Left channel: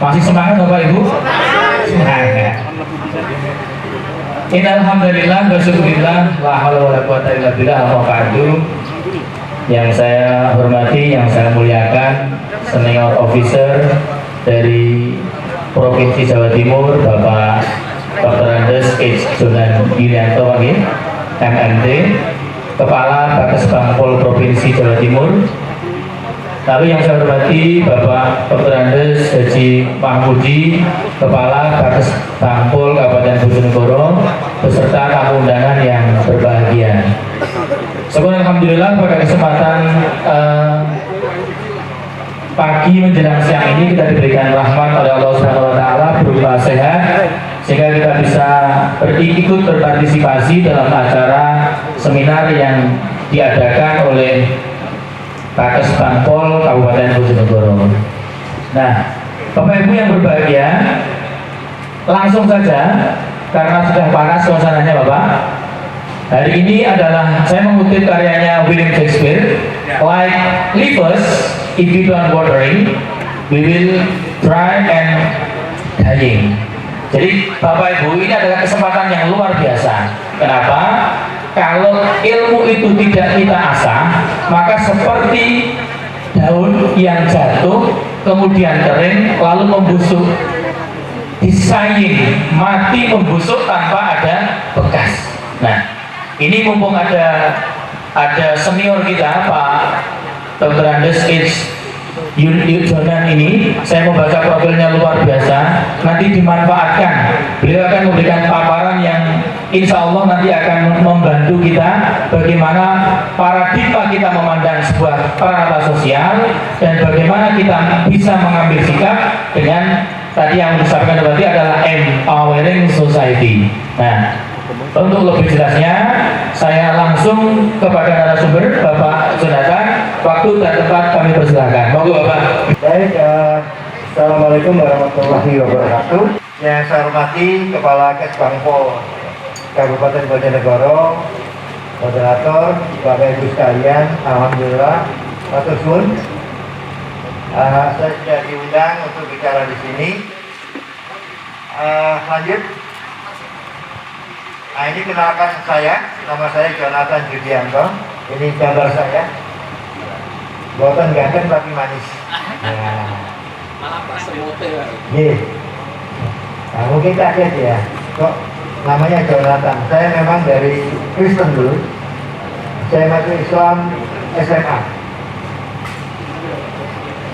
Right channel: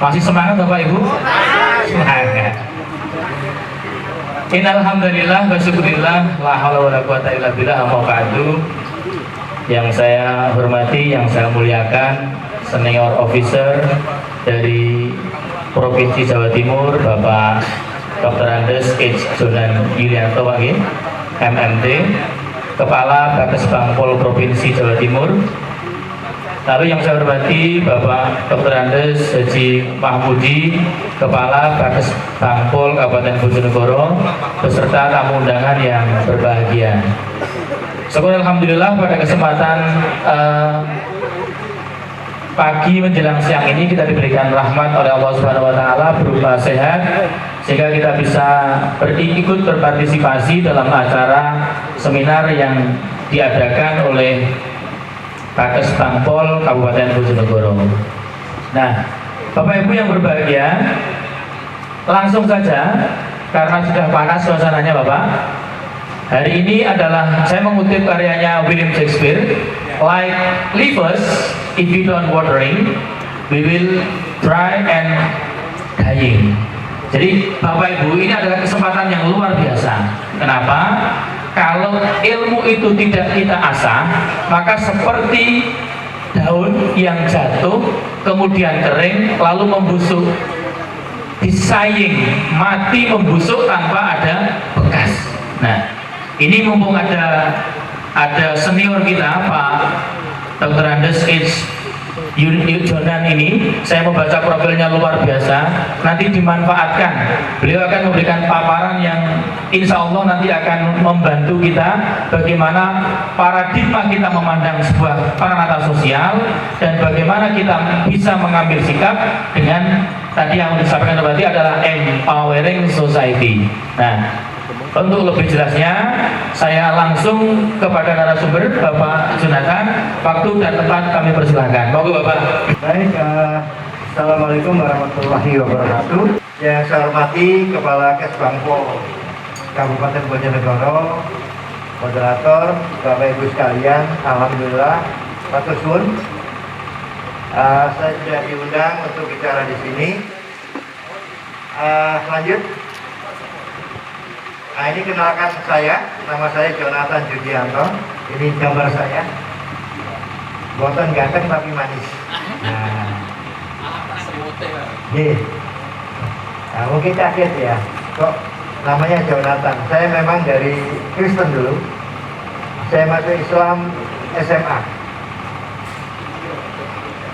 Masih semangat Bapak Ibu? Semangat. Innalhamdulillah bersyukurillah la haula wala quwata illa billah amma ba'du. Yang saya hormati, yang saya muliakan, senior officer dari Provinsi Jawa Timur, Bapak Dr. Andes H. Jonan Yulianto MMD, Kepala Bakes Bangpol Provinsi Jawa Timur. Lalu yang saya hormati Bapak Dr. Andes Haji Mahmudi, Kepala Bakes Bangpol Kabupaten Bojonegoro, beserta tamu undangan yang berbahagia. Syukur alhamdulillah pada kesempatan pagi menjelang siang ini kita diberikan rahmat oleh Allah Subhanahu wa taala berupa sehat sehingga kita bisa ikut berpartisipasi dalam acara seminar yang diadakan oleh Bakes Bangpol Kabupaten Bojonegoro. Nah, Bapak Ibu yang berbahagia, langsung saja karena sudah panas suasananya Bapak. Hari ini adalah saya mengutip karyanya William Shakespeare, like livers, if you don't watering, we will dry and dying. Jadi Bapak Ibu, ini adalah kesempatan yang luar biasa. Kenapa? Kalau ilmu itu tidak kita asah, maka seperti daun yang jatuh, kemudian kering, lalu membusuk, disaying, mati membusuk tanpa ada bekas. Nah, ini mumpung ada senior kita Pak Dr. Andes H. Jonan ini, saya membaca profilnya luar biasa. Nanti dimanfaatkan. Beliau akan memberikan paparan yang insya Allah nanti akan membantu kita bagaimana paradigma kita memandang sebuah peranata sosial dan bagaimana kita bisa mengambil sikap dengan tadi yang disampaikan berarti adalah empowering society. Nah, untuk lebih jelasnya, saya langsung kepada narasumber Bapak Jonathan. Waktu dan tempat kami persilahkan. Monggo Bapak. Baik, Assalamualaikum warahmatullahi wabarakatuh. Yang saya hormati Kepala Kes Bangpol Kabupaten Bojonegoro, moderator, Bapak Ibu sekalian, alhamdulillah, matur suwun. Saya sudah diundang untuk bicara di sini. Lanjut. Ini kenalkan saya, nama saya Jonathan Judianto. Ini gambar saya. Buatan ganteng tapi manis. Nah, malah persemute. Nah, mungkin kaget ya, kok namanya Jonathan. Saya memang dari Kristen dulu. Saya masuk Islam SMA.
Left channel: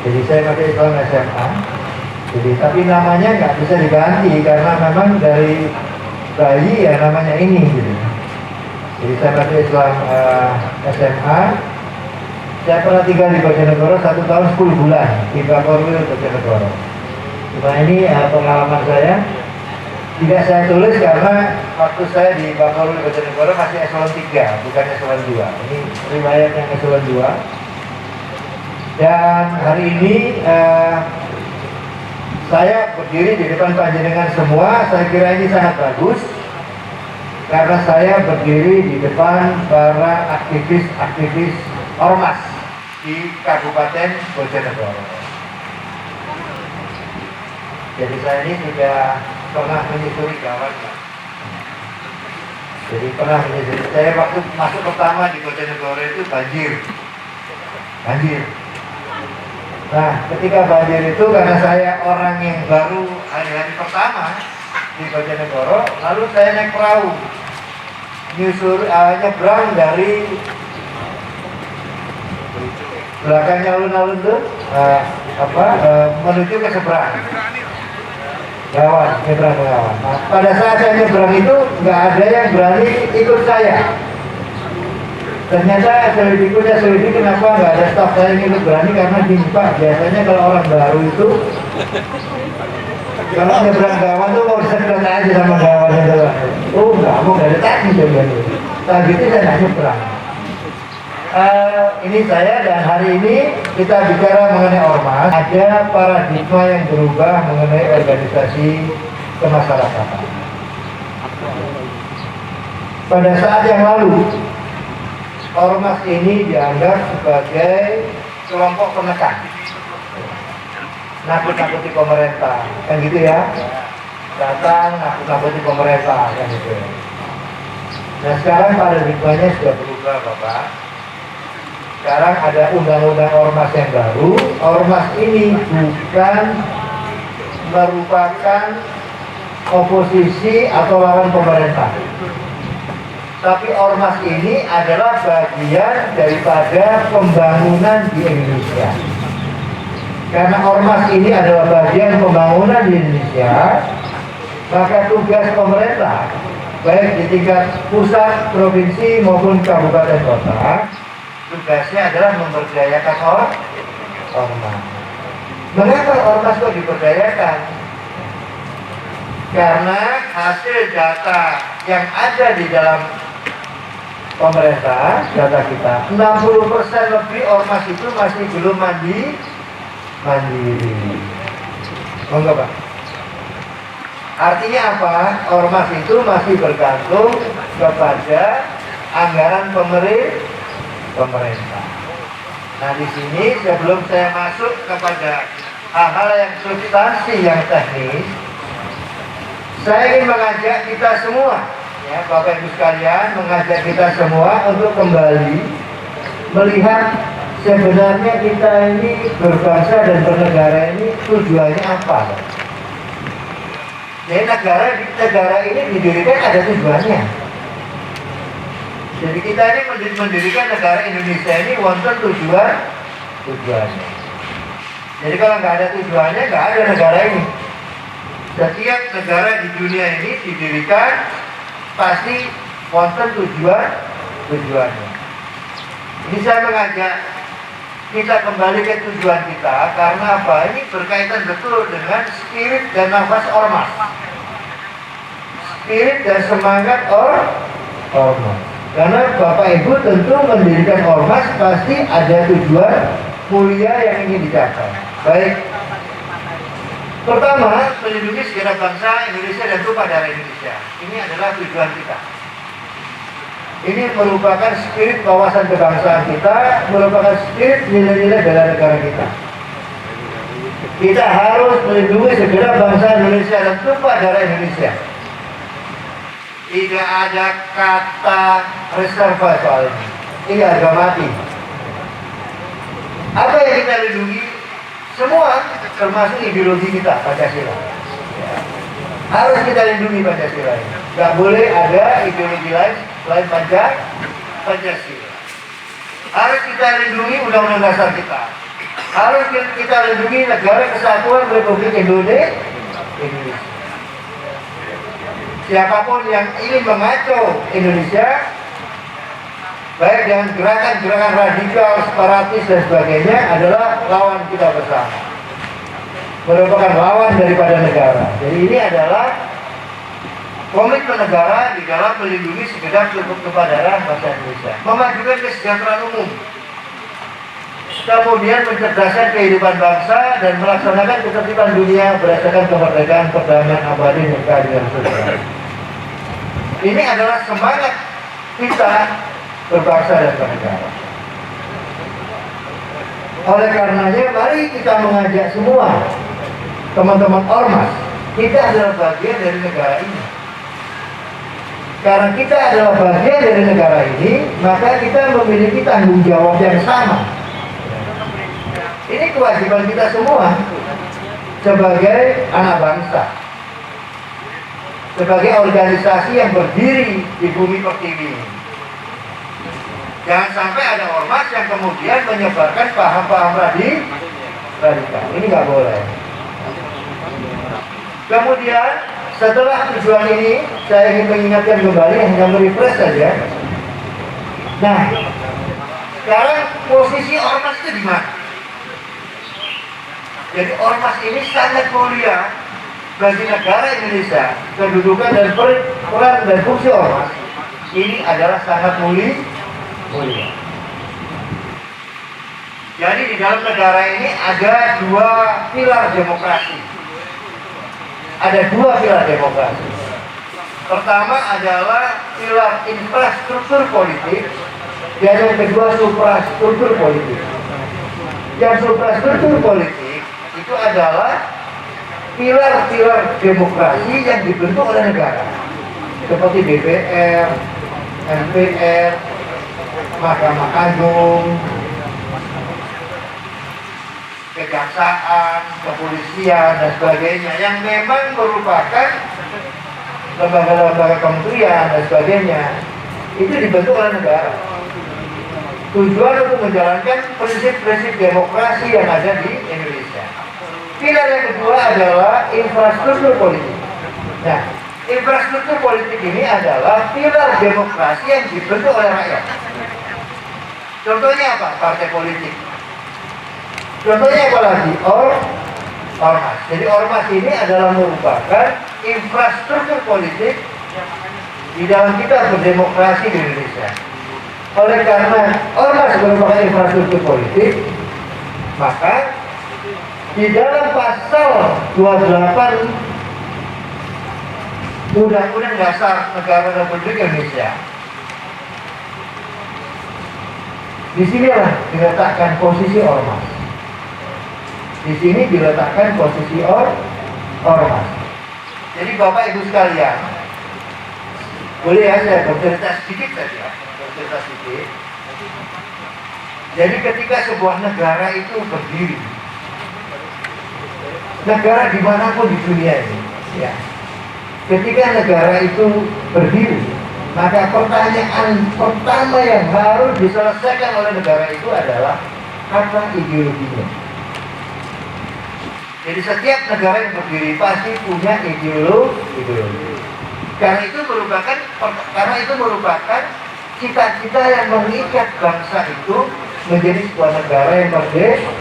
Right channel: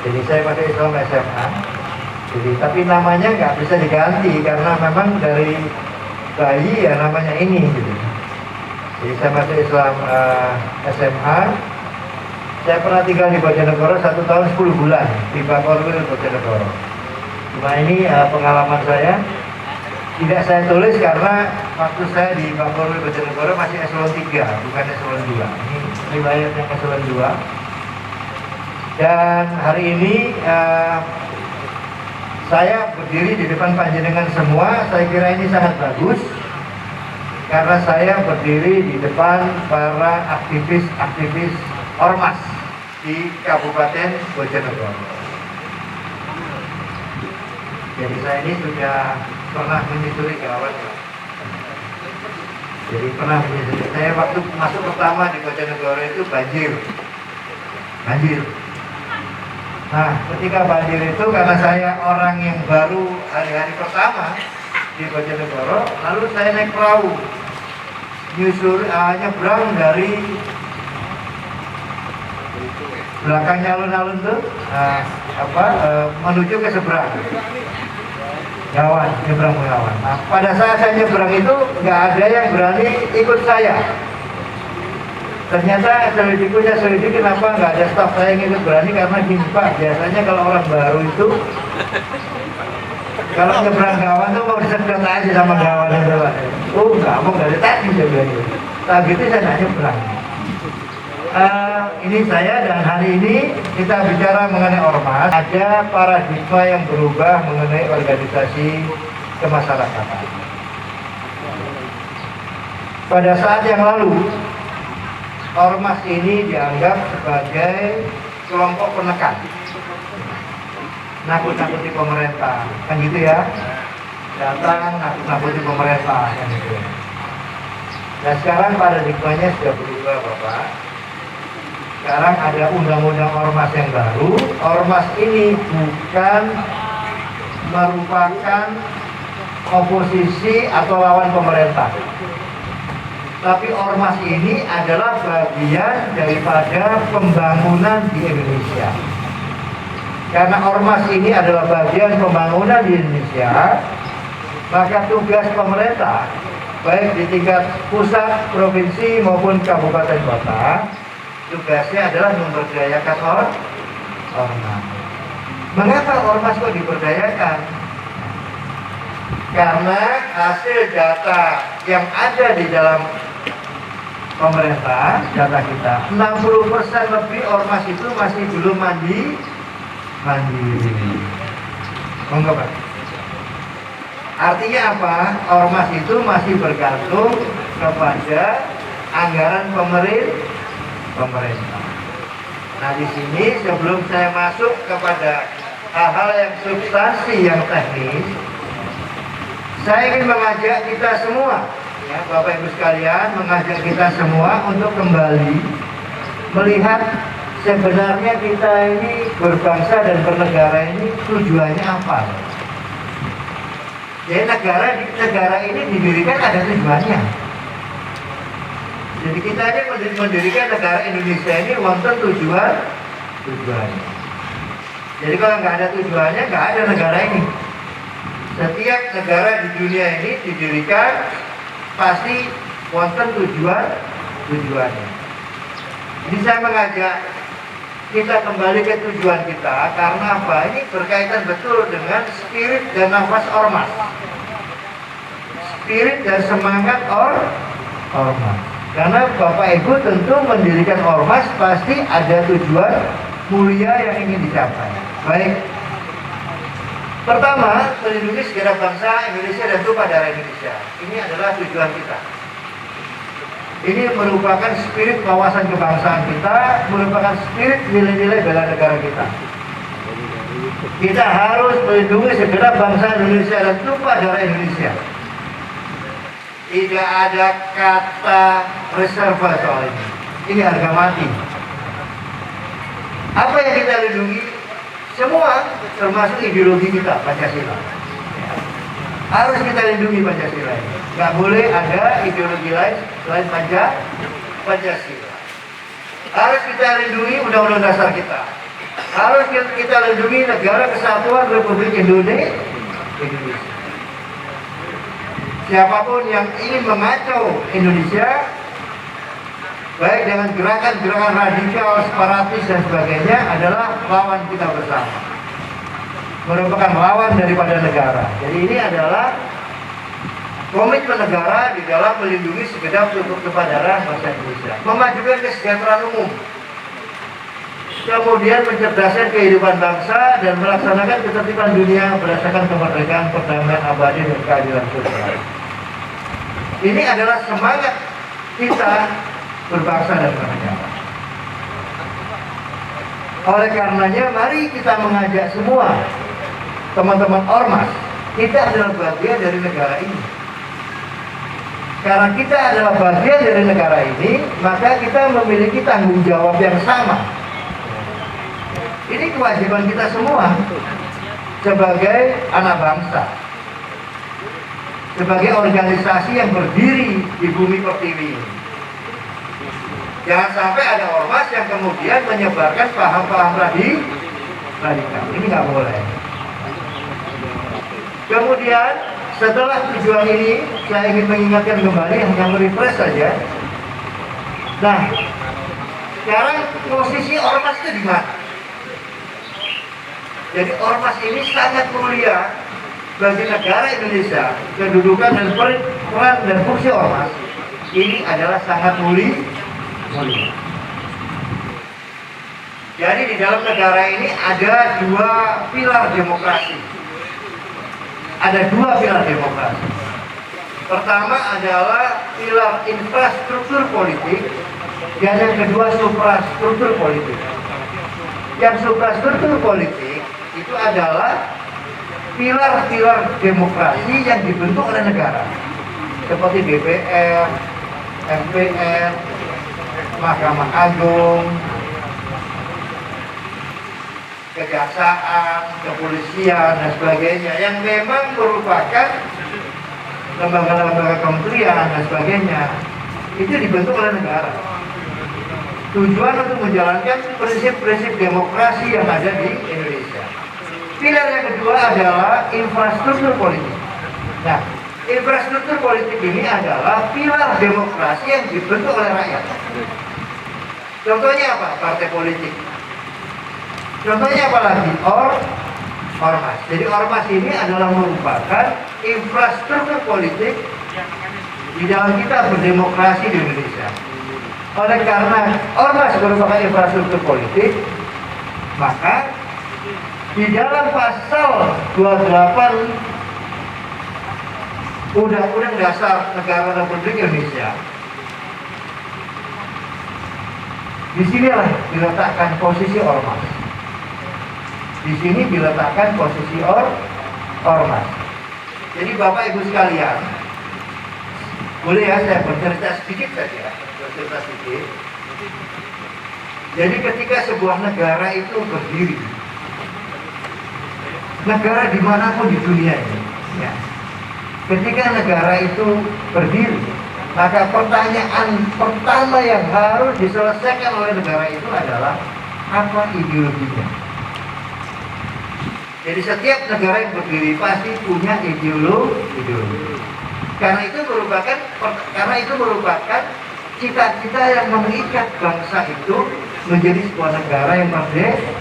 Jadi saya masuk Islam SMA. Jadi tapi namanya nggak bisa diganti karena memang dari bayi ya namanya ini gitu. Jadi saya masuk Islam SMA. Saya pernah tinggal di Bojonegoro 1 tahun 10 bulan di Bakorwil Bojonegoro. Cuma ini pengalaman saya tidak saya tulis karena waktu saya di Bakorwil Bojonegoro masih eselon 3 bukan eselon 2. Ini riwayat yang eselon 2. Dan hari ini saya berdiri di depan panjenengan semua. Saya kira ini sangat bagus karena saya berdiri di depan para aktivis-aktivis ormas di Kabupaten Bojonegoro. Jadi saya ini sudah pernah menyusuri kawannya. Jadi pernah menyusuri. Saya waktu masuk pertama di Bojonegoro itu banjir. Nah, ketika banjir itu karena saya orang yang baru hari-hari pertama di Bojonegoro, lalu saya naik perahu nyebrang dari belakangnya alun-alun tuh menuju ke seberang Gawan, nyebrang ke Gawan. Nah, pada saat saya nyebrang itu nggak ada yang berani ikut saya. Ternyata selidik kenapa nggak ada staf saya yang ikut berani, karena gini Pak, biasanya kalau orang baru itu kalau nyebrang Gawan tuh mau disedot aja sama Gawan itu. Oh nggak mau, nggak ada tadi juga itu. Gitu saya nggak nyebrang. Ini saya, dan hari ini kita bicara mengenai ormas. Ada paradigma yang berubah mengenai organisasi kemasyarakatan. Pada saat yang lalu, ormas ini dianggap sebagai kelompok penekan. nakut-nakuti pemerintah, kan gitu ya? Datang nakut-nakuti pemerintah, kan gitu ya. Nah sekarang paradigmanya sudah berubah Bapak. Sekarang ada undang-undang ormas yang baru. Ormas ini bukan merupakan oposisi atau lawan pemerintah, tapi ormas ini adalah bagian daripada pembangunan di Indonesia. Karena ormas ini adalah bagian pembangunan di Indonesia, maka tugas pemerintah baik di tingkat pusat, provinsi maupun kabupaten kota, tugasnya adalah memberdayakan ormas. Mengapa ormas kok diberdayakan? Karena hasil data yang ada di dalam pemerintah, data kita, 60% lebih ormas itu masih belum mandiri. Monggo Pak. Artinya apa? Ormas itu masih bergantung kepada anggaran pemerintah. Nah di sini sebelum saya masuk kepada hal-hal yang substansi, yang teknis, saya ingin mengajak kita semua, ya Bapak Ibu sekalian, mengajak kita semua untuk kembali melihat sebenarnya kita ini berbangsa dan bernegara ini tujuannya apa? Jadi negara ini didirikan ada tujuannya. Jadi kita ini mendirikan negara Indonesia ini wonten tujuannya. Jadi kalau nggak ada tujuannya, nggak ada negara ini. Setiap negara di dunia ini didirikan pasti wonten tujuannya. Ini saya mengajak kita kembali ke tujuan kita karena apa? Ini berkaitan betul dengan spirit dan nafas ormas. Spirit dan semangat ormas. Karena Bapak Ibu tentu mendirikan ormas pasti ada tujuan mulia yang ingin dicapai. Baik. Pertama, melindungi segenap bangsa Indonesia dan tumpah darah Indonesia. Ini adalah tujuan kita. Ini merupakan spirit wawasan kebangsaan kita, merupakan spirit nilai-nilai bela negara kita. Kita harus melindungi segenap bangsa Indonesia dan tumpah darah Indonesia. Tidak ada kata reserva soal ini. Ini harga mati. Apa yang kita lindungi? Semua, termasuk ideologi kita, Pancasila. Harus kita lindungi Pancasila ini. Gak boleh ada ideologi lain selain Pancasila. Harus kita lindungi Undang-Undang Dasar kita. Harus kita lindungi Negara Kesatuan Republik Indonesia. Siapapun yang ingin mengacau Indonesia, baik dengan gerakan-gerakan radikal, separatis dan sebagainya, adalah lawan kita bersama. Merupakan lawan daripada negara. Jadi ini adalah komitmen negara di dalam melindungi segenap tumpah darah bangsa Indonesia, memajukan kesejahteraan umum, kemudian mencerdaskan kehidupan bangsa dan melaksanakan ketertiban dunia berdasarkan kemerdekaan, perdamaian abadi dan keadilan sosial. Ini adalah semangat kita berbangsa dan bernegara. Oleh karenanya, mari kita mengajak semua teman-teman ormas, kita adalah bagian dari negara ini. Karena kita adalah bagian dari negara ini, maka kita memiliki tanggung jawab yang sama. Ini kewajiban kita semua sebagai anak bangsa, sebagai organisasi yang berdiri di bumi pertiwi ini. Jangan sampai ada ormas yang kemudian menyebarkan paham-paham radikal. Ini nggak boleh. Kemudian setelah tujuan ini, saya ingin mengingatkan kembali, hanya merefresh saja. Nah, sekarang posisi ormas itu di mana? Jadi ormas ini sangat mulia bagi negara Indonesia. Kedudukan dan peran dan fungsi ormas ini adalah sangat mulia. Jadi di dalam negara ini ada dua pilar demokrasi. Ada dua pilar demokrasi. Pertama adalah pilar infrastruktur politik, dan yang kedua suprastruktur politik. Yang suprastruktur politik itu adalah pilar-pilar demokrasi yang dibentuk oleh negara, seperti DPR, MPR, Mahkamah Agung, kejaksaan, kepolisian, dan sebagainya, yang memang merupakan lembaga-lembaga kementerian dan sebagainya, itu dibentuk oleh negara. Tujuan untuk menjalankan prinsip-prinsip demokrasi yang ada di Indonesia. Pilar yang kedua adalah infrastruktur politik. Nah, infrastruktur politik ini adalah pilar demokrasi yang dibentuk oleh rakyat. Contohnya apa? Partai politik. Contohnya apa lagi? Ormas. Jadi ormas ini adalah merupakan infrastruktur politik di dalam kita berdemokrasi di Indonesia. Oleh karena ormas merupakan infrastruktur politik, maka di dalam pasal 28 Undang-Undang Dasar Negara Republik Indonesia, disinilah diletakkan posisi ormas. Di sini diletakkan posisi ormas. Jadi Bapak Ibu sekalian, boleh ya saya bercerita sedikit saja, bercerita sedikit. Jadi ketika sebuah negara itu berdiri, negara dimanapun di dunia ini, ya, ketika negara itu berdiri, maka pertanyaan pertama yang harus diselesaikan oleh negara itu adalah apa ideologinya. Jadi setiap negara yang berdiri pasti punya ideologi. Karena itu merupakan cita-cita yang mengikat bangsa itu menjadi sebuah negara yang merdeka.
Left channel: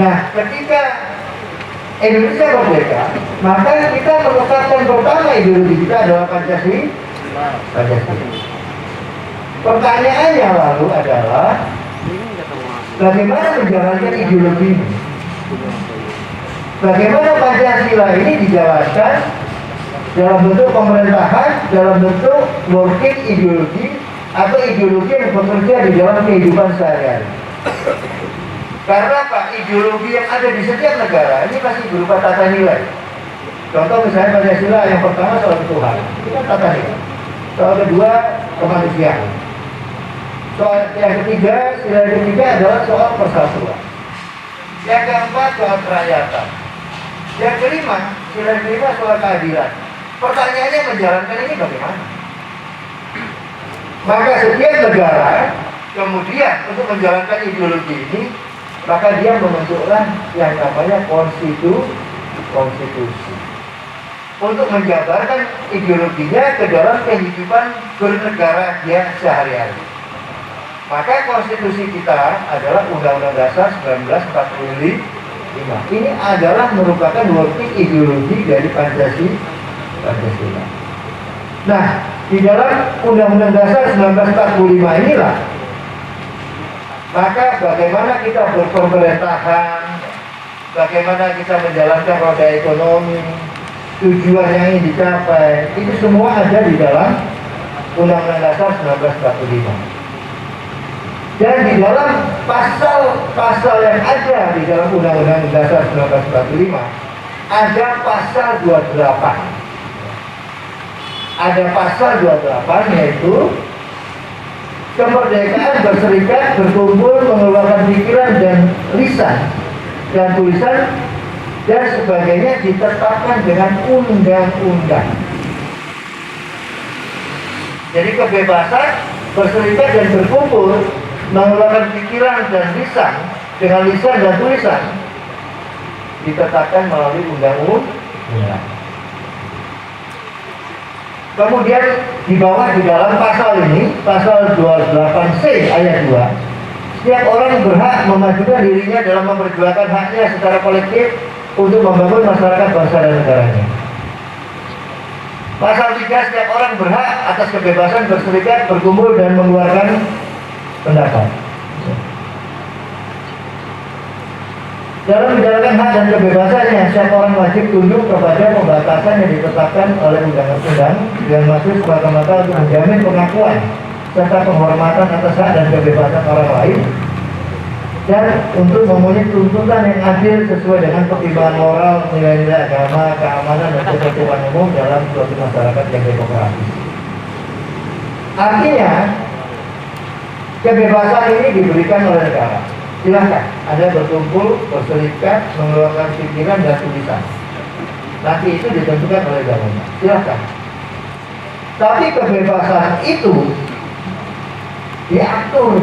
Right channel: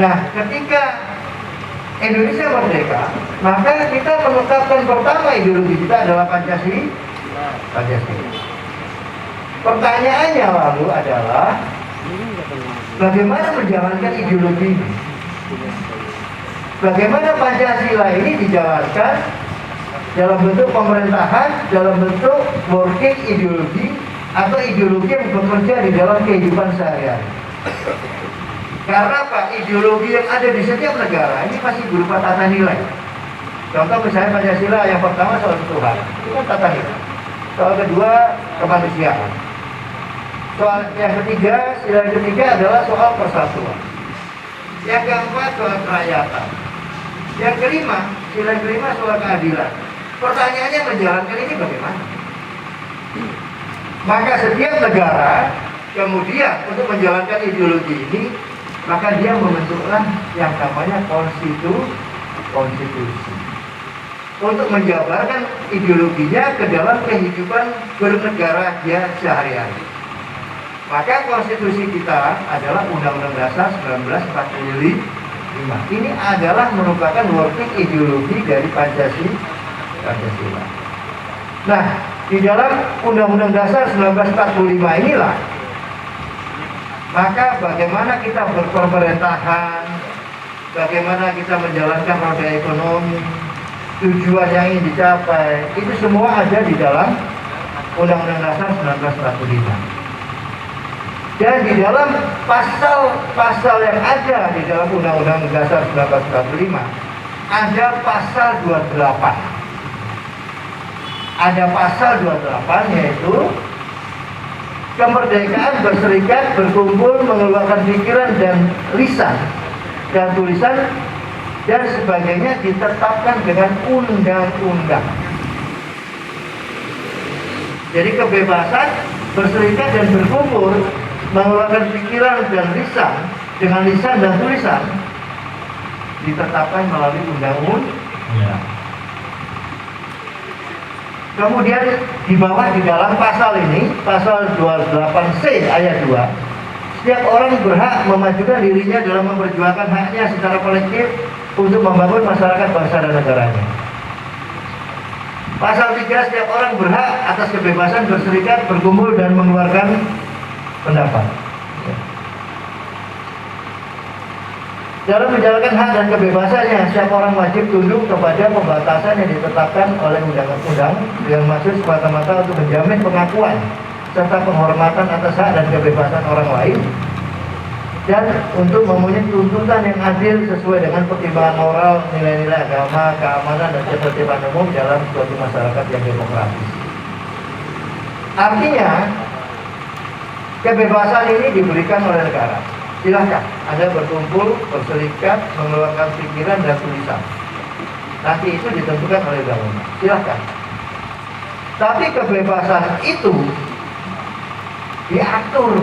Nah, ketika Indonesia merdeka, maka kita menetapkan pertama ideologi kita adalah Pancasila. Pertanyaannya lalu adalah bagaimana menjalankan ideologi ini? Bagaimana Pancasila ini dijalankan dalam bentuk pemerintahan, dalam bentuk working ideologi atau ideologi yang bekerja di dalam kehidupan sehari-hari? Karena apa? Ideologi yang ada di setiap negara ini pasti berupa tata nilai. Contoh misalnya Pancasila yang pertama soal Tuhan, itu kan tata nilai. Soal kedua kemanusiaan. Soal yang ketiga, sila yang ketiga adalah soal persatuan. Yang keempat soal kerakyatan. Yang kelima, sila yang kelima soal keadilan. Pertanyaannya menjalankan ini bagaimana? Maka setiap negara kemudian untuk menjalankan ideologi ini, maka dia membentuklah yang namanya konstitusi untuk menjabarkan ideologinya ke dalam kehidupan bernegara dia sehari-hari. Maka konstitusi kita adalah Undang-Undang Dasar 1945. Ini adalah merupakan working ideologi dari Pancasila. Nah, di dalam Undang-Undang Dasar 1945 inilah, maka bagaimana kita berpemerintahan, bagaimana kita menjalankan roda ekonomi, tujuan yang ingin dicapai, itu semua ada di dalam Undang-Undang Dasar 1945. Dan di dalam pasal-pasal yang ada di dalam Undang-Undang Dasar 1945 ada pasal 28. Ada pasal 28 yaitu kemerdekaan berserikat, berkumpul, mengeluarkan pikiran dan lisan dan tulisan dan sebagainya ditetapkan dengan undang-undang. Jadi kebebasan berserikat dan berkumpul, mengeluarkan pikiran dan lisan dengan lisan dan tulisan ditetapkan melalui undang-undang. Kemudian di bawah di dalam pasal ini, pasal 28C ayat 2, setiap orang berhak memajukan dirinya dalam memperjuangkan haknya secara kolektif untuk membangun masyarakat bangsa dan negaranya. Pasal 3, setiap orang berhak atas kebebasan berserikat, berkumpul dan mengeluarkan pendapat. Dalam menjalankan hak dan kebebasannya, setiap orang wajib tunduk kepada pembatasan yang ditetapkan oleh undang-undang yang maksud semata-mata untuk menjamin pengakuan serta penghormatan atas hak dan kebebasan orang lain dan untuk memenuhi tuntutan yang adil sesuai dengan pertimbangan moral, nilai-nilai agama, keamanan, dan ketertiban umum dalam suatu masyarakat yang demokratis. Artinya, kebebasan ini diberikan oleh negara. Silahkan Anda berkumpul, berserikat, mengeluarkan pikiran dan tulisan. Nanti itu ditentukan oleh undang-undang. Silahkan. Tapi kebebasan itu diatur.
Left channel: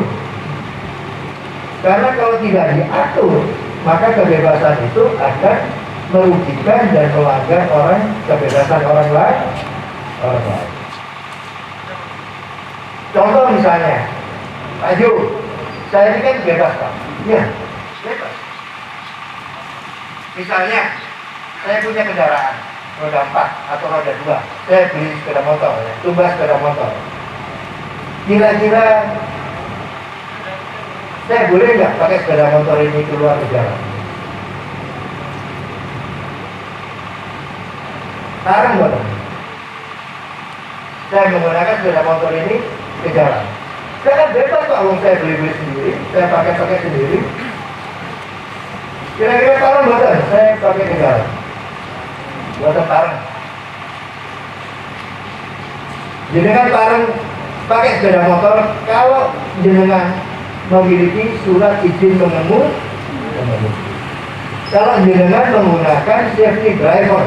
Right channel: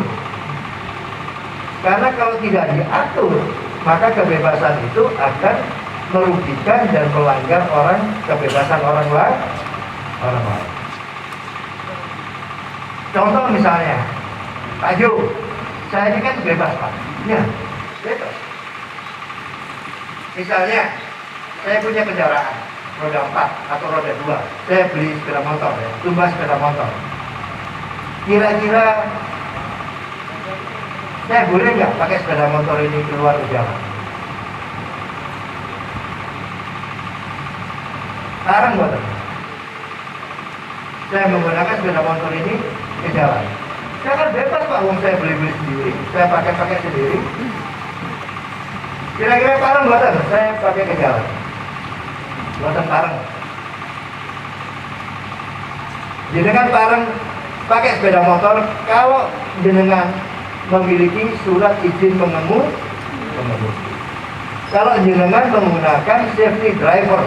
Karena kalau tidak diatur, maka kebebasan itu akan merugikan dan melanggar kebebasan orang lain. Contoh misalnya, Pak Jo, saya ini kan bebas Pak. Ya, bebas. Misalnya, saya punya kendaraan roda 4 atau roda 2. Saya beli sepeda motor, ya, tumbas sepeda motor. Kira-kira saya boleh nggak pakai sepeda motor ini keluar ke jalan? Larang nggak? Saya menggunakan sepeda motor ini ke jalan. Saya kan bebas Pak, saya beli sendiri, saya pakai sendiri. Kira-kira larang nggak? Saya pakai ke jalan. Buatan larang. Jenengan larang pakai sepeda motor kalau jenengan memiliki surat izin mengemudi. Kalau jenengan menggunakan safety driver,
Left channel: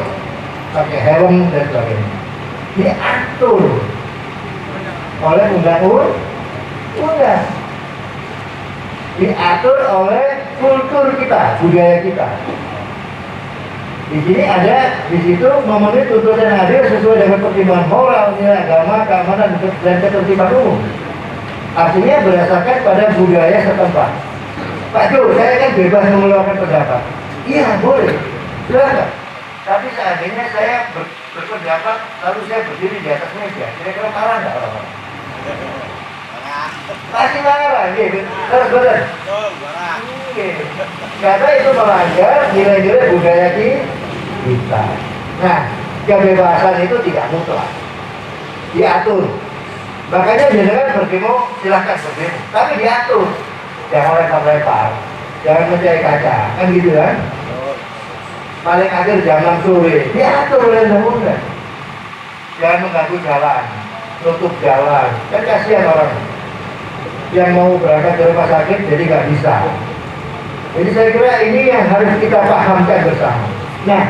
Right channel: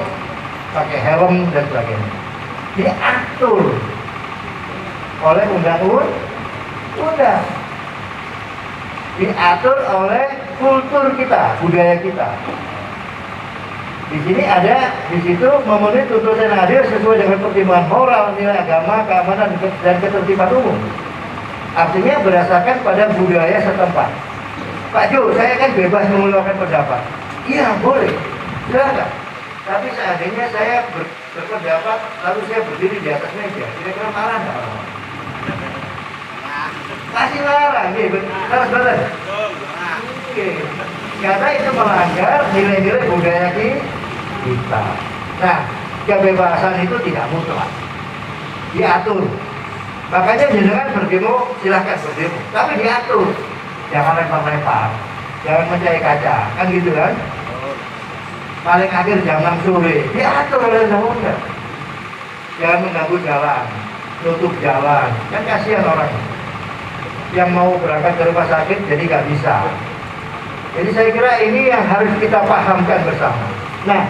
pakai helm dan sebagainya, diatur oleh undang-undang, diatur oleh kultur kita, budaya kita. Di sini ada, di situ memenuhi tuntutan yang adil sesuai dengan pertimbangan moral, nilai agama, keamanan, dan ketertiban umum. Artinya berdasarkan pada budaya setempat. Pak Jo, saya kan bebas mengeluarkan pendapat. Iya, boleh. Silahkan. Tapi seandainya saya berpendapat, lalu saya berdiri di atas meja, kira-kira marah nggak orang? Pasti marah, gitu. Terus betul. Karena itu melanggar nilai-nilai budaya kita. Nah, kebebasan itu tidak mutlak, diatur. Makanya jenengan berdemo, silahkan berdemo, tapi diatur. Jangan lempar-lempar, jangan mencari kaca, kan gitu kan? Paling akhir jam 6 sore, diatur oleh undang-undang. Jangan mengganggu jalan, nutup jalan, kan kasihan orang yang mau berangkat ke rumah sakit jadi nggak bisa. Jadi saya kira ini yang harus kita pahamkan bersama. Nah,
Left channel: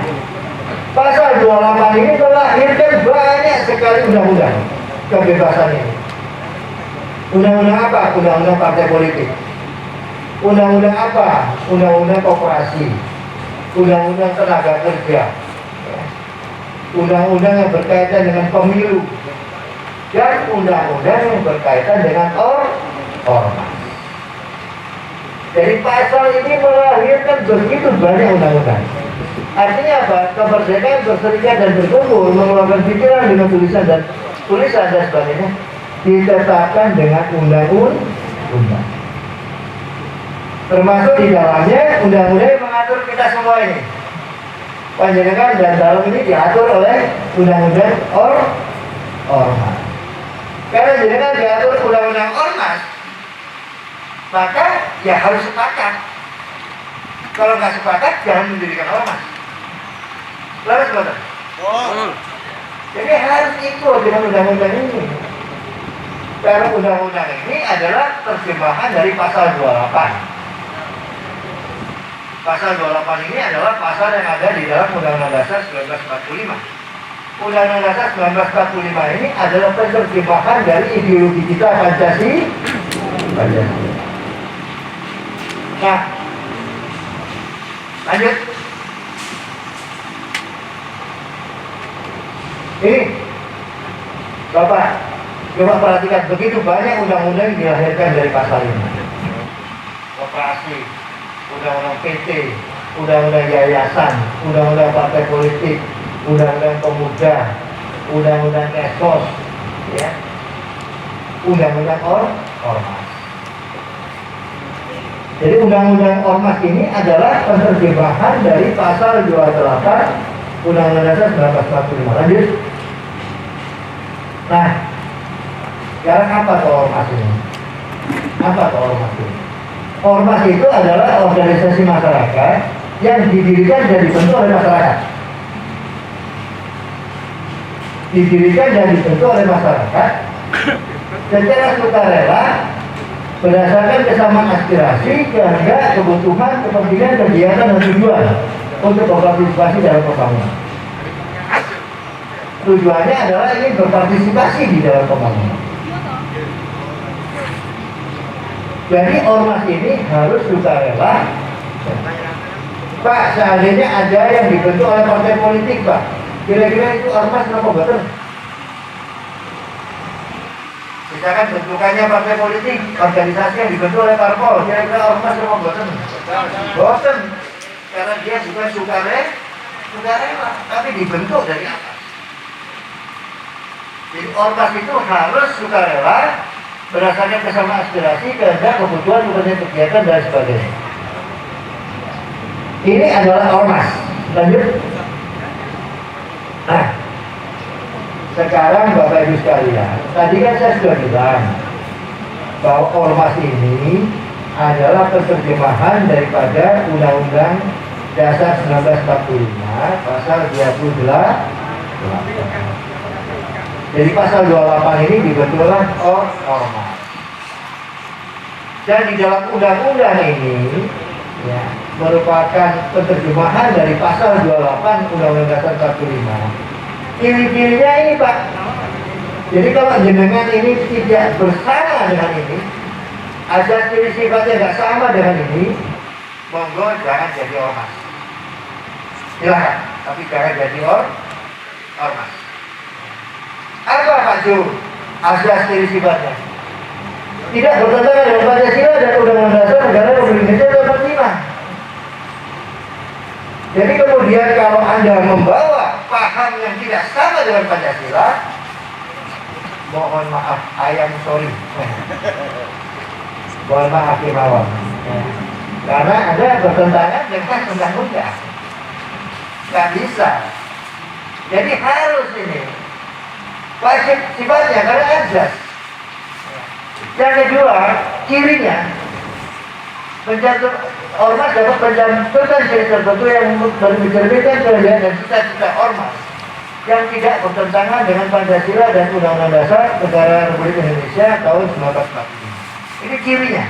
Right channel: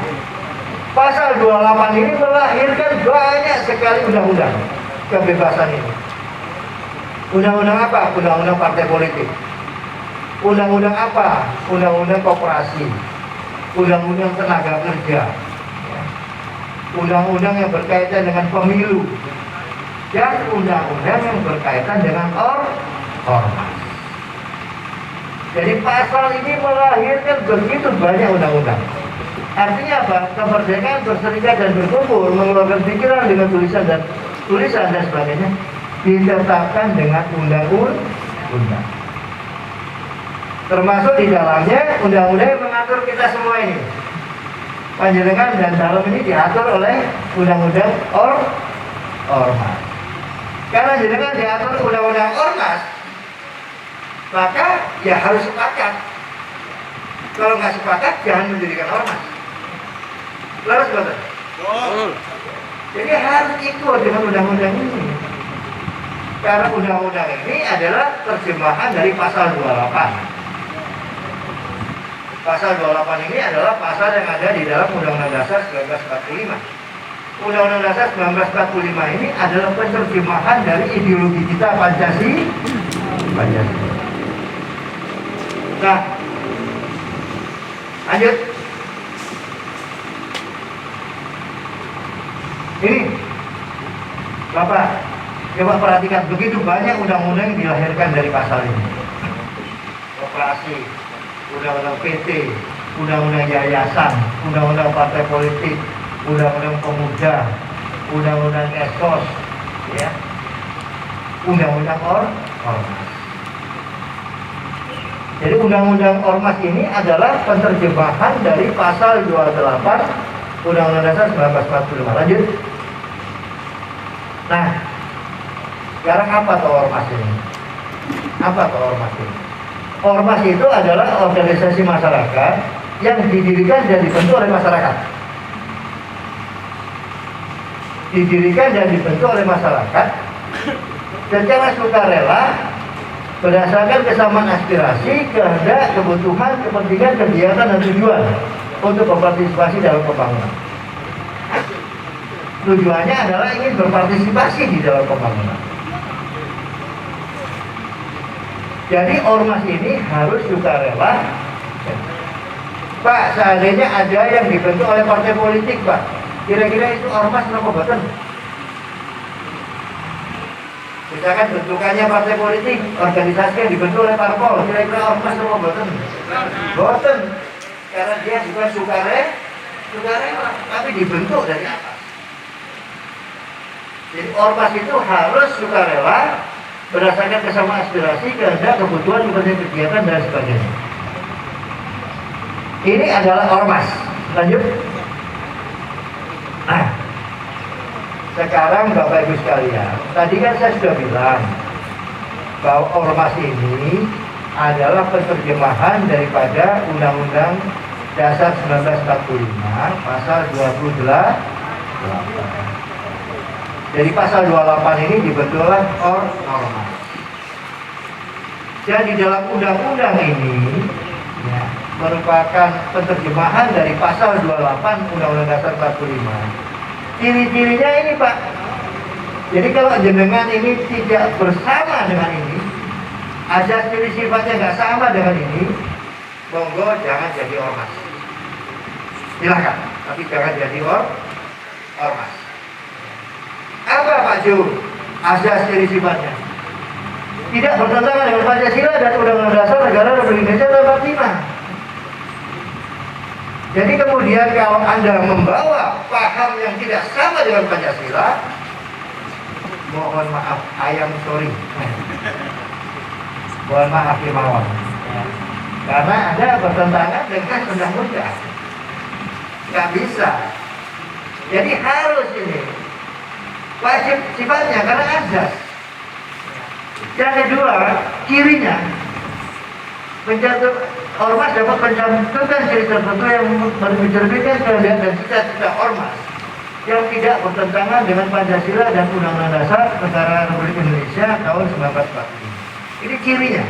pasal 28 ini melahirkan banyak sekali undang-undang kebebasan ini. Undang-undang apa? Undang-undang partai politik. Undang-undang apa? Undang-undang koperasi. Undang-undang tenaga kerja. Undang-undang yang berkaitan dengan pemilu. Dan undang-undang yang berkaitan dengan ormas. Jadi pasal ini melahirkan begitu banyak undang-undang. Artinya apa? Kemerdekaan berserikat dan berkumpul, mengeluarkan pikiran dengan tulisan dan sebagainya ditetapkan dengan undang-undang. Termasuk di dalamnya undang-undang yang mengatur kita semua ini. Panjenengan dan dalam ini diatur oleh undang-undang ormas. Karena jenengan diatur undang-undang ormas, maka ya harus sepakat. Kalau nggak sepakat, jangan mendirikan ormas. Lalu betul. Jadi harus ikut dengan undang-undang ini. Karena undang-undang ini adalah terjemahan dari pasal 28. Pasal 28 ini adalah pasal yang ada di dalam Undang-Undang Dasar 1945. Undang-Undang Dasar 1945 ini adalah penerjemahan dari ideologi kita Pancasila. Nah, lanjut. Ini, Bapak, coba perhatikan begitu banyak undang-undang yang dilahirkan dari pasal ini. Koperasi, undang-undang PT, undang-undang yayasan, undang-undang partai politik, undang-undang pemuda, undang-undang esos, ya, undang-undang ormas. Jadi undang-undang ormas ini adalah penerjemahan dari pasal 28 Undang-Undang Dasar 1945. Lanjut. Nah, sekarang apa tuh ormas ini? Apa tuh ormas ini? Ormas itu adalah organisasi masyarakat yang didirikan dan dibentuk oleh masyarakat. Didirikan dan dibentuk oleh masyarakat secara sukarela berdasarkan kesamaan aspirasi, kehendak, kebutuhan, kepentingan, kegiatan, dan tujuan untuk berpartisipasi dalam pembangunan. Tujuannya adalah ingin berpartisipasi di dalam pembangunan. Jadi ormas ini harus sukarela. Pak, seandainya ada yang dibentuk oleh partai politik, Pak, kira-kira itu ormas kenapa boten? Misalkan bentukannya partai politik, organisasi yang dibentuk oleh parpol, kira-kira ormas kenapa boten? Boten, karena dia bukan sukarela, tapi dibentuk dari apa? Jadi ormas itu harus sukarela berdasarkan kesamaan aspirasi, kehendak, kebutuhan, kegiatan, dan sebagainya. Ini adalah ormas. Lanjut. Nah, sekarang Bapak Ibu sekalian, tadi kan saya sudah bilang bahwa ormas ini adalah penerjemahan daripada Undang-Undang Dasar 1945 pasal 28. Jadi pasal 28 ini dibentuklah ormas. Dan di dalam undang-undang ini ya, merupakan penerjemahan dari pasal 28 Undang-Undang Dasar 45. Ciri-cirinya ini, Pak. Jadi kalau jenengan ini tidak bersama dengan ini, ada ciri sifatnya nggak sama dengan ini, monggo jangan jadi ormas. Silakan, tapi jangan jadi ormas. Apa Pak Ju? Ada ciri sifatnya. Tidak bertentangan dengan Pancasila dan Undang-Undang Dasar Negara Republik Indonesia 45. Jadi kemudian kalau Anda membawa paham yang tidak sama dengan Pancasila, mohon maaf, sorry. Mohon maaf Himawan. Karena Anda bertentangan dengan undang-undang. Nggak bisa. Jadi harus ini. Wajib sifatnya karena azas. Yang kedua, kirinya mencatat ormas dapat mencantumkan ciri tertentu yang mencerminkan keadaan dan cita-cita ormas yang tidak bertentangan dengan Pancasila dan Undang-Undang Dasar Negara Republik Indonesia tahun 1945. Ini kirinya.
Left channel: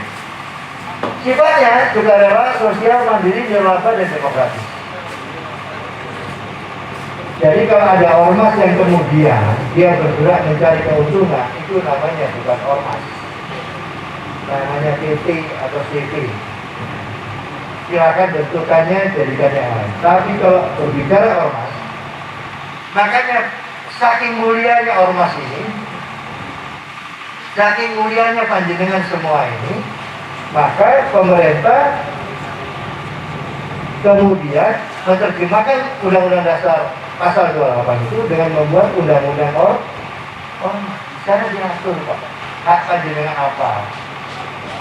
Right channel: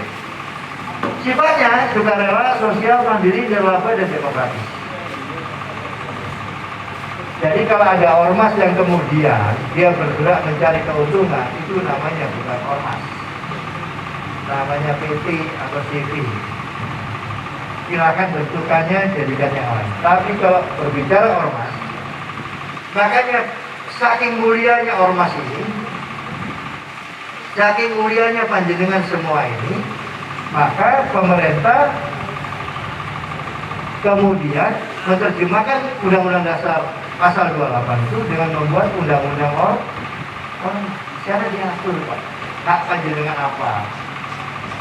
Sifatnya sukarela, sosial, mandiri, nirlaba, dan demokratis. Jadi kalau ada ormas yang kemudian dia bergerak mencari keuntungan, itu namanya bukan ormas, namanya PT atau CV. Silakan bentukannya jadikan yang lain. Tapi kalau berbicara ormas, makanya saking mulianya ormas ini, saking mulianya panjenengan semua ini, maka pemerintah kemudian menerjemahkan Undang-Undang Dasar Pasal 28 itu dengan membuat undang-undang cara diatur, Pak. Hak panjenengan apa,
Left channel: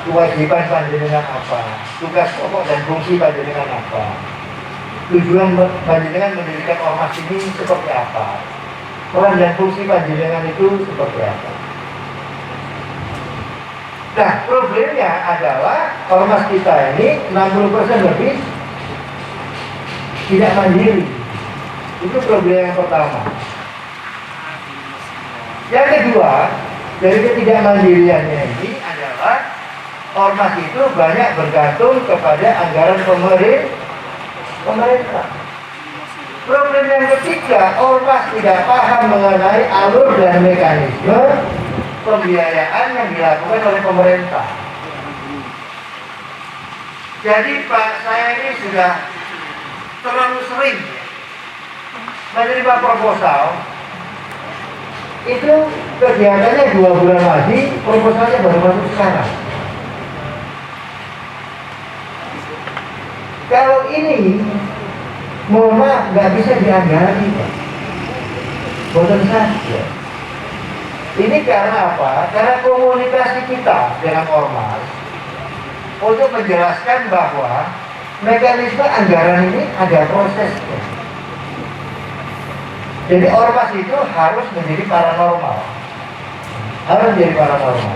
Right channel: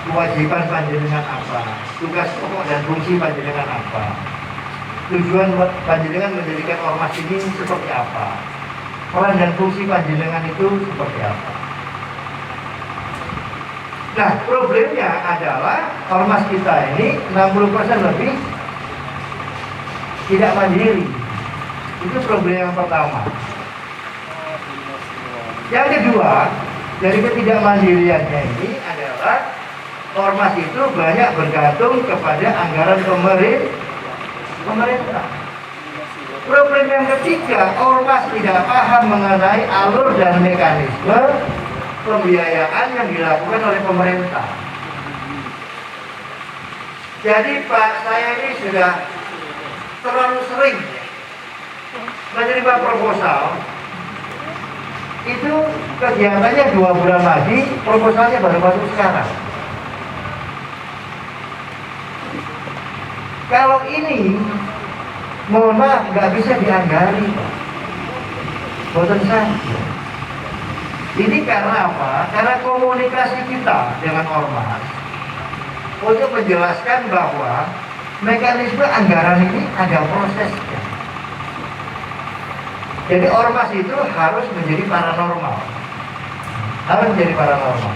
kewajiban panjenengan apa, tugas pokok dan fungsi panjenengan apa, tujuan panjenengan mendirikan ormas ini seperti apa, peran dan fungsi panjenengan itu seperti apa. Nah, problemnya adalah ormas kita ini 60% lebih tidak mandiri. Itu problem yang pertama. Yang kedua, dari ketidakmandiriannya ini adalah ormas itu banyak bergantung kepada anggaran pemerintah. Problem yang ketiga, ormas tidak paham mengenai alur dan mekanisme pembiayaan yang dilakukan oleh pemerintah. Jadi Pak, saya ini sudah terlalu sering menerima proposal. Itu kegiatannya 2 bulan lagi, proposalnya baru masuk sekarang. Kalau ini, mohon maaf, nggak bisa dianggari, Pak. Boten saja. Ini karena apa? Karena komunikasi kita dengan ormas untuk menjelaskan bahwa mekanisme anggaran ini ada prosesnya. Jadi ormas itu harus menjadi paranormal. Harus menjadi paranormal.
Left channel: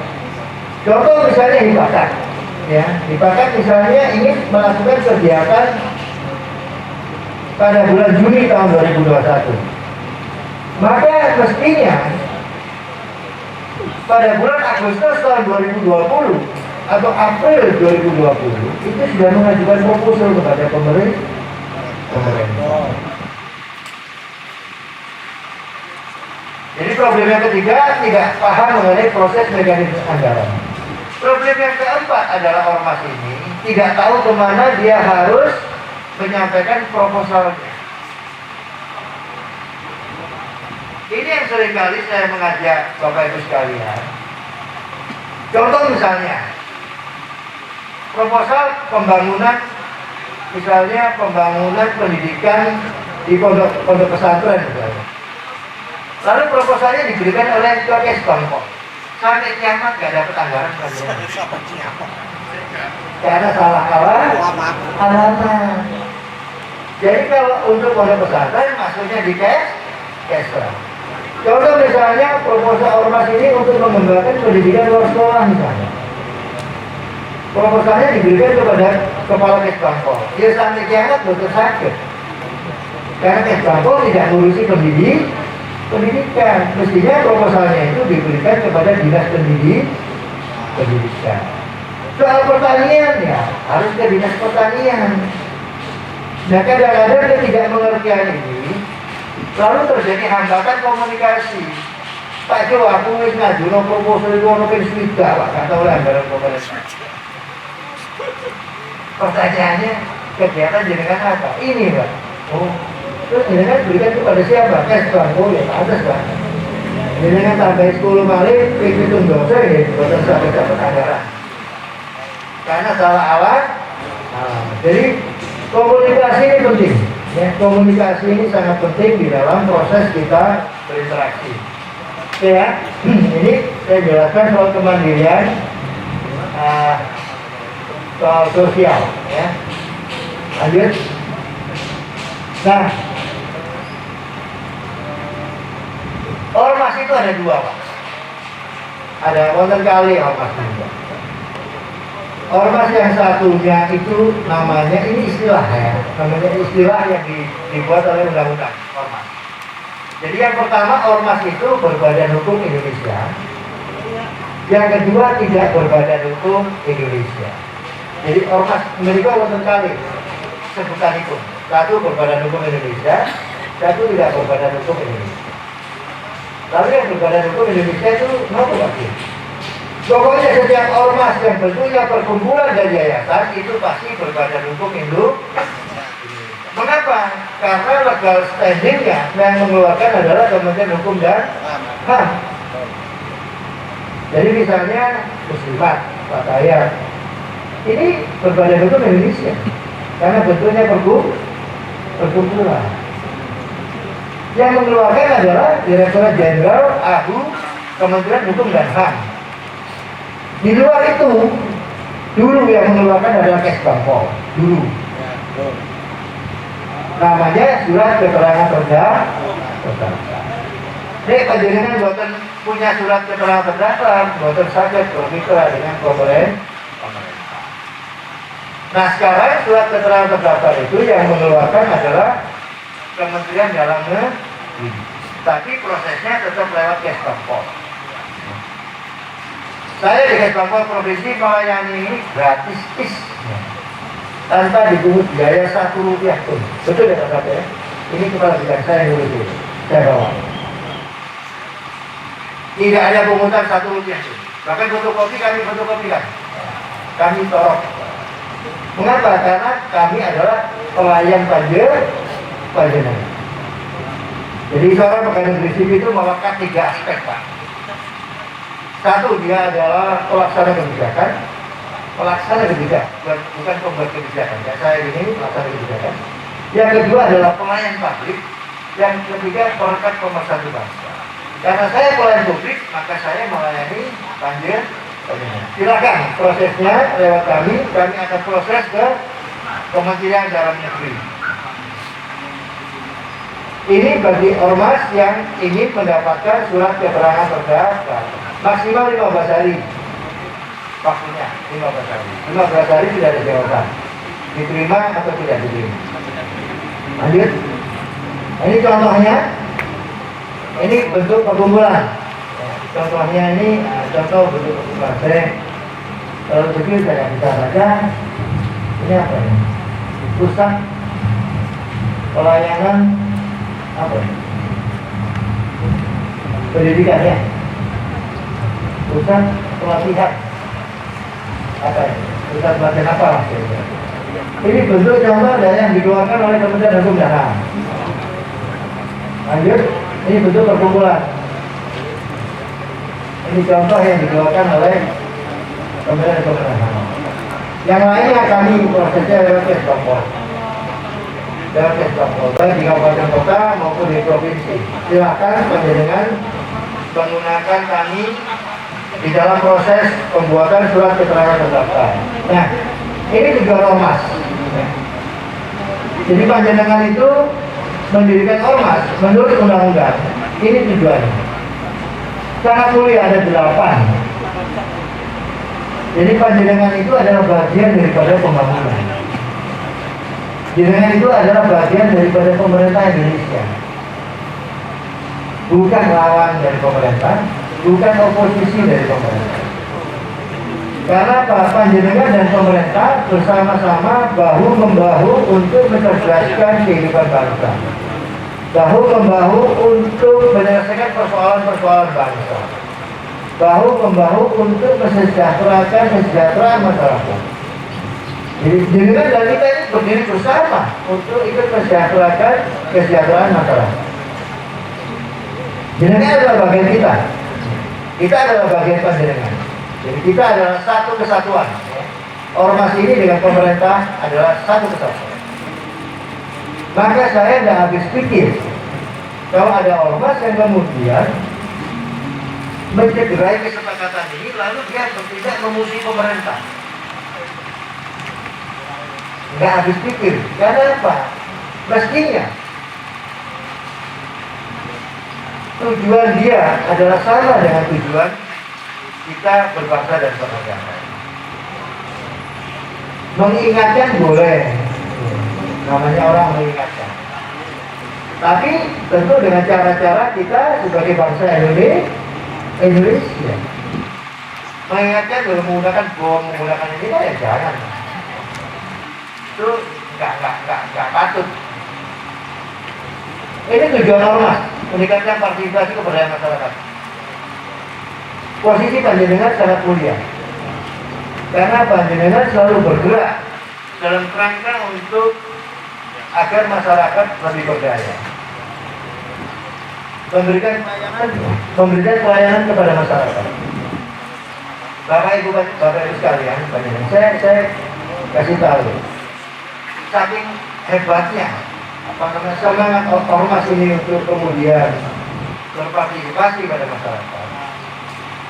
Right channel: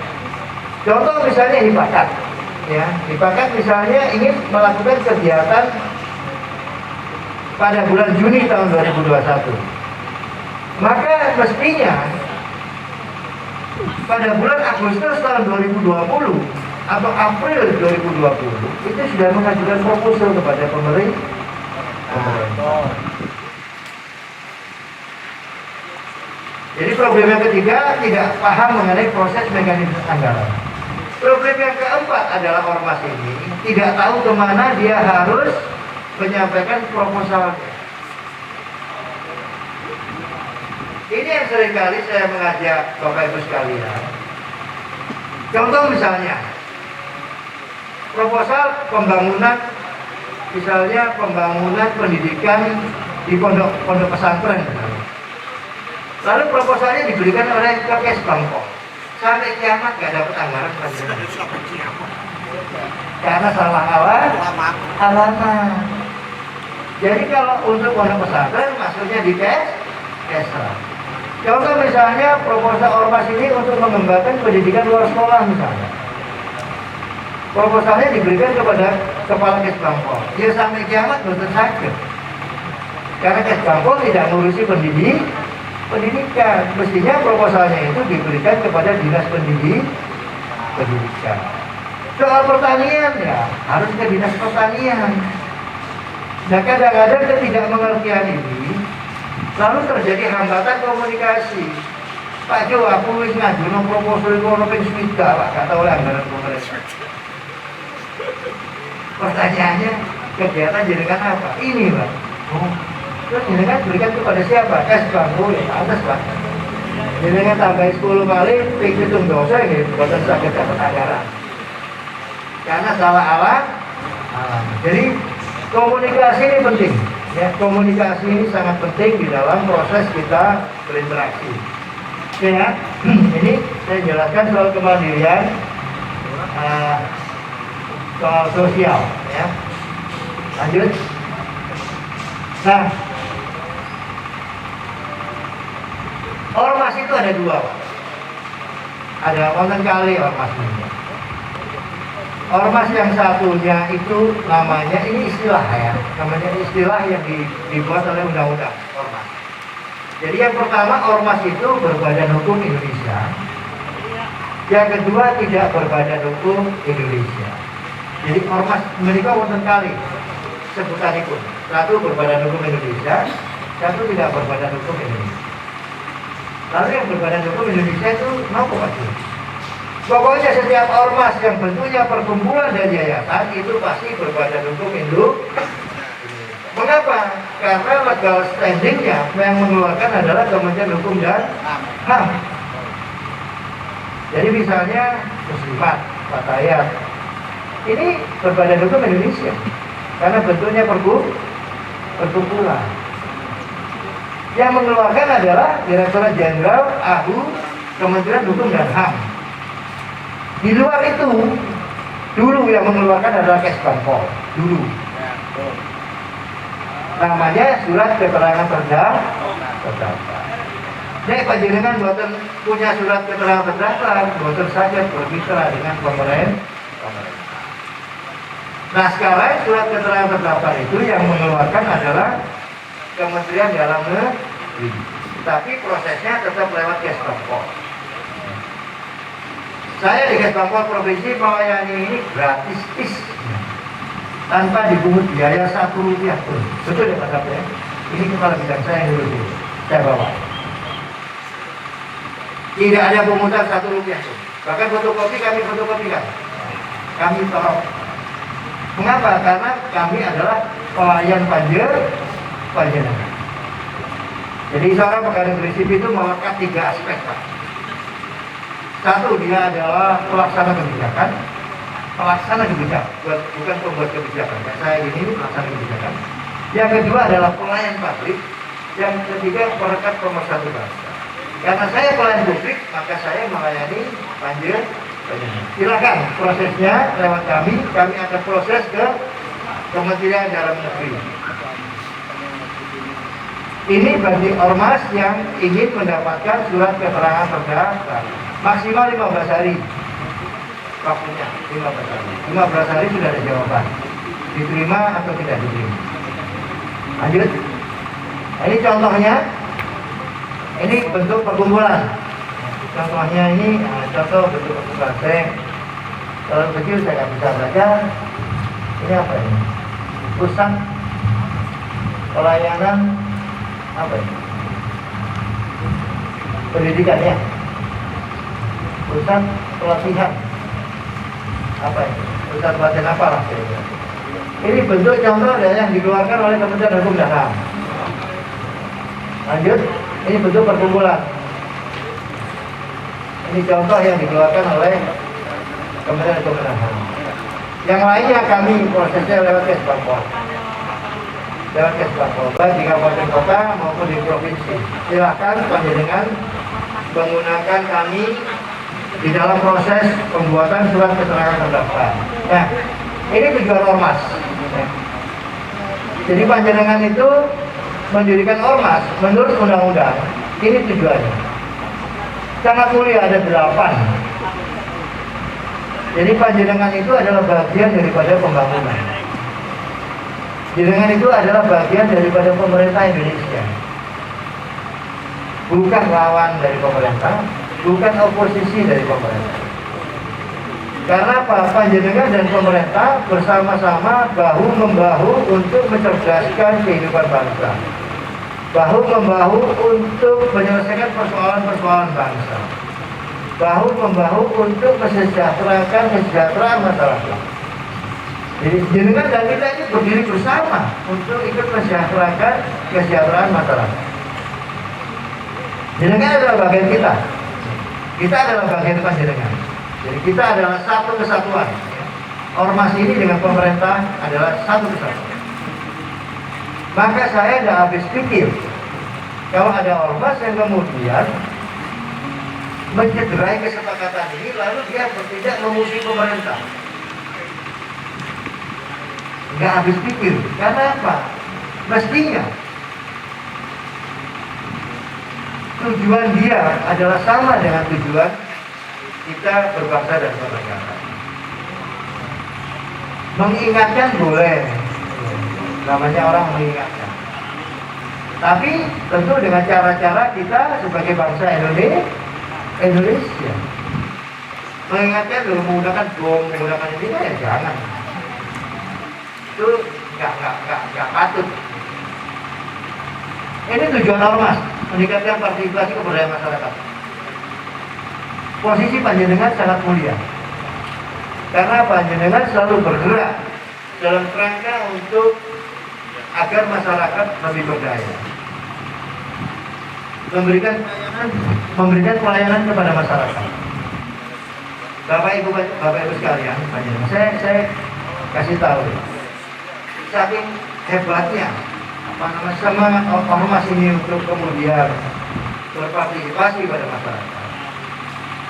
Contoh misalnya hibahkan. ya, bahkan misalnya ingin melakukan kegiatan pada bulan Juni tahun 2021, maka mestinya pada bulan Agustus tahun 2020 atau April 2020 itu sudah mengajukan proposal kepada pemerintah. Jadi problem yang ketiga, tidak paham mengenai proses mekanisme anggaran. Problem yang keempat adalah ormas ini tidak tahu kemana dia harus menyampaikan proposalnya. Ini yang seringkali saya mengajak Bapak Ibu sekalian. Contoh misalnya, proposal pembangunan, misalnya pembangunan pendidikan di pondok pesantren misalnya. Lalu proposalnya diberikan oleh Kes Bangpol. Sampai kiamat gak dapat anggaran karena salah alamat. Jadi kalau untuk pondok pesantren maksudnya di Kesra. Contoh misalnya proposal ormas ini untuk mengembangkan pendidikan luar sekolah misalnya. Proposalnya diberikan kepada kepala Kes Bangpol. Dia sampai kiamat betul sakit. Karena Kes Bangpol tidak ngurusi pendidikan. Mestinya proposalnya itu diberikan kepada dinas pendidikan. Soal pertanian ya harus ke dinas pertanian. Nah kadang-kadang ketidakmengertian ini lalu terjadi hambatan komunikasi. Pak Jo, aku ingin ngajuin proposal itu orang pensuita, Pak, kata oleh anggaran pemerintah. Pertanyaannya kegiatan jenengan apa? Ini Pak. Oh. Terus jenengan berikan kepada siapa? Kes Bangpol ya, pantas Pak. Jenengan tambah 10 kali, hitung dosa ya, bukan sampai dapat anggaran. Karena salah alat. Jadi komunikasi ini penting. Ya, komunikasi ini sangat penting di dalam proses kita berinteraksi. Oke ya, ini saya jelaskan soal kemandirian, soal sosial. Ya, lanjut. Nah, ormas itu ada dua, Pak. Ada wonten kali ormas juga. Ormas yang satunya itu namanya, ini istilah ya, namanya istilah yang dibuat oleh undang-undang ormas. Jadi yang pertama, ormas itu berbadan hukum Indonesia. Yang kedua, tidak berbadan hukum Indonesia. Jadi ormas mereka wonten kali sebutan itu. Satu berbadan hukum Indonesia, satu tidak berbadan hukum Indonesia. Lalu yang berbadan hukum Indonesia itu nopo lagi? Pokoknya setiap ormas yang bentuknya perkumpulan dan yayasan itu pasti berbadan hukum Indonesia. Mengapa? Karena legal standingnya yang mengeluarkan adalah Kementerian Hukum dan HAM. Jadi misalnya Muslimat, Fatayat, ini berbadan hukum Indonesia karena bentuknya perkumpulan. Yang mengeluarkan adalah Direktorat Jenderal AHU Kementerian Hukum dan HAM. Di luar itu, dulu yang mengeluarkan adalah Kes Bangpol. Dulu. Namanya surat keterangan terdaftar. Nek panjenengan buatan punya surat keterangan terdaftar, buatan saja bermitra dengan pemerintah. Nah sekarang surat keterangan terdaftar itu yang mengeluarkan adalah Kementerian Dalam Negeri. Tapi prosesnya tetap lewat Kes Bangpol. Saya di Kes Bangpol Provinsi melayani ini gratis tanpa dipungut biaya Rp1 pun. Betul ya Pak ya? Ini kepala bidang saya yang dulu saya bawa. Tidak ada pungutan Rp1 pun. Bahkan fotokopi kami fotokopikan. Kami torok. Mengapa? Karena kami adalah pelayan panjenengan. Jadi seorang pegawai negeri sipil itu melekat 3 aspek Pak. Satu, dia adalah pelaksana kebijakan, bukan pembuat kebijakan. Kayak saya ini pelaksana kebijakan. Yang kedua adalah pelayan publik. Yang ketiga perekat pemersatu bangsa. Karena saya pelayan publik, maka saya melayani panjenengan. Silakan prosesnya lewat kami akan proses ke Kementerian Dalam Negeri. Ini bagi ormas yang ingin mendapatkan surat keterangan terdaftar. Maksimal 15 hari. waktunya 15 hari. 15 hari sudah ada jawaban, diterima atau tidak diterima. Lanjut. Nah, ini contohnya, ini bentuk perkumpulan. Contohnya ini, contoh bentuk perkumpulan. Saya kalau kecil saya bisa baca. Ini apa ini? Pusat pelayanan apa ini? Pendidikan ya. Pusat pelatihan apa ini? Pusat pelatihan apa lah? Ini bentuk contoh dari yang dikeluarkan oleh Kementerian Hukum dan HAM. Lanjut, ini bentuk perkumpulan. Ini contoh yang dikeluarkan oleh Kementerian Hukum dan HAM. Yang lainnya kami prosesnya lewat Kesbangpol. Lewat Kesbangpol, baik di kabupaten kota maupun di provinsi. Silakan panjenengan menggunakan kami di dalam proses pembuatan surat keterangan terdaftar. Nah, ini tujuan ormas. Jadi panjenengan itu mendirikan ormas menurut undang-undang. Ini tujuannya. Sangat mulia, ada 8. Jadi panjenengan itu adalah bagian daripada pembangunan. Panjenengan itu adalah bagian daripada pemerintah Indonesia. Bukan lawan dari pemerintah, bukan oposisi dari pemerintah. Karena Pak panjenengan dan pemerintah bersama-sama bahu-membahu untuk mencerdaskan kehidupan bangsa. Bahu-membahu untuk menyelesaikan persoalan-persoalan bangsa. Bahu-membahu untuk kesejahteraan masyarakat. Jadi jenengan dan kita ini berdiri bersama untuk ikut kesejahteraan masyarakat. Jenengan adalah bagian kita. Kita adalah bagian panjenengan. Jadi kita adalah satu kesatuan. Ormas ini dengan pemerintah adalah satu kesatuan. Maka saya tidak habis pikir kalau ada ormas yang kemudian mencederai kesepakatan ini lalu dia bertindak memusuhi pemerintah. Nggak habis pikir. Karena apa? Mestinya tujuan dia adalah sama dengan tujuan kita berbangsa dan bernegara. Mengingatkan boleh, namanya orang mengingatkan. Tapi tentu dengan cara-cara kita sebagai bangsa Indonesia mengingatkan menggunakan bom, menggunakan ini kan ya jangan. Itu nggak patut. Ini tujuan ormas, meningkatkan partisipasi keberdayaan masyarakat. Posisi panjenengan sangat mulia, karena panjenengan selalu bergerak dalam kerangka untuk agar masyarakat lebih berdaya, memberikan pelayanan kepada masyarakat. Bapak Ibu sekalian, saya kasih tahu, saking hebatnya semangat ormas ini untuk kemudian berpartisipasi pada masyarakat.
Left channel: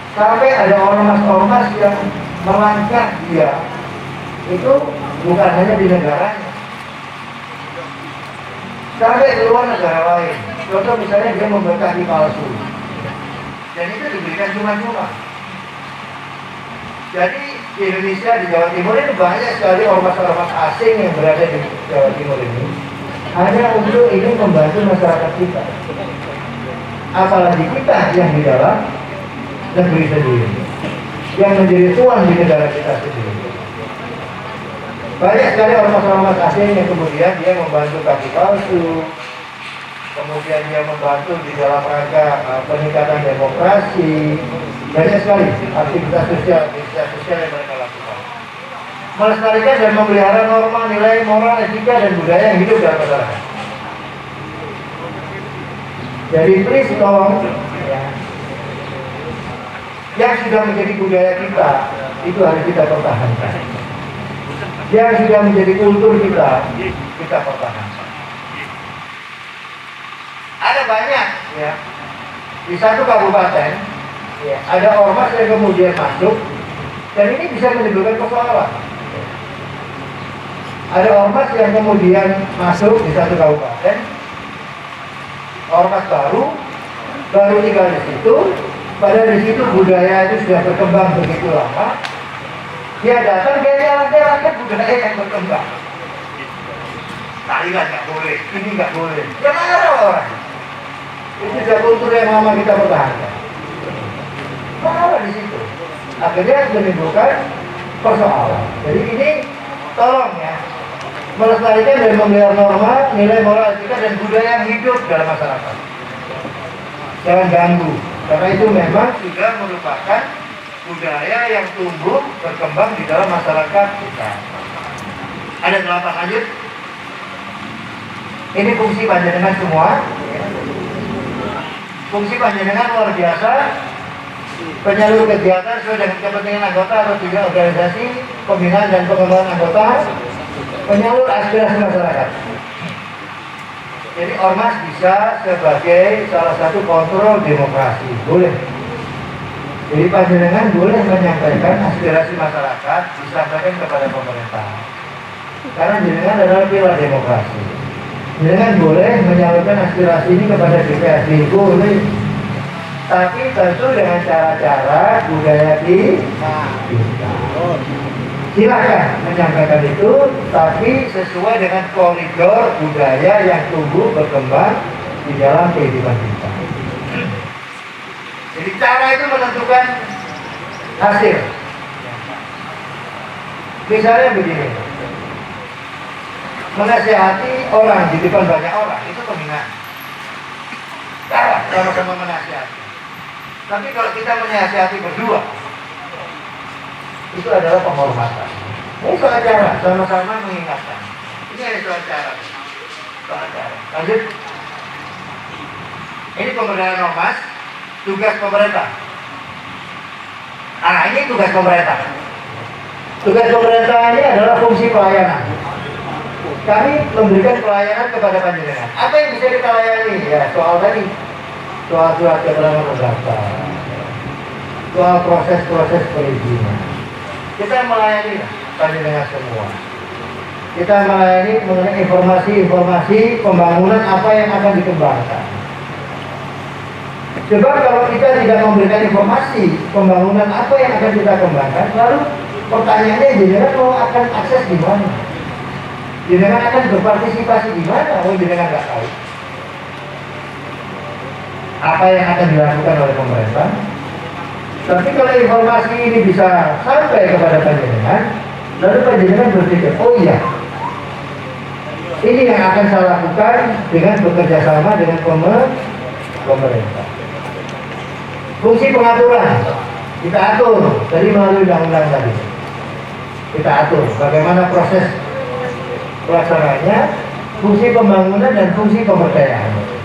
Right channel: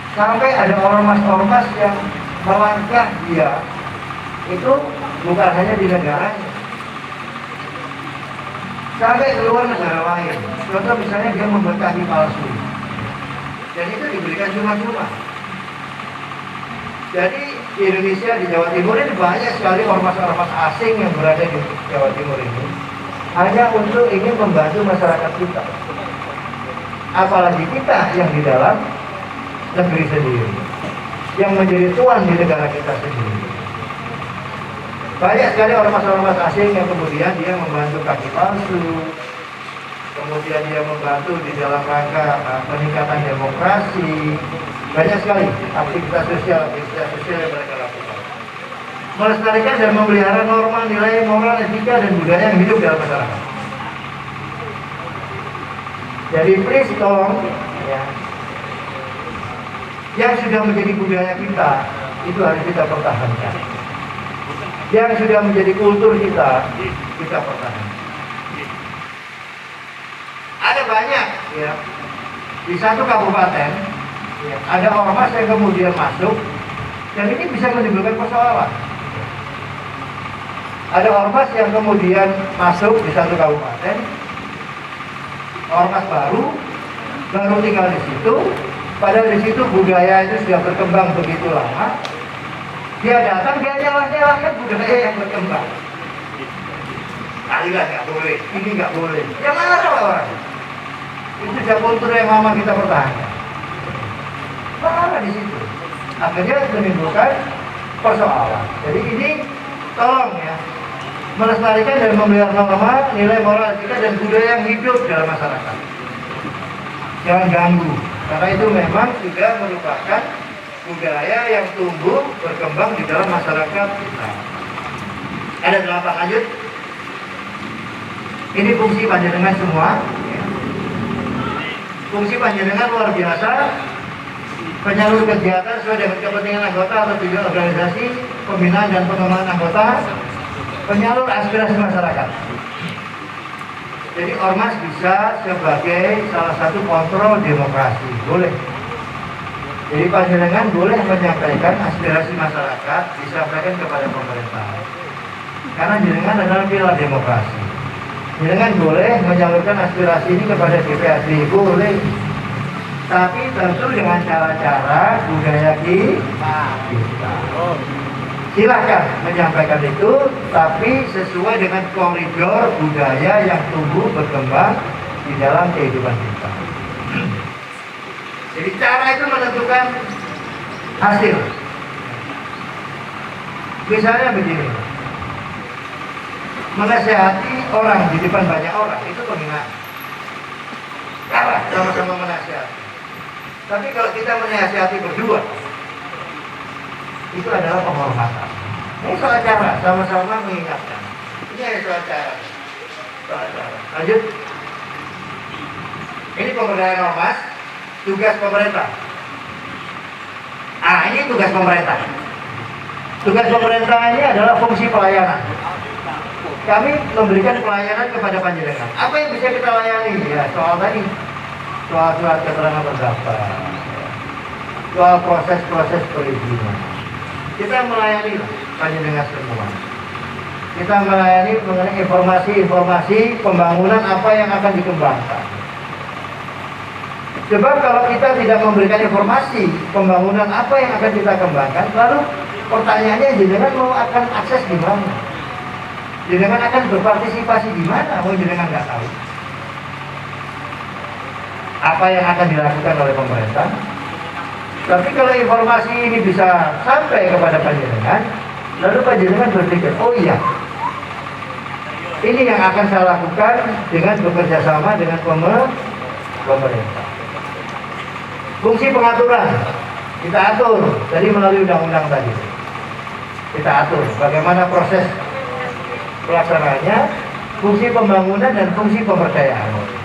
Sampai ada ormas-ormas yang melangkah dia itu bukan hanya di negaranya, sampai keluar negara lain. Contoh misalnya dia membuat kaki palsu, dan itu diberikan cuma-cuma. Jadi di Indonesia, di Jawa Timur ini banyak sekali ormas-ormas asing yang berada di Jawa Timur ini hanya untuk ingin membantu masyarakat kita. Apalagi kita yang di dalam negeri sendiri, yang menjadi tuan di negara kita sendiri. Banyak sekali ormas-ormas asing yang kemudian dia membantu kaki palsu, kemudian dia membantu di dalam rangka peningkatan demokrasi. Banyak sekali aktivitas sosial yang mereka lakukan, melestarikan dan memelihara norma, nilai moral, etika dan budaya yang hidup dalam masyarakat. Jadi please tolong ya, yang sudah menjadi budaya kita itu harus kita pertahankan. Yang sudah menjadi kultur kita pertahankan. Ada banyak ya, di satu kabupaten ya, ada ormas yang kemudian masuk dan ini bisa menimbulkan persoalan. Ada ormas yang kemudian masuk di satu kabupaten, ormas baru tinggal di situ, padahal di situ budaya itu sudah berkembang begitu lama, Dia datang, dia jalan-jalan budaya yang berkembang. Taliban nggak boleh, ini nggak boleh. Ya marah orang. Itu sudah kultur yang lama kita pertahankan. Marah di situ. Akhirnya menimbulkan persoalan. Jadi ini tolong ya, melestarikan dan memelihara norma, nilai moral kita dan budaya yang hidup dalam masyarakat. Jangan ganggu, karena itu memang sudah merupakan budaya yang tumbuh berkembang di dalam masyarakat kita. Ada 8 lanjut. Ini fungsi panjenengan semua. Fungsi panjenengan luar biasa. Penyalur kegiatan sesuai dengan kepentingan anggota atau tujuan organisasi, pembinaan dan pengembangan anggota, penyalur aspirasi masyarakat. Jadi ormas bisa sebagai salah satu kontrol demokrasi, boleh. Jadi panjenengan boleh menyampaikan aspirasi masyarakat, disampaikan kepada pemerintah. Karena jenengan adalah pilar demokrasi. Jenengan boleh menyalurkan aspirasi ini kepada DPRD, boleh. Tapi tentu dengan cara-cara budaya kita. Silakan menyampaikan itu, tapi sesuai dengan koridor budaya yang tumbuh berkembang di dalam kehidupan kita. Jadi cara itu menentukan hasil. Misalnya begini, menasihati orang di depan banyak orang itu penghinaan. Cara sama-sama menasihati. Tapi kalau kita menasihati berdua, itu adalah penghormatan. Ini soal cara, sama-sama mengingatkan. Ini ada soal cara. Soal cara. Lanjut. Ini pemberdayaan ormas, tugas pemerintah. Ini tugas pemerintah. Tugas pemerintah ini adalah fungsi pelayanan. Kami memberikan pelayanan kepada panjenengan. Apa yang bisa kita layani? Ya, soal tadi. Soal surat keterangan terdaftar, soal proses-proses perizinan. Kita melayani panjenengan semua. Kita melayani mengenai informasi-informasi pembangunan apa yang akan dikembangkan. Sebab kalau kita tidak memberikan informasi pembangunan apa yang akan kita kembangkan, lalu pertanyaannya jenengan mau akan akses di mana? Jenengan akan berpartisipasi di mana? Oh, jenengan nggak tahu apa yang akan dilakukan oleh pemerintah. Tapi kalau informasi ini bisa sampai kepada panjenengan, lalu panjenengan berpikir, oh iya, ini yang akan saya lakukan dengan bekerja sama dengan pemerintah. Fungsi pengaturan kita atur dari melalui undang-undang tadi. Kita atur bagaimana proses pelaksanaannya, fungsi pembangunan dan fungsi pemberdayaan.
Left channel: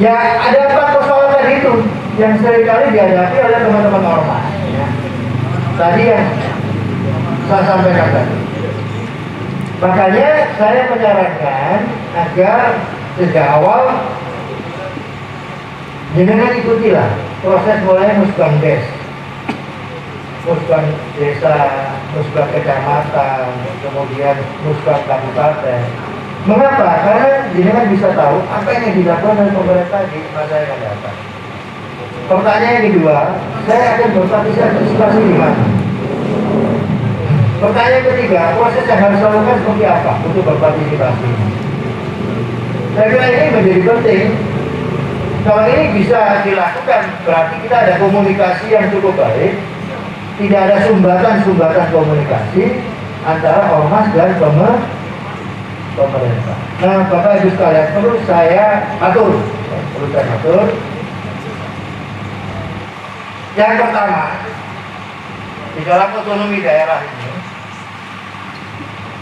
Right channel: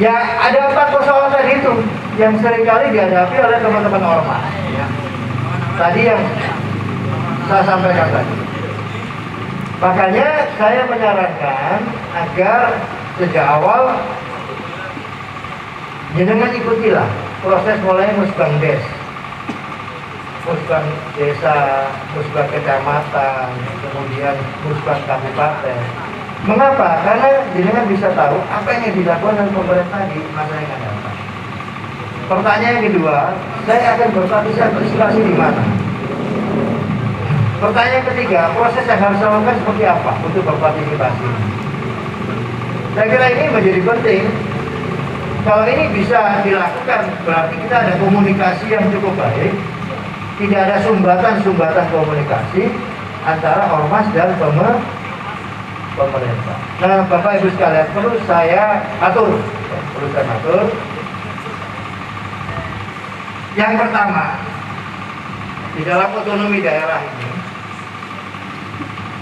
Ya, ada 4 persoalan tadi itu yang seringkali dihadapi oleh teman-teman ormas. Ya. Tadi yang saya sampaikan tadi. Makanya saya menyarankan agar sejak awal jenengan ikutilah proses mulai musbangdes, musbang desa, musbang kecamatan, kemudian musbang kabupaten. Mengapa? Karena jenengan bisa tahu apa yang dilakukan oleh pemerintah di masa yang akan datang. Pertanyaan yang kedua, saya akan berpartisipasi di mana? Pertanyaan ketiga, proses yang harus dilakukan seperti apa untuk berpartisipasi? Saya kira ini menjadi penting. Kalau ini bisa dilakukan, berarti kita ada komunikasi yang cukup baik. Tidak ada sumbatan-sumbatan komunikasi antara ormas dan pemerintah. Nah, Bapak Ibu sekalian, perlu saya atur. Yang pertama, di dalam otonomi daerah ini,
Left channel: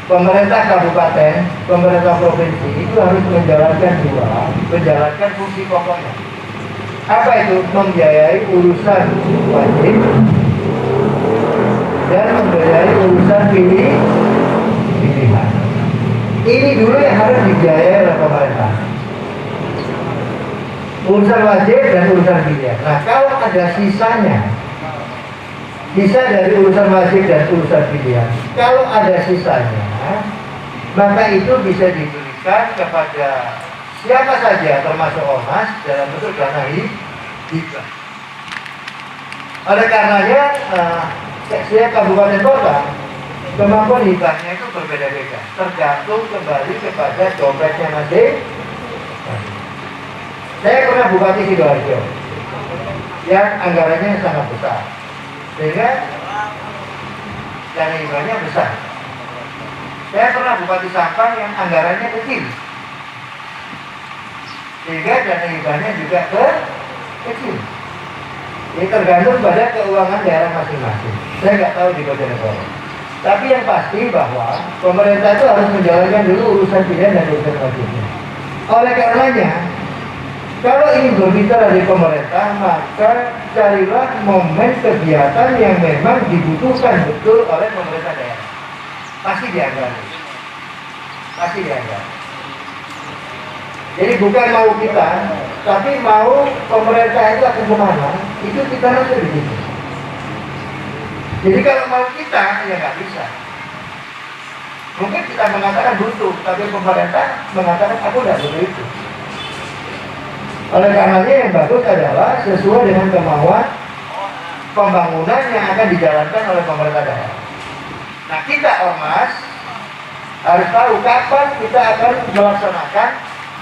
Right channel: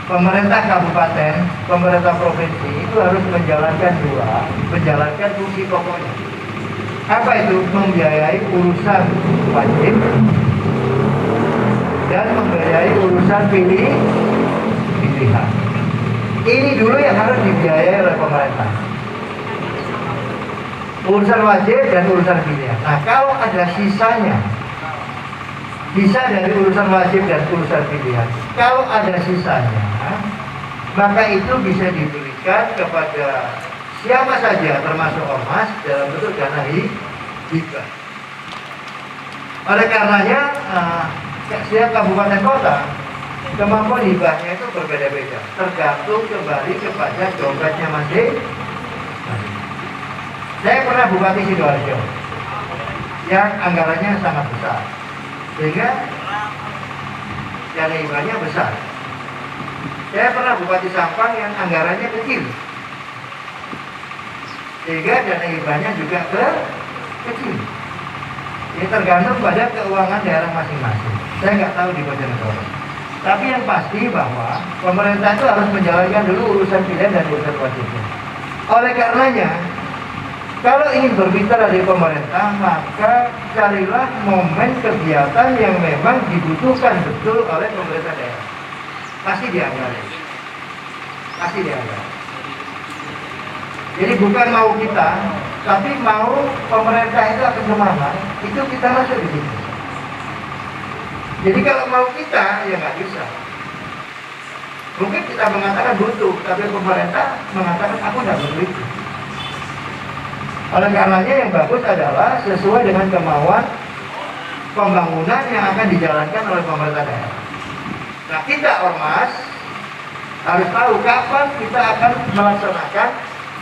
pemerintah kabupaten, pemerintah provinsi itu harus menjalankan fungsi pokoknya. Apa itu? Membiayai urusan wajib dan membiayai urusan pilihan. Ini dulu yang harus dibiayai oleh pemerintah. Urusan wajib dan urusan pilihan. Nah, kalau ada sisanya, sisa dari urusan wajib dan urusan pilihan, kalau ada sisanya, maka itu bisa diberikan kepada siapa saja termasuk ormas dalam bentuk dana hibah. Oleh karenanya setiap kabupaten kota kemampuan hibahnya itu berbeda-beda, tergantung kembali kepada dompetnya masing. Saya pernah Bupati Sidoarjo yang anggarannya sangat besar, sehingga dana hibahnya besar. Saya pernah Bupati Sampang yang anggarannya kecil, sehingga dana hibahnya juga kecil. Ini tergantung pada keuangan daerah masing-masing. Saya nggak tahu di Bojonegoro. Tapi yang pasti bahwa pemerintah itu harus menjalankan dulu urusan pilihan dan urusan wajibnya. Oleh karenanya, kalau ingin berbicara di pemerintah, maka carilah momen kegiatan yang memang dibutuhkan betul oleh pemerintah daerah. Pasti dianggarkan. Pasti dianggarkan. Jadi bukan mau kita, tapi mau pemerintah itu akan kemana, itu kita masuk di situ. Jadi kalau mau kita, ya nggak bisa. Mungkin kita mengatakan butuh, tapi pemerintah mengatakan aku nggak butuh itu. Oleh karenanya yang bagus adalah sesuai dengan kemauan pembangunan yang akan dijalankan oleh pemerintah daerah. Nah kita ormas harus tahu kapan kita akan melaksanakan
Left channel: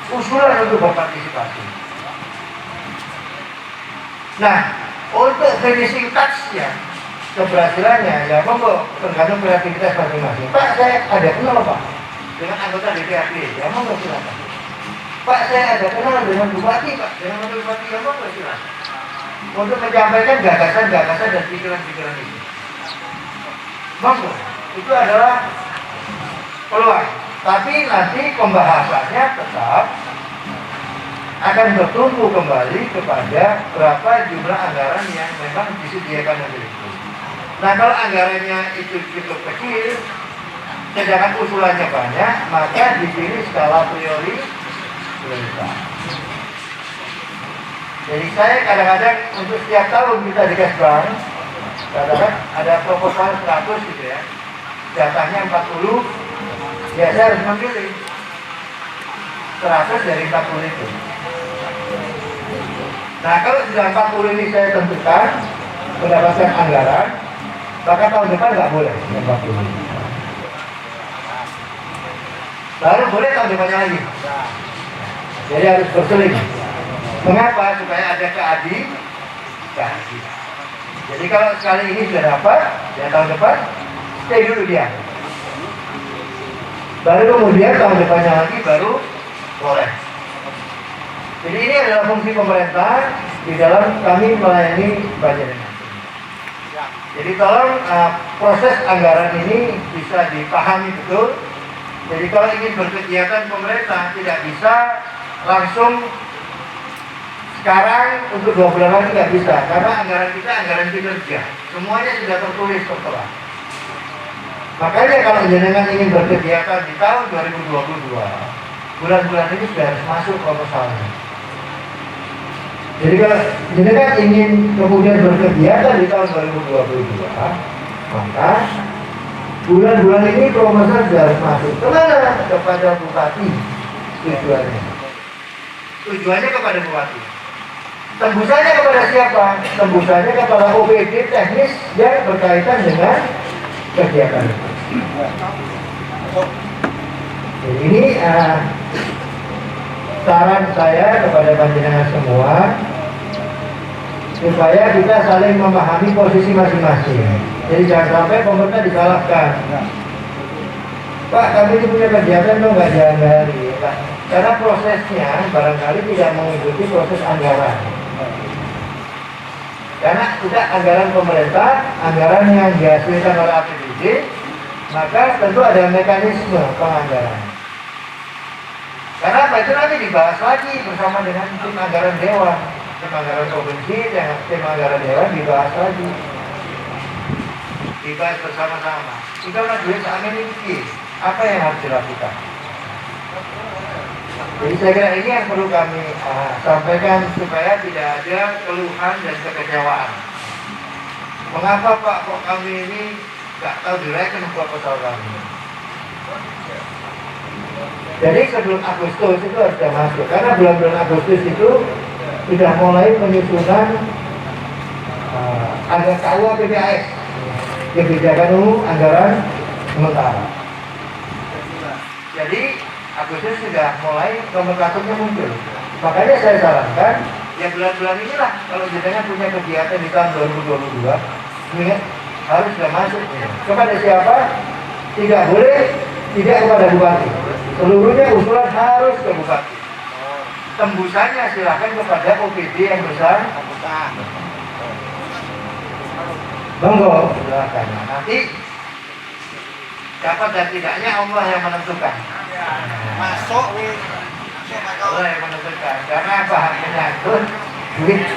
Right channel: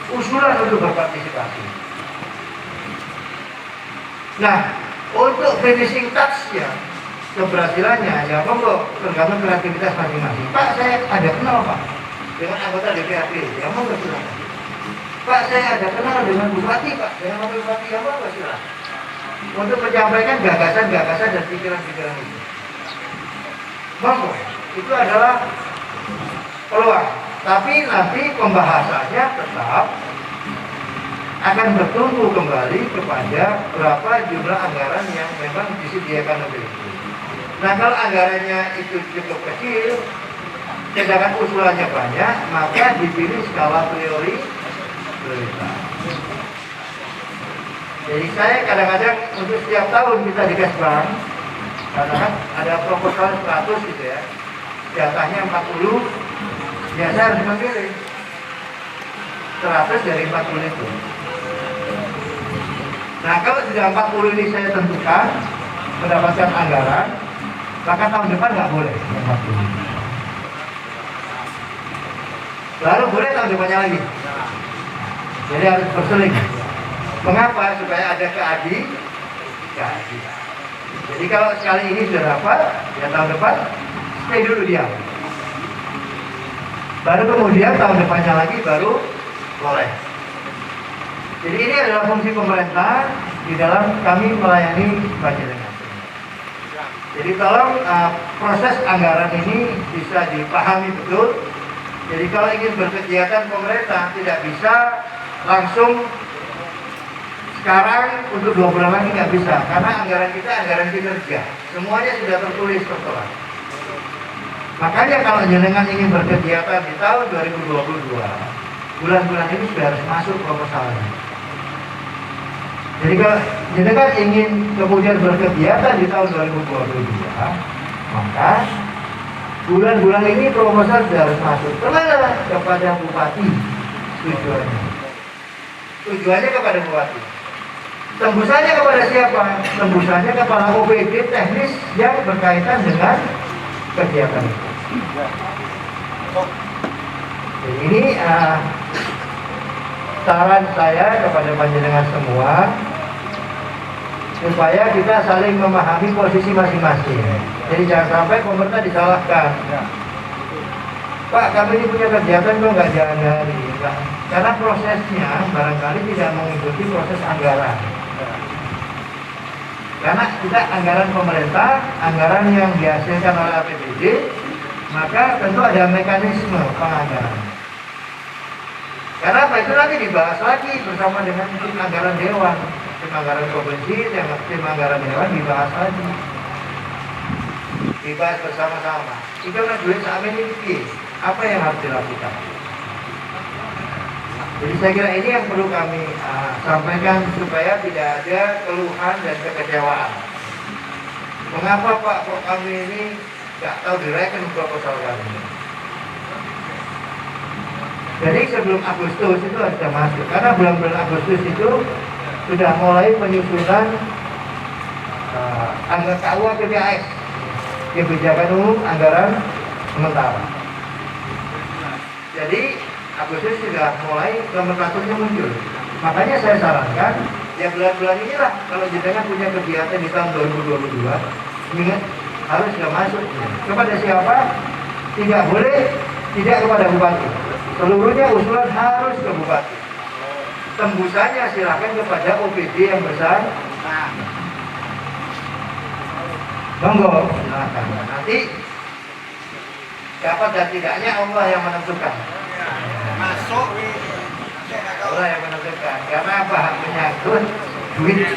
usulan untuk berpartisipasi. Nah untuk finishing touch-nya, keberhasilannya, ya monggo tergantung kreativitas masing-masing. Pak saya ada kenal Pak dengan anggota DPRD, ya monggo silakan. Pak saya ada kenal dengan bupati Pak, dengan wakil bupati, ya monggo silakan. Untuk menyampaikan gagasan-gagasan dan pikiran-pikiran itu. Monggo, itu adalah peluang. Tapi nanti pembahasannya tetap akan bertumpu kembali kepada berapa jumlah anggaran yang memang disediakan untuk itu. Nah kalau anggarannya itu cukup kecil, sedangkan usulannya banyak, maka dipilih skala prioritas. Jadi saya kadang-kadang untuk setiap tahun kita di Kesbang, kadang-kadang ada proposal 100 gitu ya, jatahnya 40, ya saya harus memilih 100 dari 40 itu. Nah kalau sudah 40 ini saya tentukan mendapatkan anggaran, maka tahun depan nggak boleh 40. Lalu boleh tahun depannya lagi. Jadi harus berseling. Mengapa? Supaya ada keadilan. Jadi kalau sekali ini sudah dapat, ya tahun depan stay dulu dia. Baru kemudian tahun depannya lagi baru boleh. Jadi ini adalah fungsi pemerintah di dalam kami melayani Banjarnegara. Jadi tolong proses anggaran ini bisa dipahami betul. Jadi kalau ingin berkegiatan pemerintah tidak bisa langsung sekarang untuk 2 bulan lagi nggak bisa, karena anggaran kita anggaran kinerja, semuanya sudah tertulis setelah. Makanya kalau jenengan ingin berkegiatan di tahun 2022, bulan-bulan ini sudah harus masuk proposalnya. Jadi kalau jenengan ingin kemudian berkegiatan di tahun 2022, maka bulan-bulan ini proposal sudah harus masuk. Kemana? Kepada bupati tujuannya. Tujuannya kepada bupati. Tembusannya kepada siapa? Tembusannya kepada OPD teknis yang berkaitan dengan kegiatan itu. Jadi ini saran saya kepada panjenengan semua supaya kita saling memahami posisi masing-masing. Jadi jangan sampai pemerintah disalahkan. Pak, kami ini punya kegiatan kok nggak jalan hari. Karena prosesnya barangkali tidak mengikuti proses anggaran. Karena kita anggaran pemerintah, anggaran yang dihasilkan oleh APBD, maka tentu ada mekanisme penganggaran. Karena apa? Itu nanti dibahas lagi bersama dengan tim anggaran dewan, tim anggaran provinsi, tim anggaran dewan dibahas lagi. Dibahas bersama-sama. Jika ada duit saat ini, apa yang harus dilakukan? Jadi saya kira ini yang perlu kami sampaikan supaya tidak ada keluhan dan kekecewaan. Mengapa Pak kok kami ini nggak tahu direken proposal kami? Jadi sebelum Agustus itu sudah masuk, karena bulan-bulan Agustus itu sudah mulai penyusunan anggaran KUA PPAS. kebijakan umum anggaran sementara. Jadi Agustus sudah mulai nomenklaturnya muncul. Makanya saya sarankan ya bulan-bulan inilah kalau jenengan punya kegiatan di tahun 2022 ini harus sudah masuk. Kepada siapa? Tidak boleh tidak kepada bupati. Seluruhnya usulan harus ke bupati. Tembusannya silakan kepada OPD yang besar. Monggo, silakan. Nanti dapat dan tidaknya Allah yang menentukan. Masuk. Allah yang menentukan. Karena apa? Menyangkut duit.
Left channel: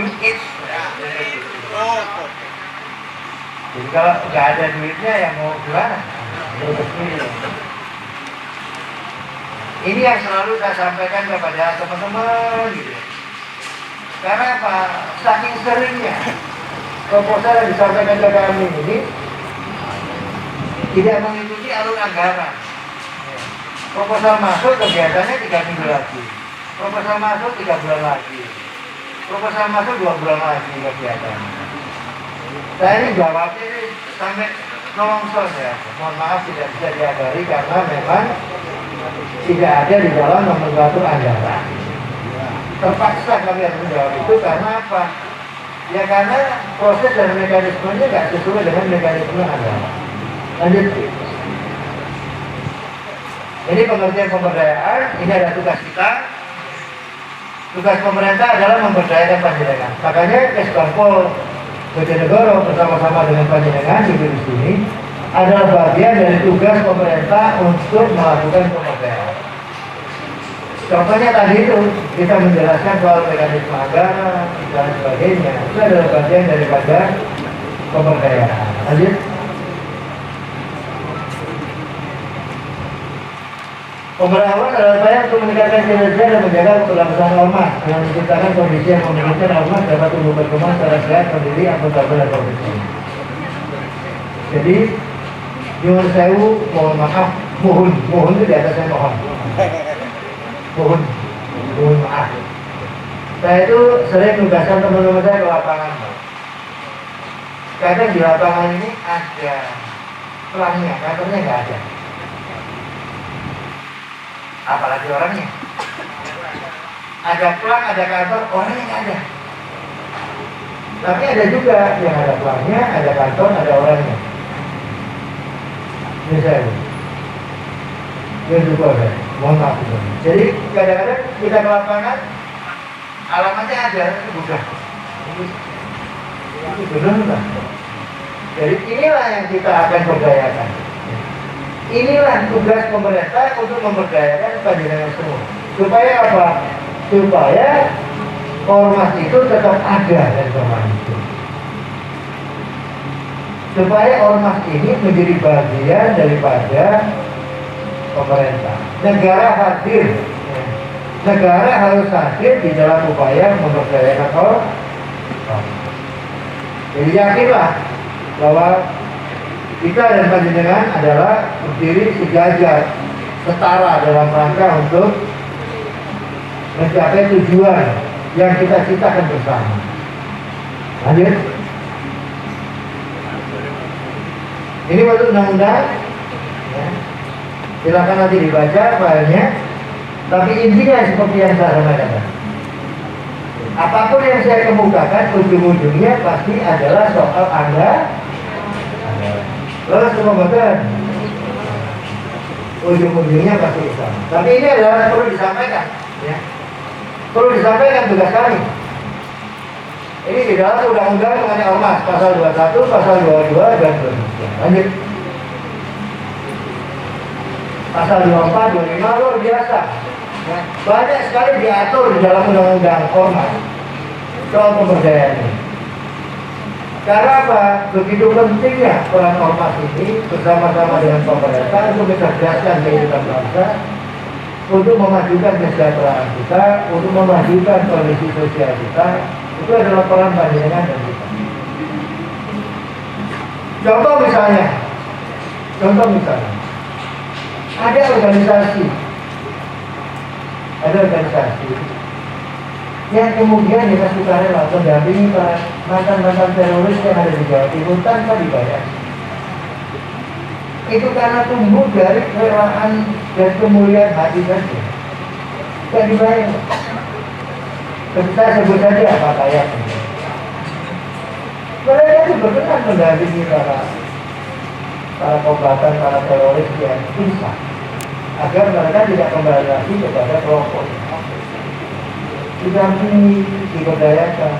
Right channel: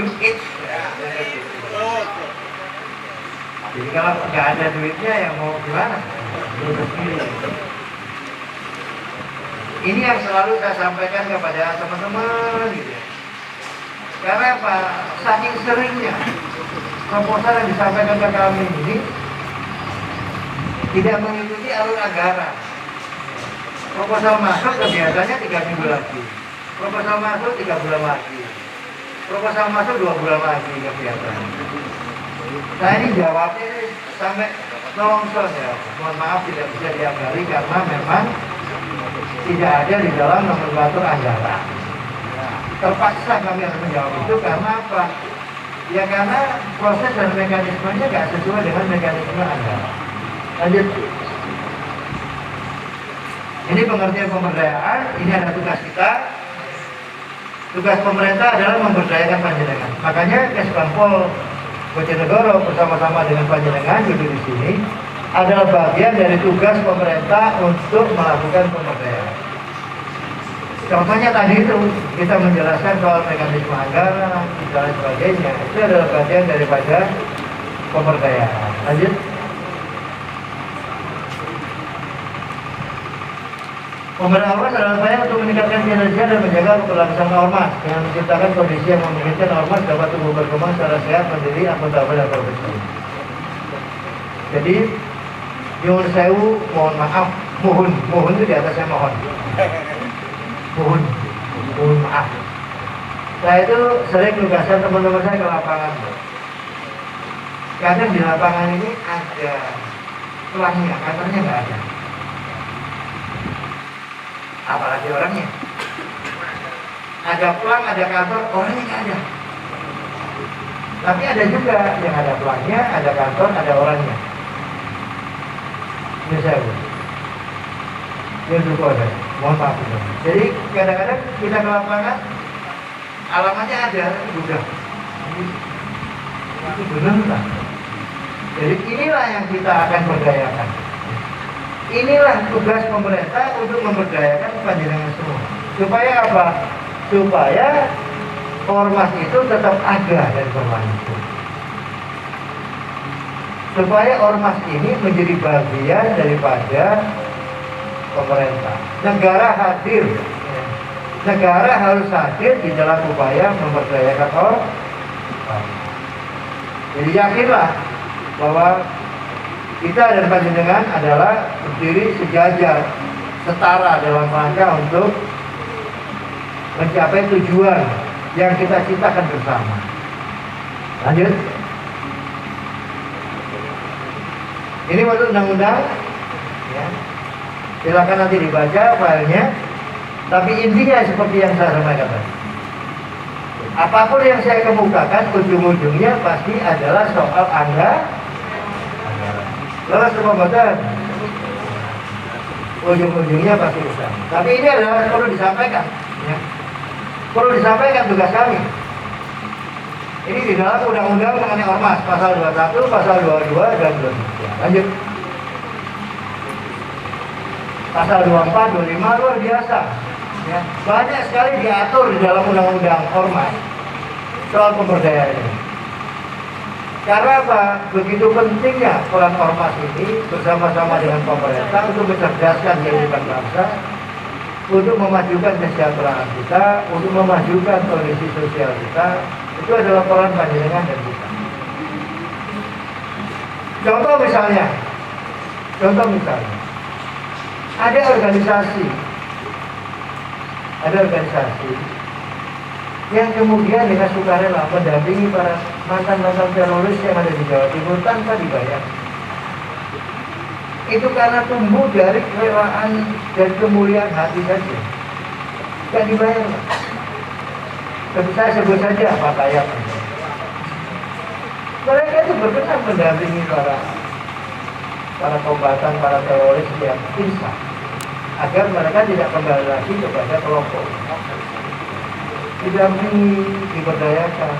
Duit. Jadi kalau nggak ada duitnya yang mau gimana? Ini yang selalu saya sampaikan kepada teman-teman gitu. Karena apa? Saking seringnya proposal yang disampaikan ke kami ini tidak mengikuti alur anggaran. Proposal masuk kegiatannya 3 minggu lagi. Proposal masuk 3 bulan lagi. Proposal masuk 2 bulan lagi kegiatan. Saya ini jawabnya ini sampai nongson ya. Mohon maaf tidak bisa diagari karena memang tidak ada di dalam nomenklatur anggaran. Terpaksa kami harus menjawab itu karena apa? Ya karena proses dan mekanismenya nggak sesuai dengan mekanisme anggaran. Lanjut. Ini pengertian pemberdayaan, ini ada tugas kita. Tugas pemerintah adalah memberdayakan panjenengan. Makanya Kesbangpol Bojonegoro bersama-sama dengan panjenengan di sini adalah bagian dari tugas pemerintah untuk melakukan pemberdayaan. Contohnya tadi itu kita menjelaskan soal mekanisme anggaran dan sebagainya. Itu adalah bagian daripada pemberdayaan. Lanjut. Pemberdayaan adalah upaya untuk meningkatkan kinerja dan menjaga keberlangsungan ormas dengan menciptakan kondisi yang memungkinkan ormas dapat tumbuh berkembang secara sehat, mandiri, akuntabel dan profesional. Jadi, nyuwun sewu, mohon maaf, mohon itu di atasnya mohon. Mohon maaf. Saya itu sering tugaskan teman-teman saya ke lapangan. Kadang di lapangan ini ada pelangnya, kantornya nggak ada. Apalagi orangnya. Ada pelang, ada kantor, orangnya nggak ada. Tapi ada juga yang ada pelangnya, ada kantor, ada orangnya. Misalnya, yang juga ada. Mohon maaf. Jadi kadang-kadang kita ke lapangan, alamatnya ada, udah. Itu benar lah. Jadi inilah yang kita akan berdayakan. Inilah tugas pemerintah untuk memberdayakan panjenengan semua. Supaya apa? Supaya ormas itu tetap ada dan berlanjut. Supaya ormas ini menjadi bagian daripada pemerintah. Negara hadir. Negara harus hadir di dalam upaya memberdayakan ormas. Jadi yakinlah bahwa kita dan panjenengan adalah berdiri sejajar, setara dalam rangka untuk mencapai tujuan yang kita ciptakan bersama. Lanjut. Ini waktu undang-undang. Ya. Silakan nanti dibaca filenya. Tapi intinya seperti yang saya sampaikan tadi. Apapun yang saya kemukakan, ujung-ujungnya pasti adalah soal anggaran. Lalu semua badan ujung-ujungnya pasti sama. Tapi ini adalah perlu disampaikan, ya. Perlu disampaikan tugas kami. Ini di dalam undang-undang mengenai ormas pasal 21, pasal 22 dan 23. Lanjut. Pasal 24, 25 luar biasa. Ya. Banyak sekali diatur di dalam undang-undang ormas soal pemberdayaan ini. Karena apa? Begitu pentingnya peran ormas ini bersama-sama dengan pemerintah untuk mencerdaskan kehidupan bangsa, untuk memajukan kesejahteraan kita, untuk memajukan kondisi sosial kita. Itu adalah peran panjenengan dan kita. Contoh misalnya, ada organisasi yang kemudian dengan sukarela mendampingi para mantan-mantan teroris yang ada di Jawa Timur tanpa dibayar. Itu karena tumbuh dari kerelaan dan kemuliaan hati saja. Tidak dibayar. Saya sebut saja Pak Kayak. Mereka itu berkenan mendampingi para kombatan, para teroris yang susah, agar mereka tidak kembali kepada kelompok. Didampingi, diberdayakan.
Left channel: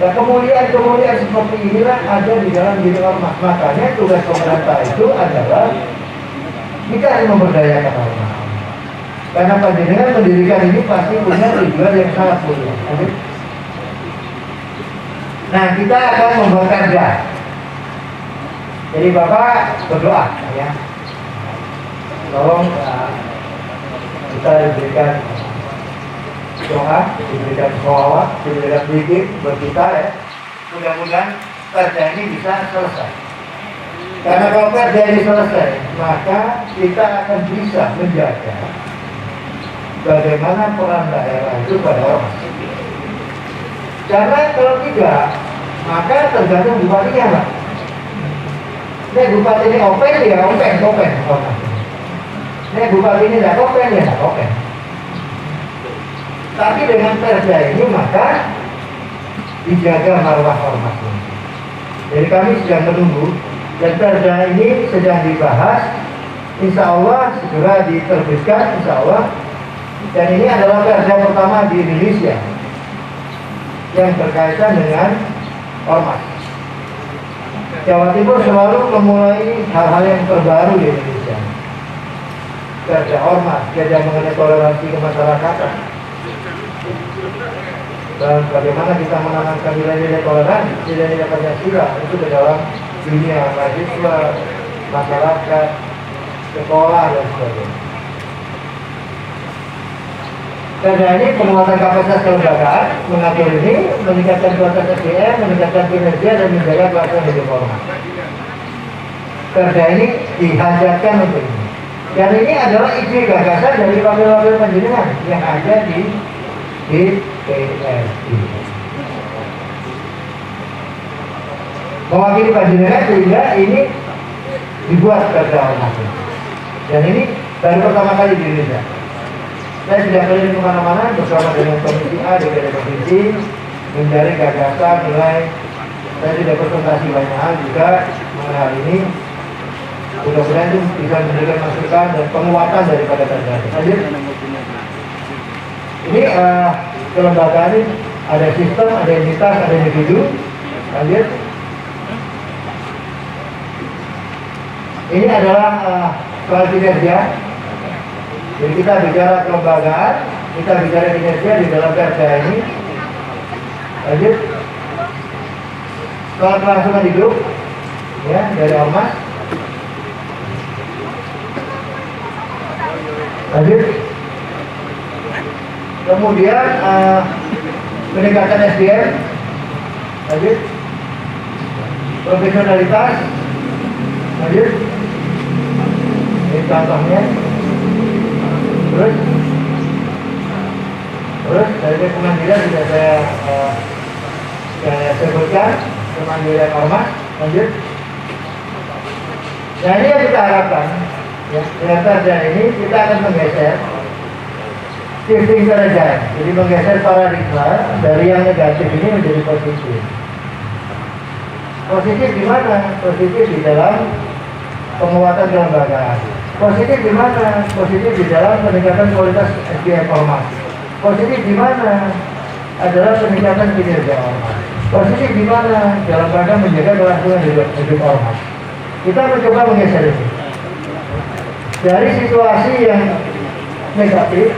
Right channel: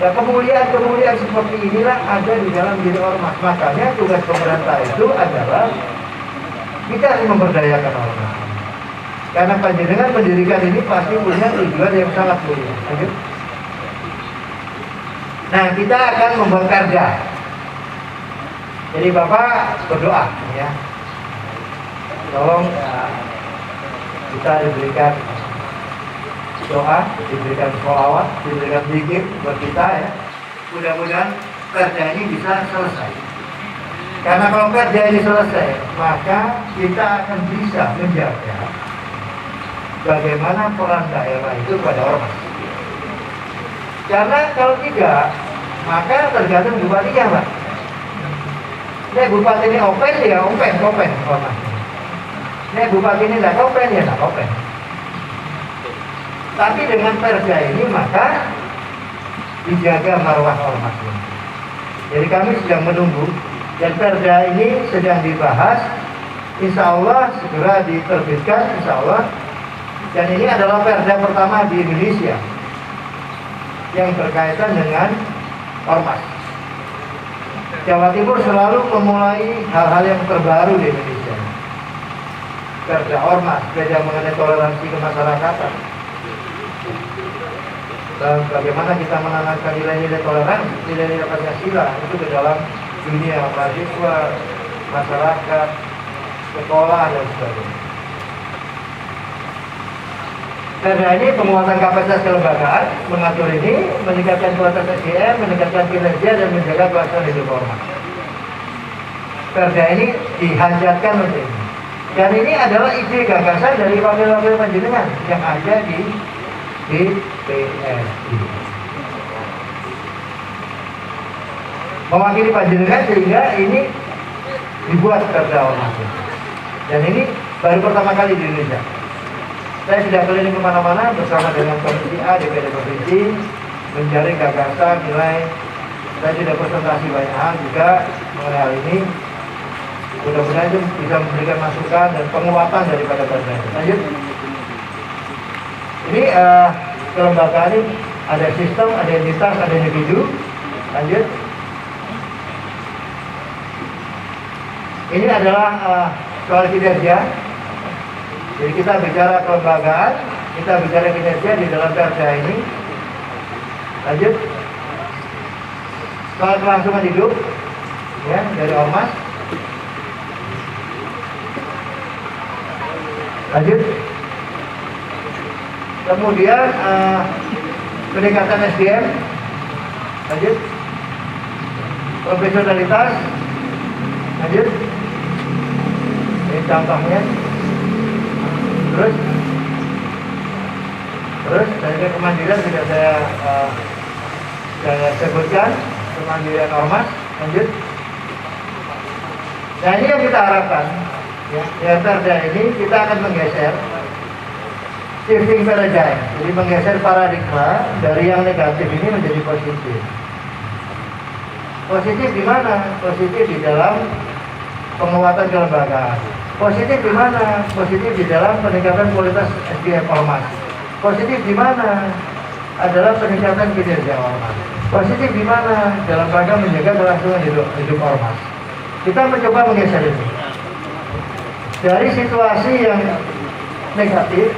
Nah, kemuliaan seperti inilah ada di dalam diri ormas. Makanya tugas pemerintah itu adalah kita memberdayakan ormas. Karena panjenengan mendirikan ini pasti punya tujuan yang sangat mulia. Nah, kita akan membakar gas. Jadi Bapak berdoa ya. Tolong kita diberikan doa, diberikan sholawat, diberikan zikir buat kita ya. Mudah-mudahan perda ini bisa selesai. Karena kalau perda ini selesai, maka kita akan bisa menjaga bagaimana peran daerah itu pada orang. Karena kalau tidak, maka tergantung bupatinya lah. Ini bupati ini open ya open. Ini bupati ini tidak open ya tidak open. Tapi dengan perda ini maka dijaga marwah ormas ini. Jadi kami sedang menunggu dan perda ini sedang dibahas. Insya Allah segera diterbitkan insya Allah. Dan ini adalah perda pertama di Indonesia yang berkaitan dengan ormas. Jawa Timur selalu memulai hal-hal yang terbaru di Indonesia. Perda ormas, perda mengenai toleransi kemasyarakatan. Dan bagaimana kita menanamkan nilai-nilai toleransi, nilai-nilai Pancasila itu ke dalam dunia mahasiswa, masyarakat, sekolah dan sebagainya. Karena ini penguatan kapasitas kelembagaan, mengatur ini, meningkatkan kualitas SDM, meningkatkan kinerja dan menjaga pelaksanaan hidup ormas. Perda ini dihajatkan untuk ini. Dan ini adalah ide gagasan dari wakil-wakil panjenengan yang ada di PSI. Mewakili panjenengan sehingga ini dibuat perda ormas. Dan ini baru pertama kali di Indonesia. Saya sudah keliling kemana-mana bersama dengan Komisi A, DPD Provinsi, mencari gagasan, nilai. Saya sudah presentasi banyak hal juga mengenai hal ini. Mudah-mudahan itu bisa memberikan masukan dan penguatan daripada perda. Lanjut. Ini kelembagaan ini ada sistem, ada entitas, ada individu. Lanjut. Ini adalah soal kinerja. Jadi kita bicara kelembagaan, kita bicara kinerja di dalam perda ini. Lanjut. Soal kelangsungan hidup, ya dari ormas. Lanjut. Kemudian peningkatan SDM. Lanjut. Profesionalitas. Lanjut. Ini contohnya. Terus dari kemandirian sudah saya sebutkan, kemandirian ormas. Lanjut. Nah ini yang kita harapkan ya, dengan perda ini kita akan menggeser shifting paradigm, jadi menggeser paradigma dari yang negatif ini menjadi positif. Positif di mana? Positif di dalam penguatan kelembagaan. Positif di mana? Positif di dalam peningkatan kualitas SDM ormas. Positif di mana? Adalah peningkatan kinerja ormas. Positif di mana? Dalam rangka menjaga kelangsungan hidup ormas. Kita mencoba menggeser ini dari situasi yang negatif,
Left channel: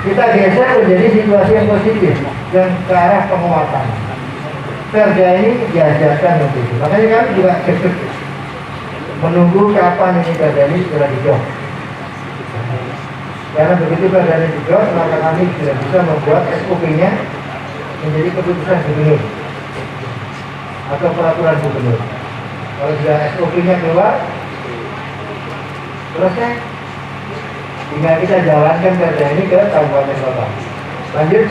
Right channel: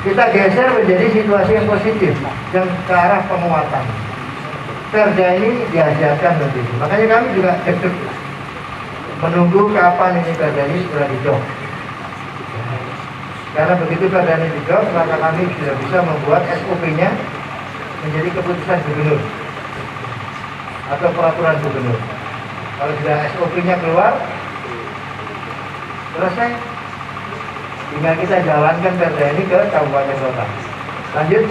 kita geser menjadi situasi yang positif yang ke arah penguatan. Perda ini diajarkan untuk itu. Makanya kami juga menunggu kapan ini perda ini sudah dijawab. Karena begitu perda ini dijawab, maka kami sudah bisa membuat SOP-nya menjadi keputusan gubernur atau peraturan gubernur. Kalau sudah SOP-nya keluar, selesai. Tinggal kita jalankan perda ini ke kabupaten kota. Lanjut.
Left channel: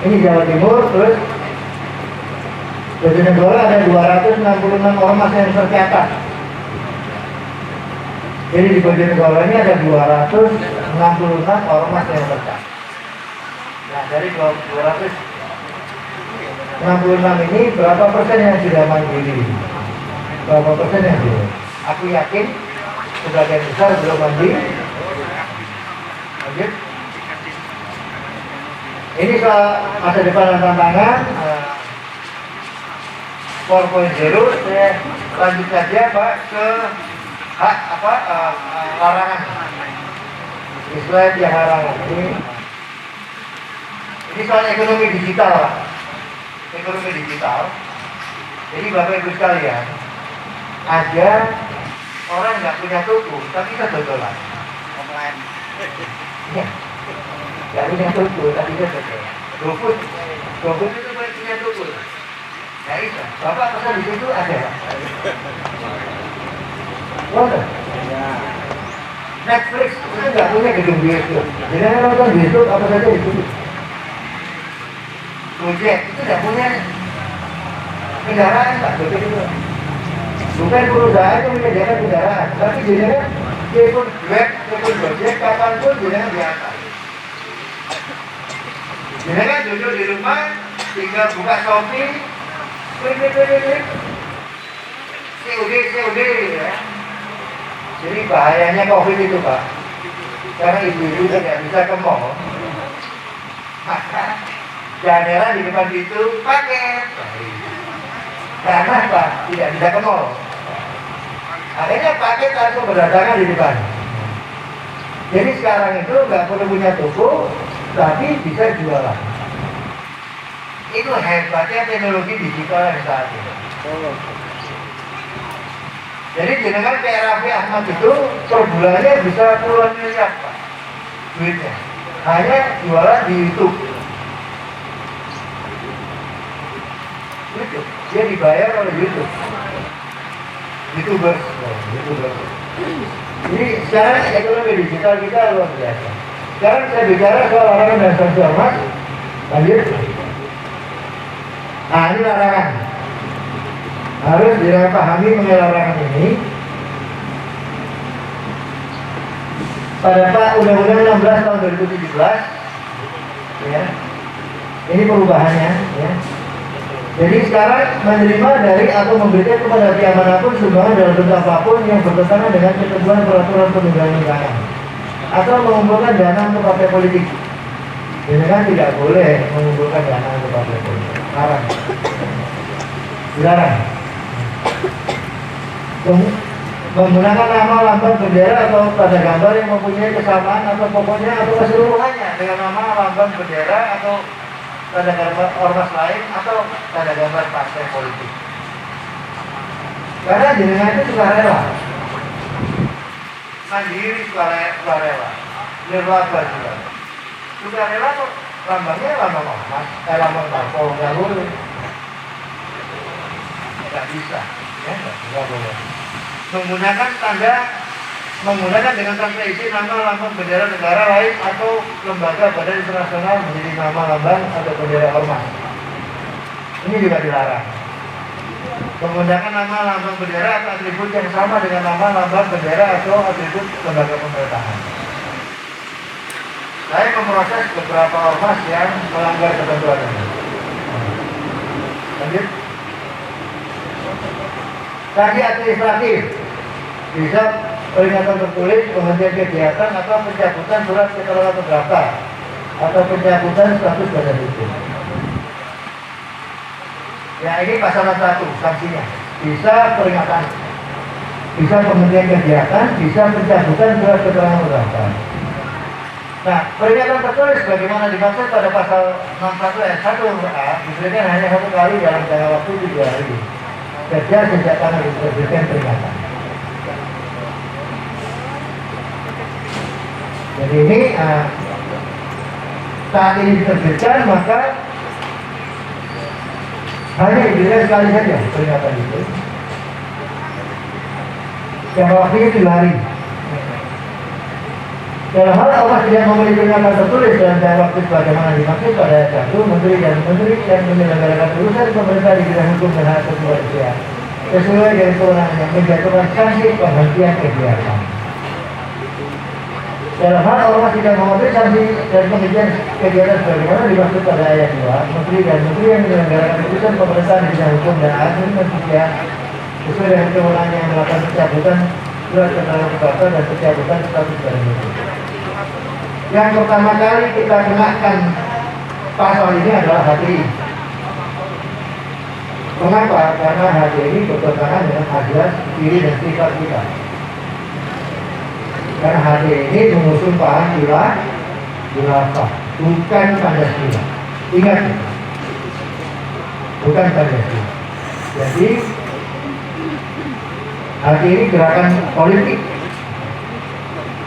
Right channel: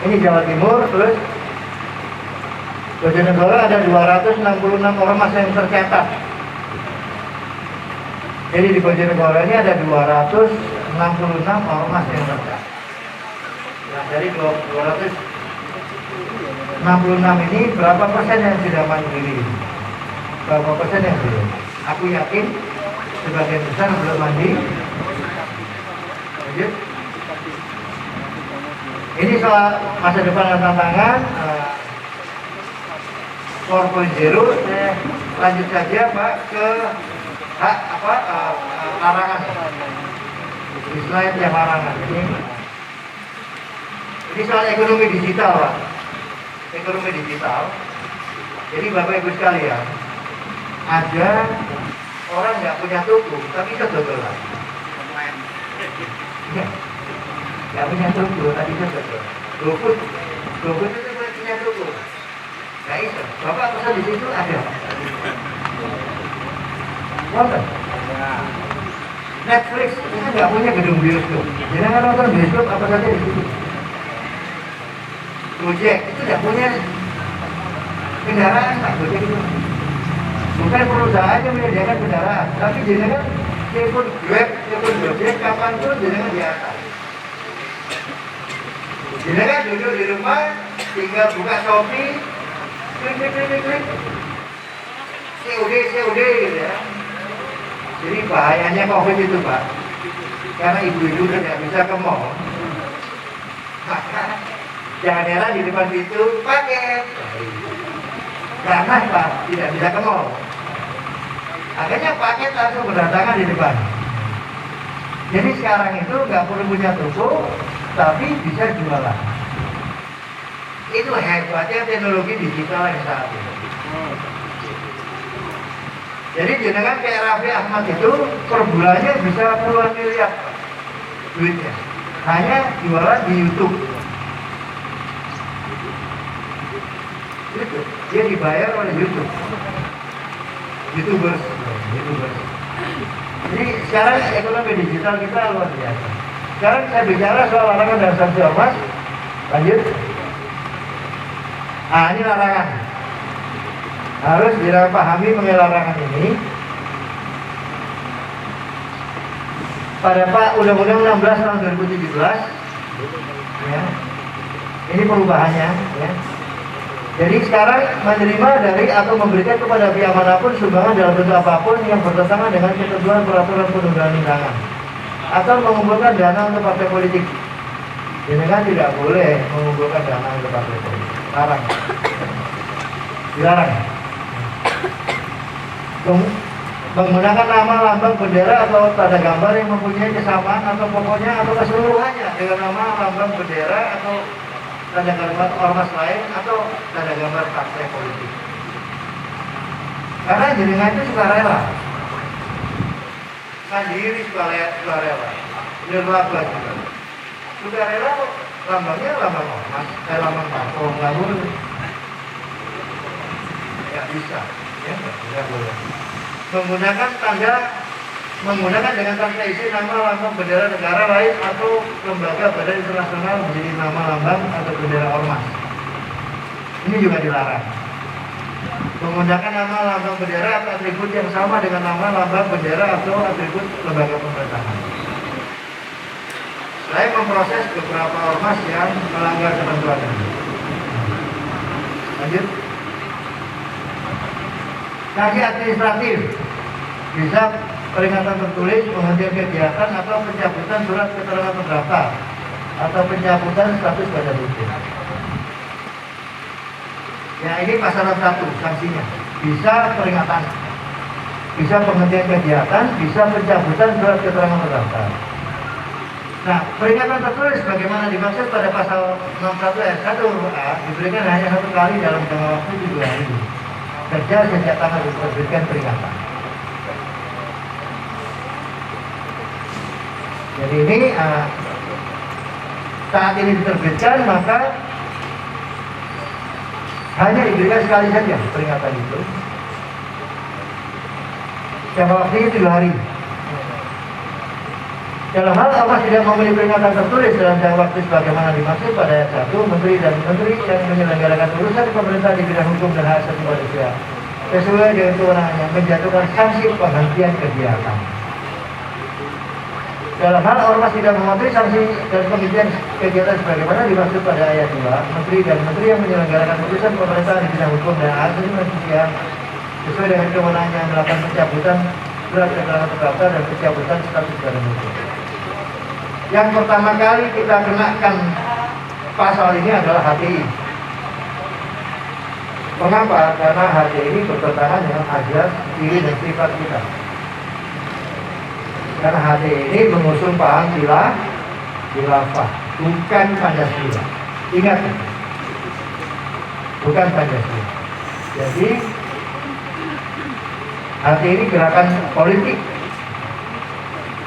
Ini Jawa Timur, terus Bojonegoro ada 266 ormas yang tercatat. Jadi di Bojonegoro ini ada 266 ormas yang tercatat. Nah, dari 266 ini berapa persen yang sudah mandiri? Berapa persen yang belum? Aku yakin sebagian besar belum mandiri. Lanjut. Ini soal masa depan dan tantangan 4.0. Saya lanjut saja Pak ke larangan. Slide yang larangan ini soal ekonomi digital Pak. Ekonomi digital. Jadi Bapak Ibu sekalian, ada orang nggak punya toko tapi kebetulan. Nggak punya toko tapi kebetulan. GoFood itu punya toko. Nah itu, Bapak pesan di situ ada. Wonder. Netflix itu nggak punya gedung bioskop. Jadi nonton bioskop apa saja di situ. Gojek itu nggak punya kendaraan Pak. Gojek itu bukan perusahaan yang menyediakan kendaraan, tapi jenengan telepon Grab, telepon Gojek, kapanpun jenengan di atas. Jenengan duduk di rumah, tinggal buka Shopee, klik. COD ya. Jadi bahayanya COVID itu Pak, karena ibu-ibu tidak bisa ke mall, maka jendela di depan pintu pakai. Karena Pak tidak bisa ke mall, akhirnya paket langsung berdatangan di depan. Jadi sekarang itu nggak perlu punya toko, tapi bisa jualan. Itu hebatnya teknologi digital yang saat ini. Jadi jenengan kayak Raffi Ahmad itu per bulannya bisa puluhan miliar Pak duitnya, hanya jualan di YouTube. YouTube. Dia dibayar oleh YouTube. YouTuber. Jadi sekarang ekonomi digital kita luar biasa. Sekarang saya bicara soal larangan dan sanksi ormas. Lanjut. Ini larangan. Harus dipahami mengenai larangan ini. Pada Undang-Undang 16 tahun 2017, ya, ini perubahannya, ya. Jadi sekarang menerima dari atau memberikan kepada pihak manapun sumbangan dalam bentuk apapun yang bertentangan dengan ketentuan peraturan perundang-undangan atau mengumpulkan dana untuk partai politik. Jadi kan tidak boleh mengumpulkan dana untuk partai politik. Larang. Dilarang. Menggunakan nama, lambang, bendera atau tanda gambar yang mempunyai kesamaan atau pokoknya atau keseluruhannya dengan nama, lambang, bendera atau tanda gambar ormas lain atau tanda gambar partai politik. Karena jenengan itu suka rela, mandiri suka rela, nirlaba juga. Suka rela kok lambangnya lambang ormas, lambang parpol nggak boleh, nggak bisa, ya nggak boleh. Menggunakan dengan tanpa izin nama, lambang, bendera negara lain atau lembaga badan internasional menjadi nama, lambang atau bendera ormas. Ini juga dilarang. Menggunakan nama, lambang, bendera atau atribut yang sama dengan nama, lambang, bendera atau atribut lembaga pemerintahan. Saya memproses beberapa ormas yang melanggar ketentuan ini. Lanjut. Sanksi administratif bisa peringatan tertulis, penghentian kegiatan atau pencabutan surat keterangan terdaftar atau pencabutan status badan hukum. Ya ini pasal 1 sanksinya. Bisa peringatan, bisa penghentian kegiatan, bisa pencabutan surat keterangan terdaftar. Nah, peringatan tertulis bagaimana dimaksud pada pasal 61 ayat 1 huruf A diberikan hanya 1 kali dalam jangka waktu 3 hari. Kerja sejak tanggal diberikan peringatan. Jadi ini saat ini diterbitkan maka hanya diberikan sekali saja peringatan itu. Jangka waktunya 3 hari. Dalam hal ormas tidak memberi peringatan tertulis dalam jangka waktu sebagaimana dimaksud pada ayat 1, menteri yang menyelenggarakan urusan pemerintah di bidang hukum dan hak asasi manusia sesuai dengan kewenangannya menjatuhkan sanksi penghentian kegiatan. Dalam hal ormas tidak mematuhi sanksi dan penghentian kegiatan sebagaimana dimaksud pada ayat 2, menteri yang menyelenggarakan urusan pemerintah di bidang hukum dan hak asasi manusia sesuai dengan kewenangannya melakukan pencabutan surat keterangan terdaftar dan pencabutan status badan hukum. Yang pertama kali kita kenakan pasal ini adalah HTI. Mengapa? Karena HTI ini bertentangan dengan azas diri dan sifat kita. Karena HTI ini mengusung paham khilafah, bukan Pancasila. Ingat, bukan Pancasila. Jadi HTI ini gerakan politik,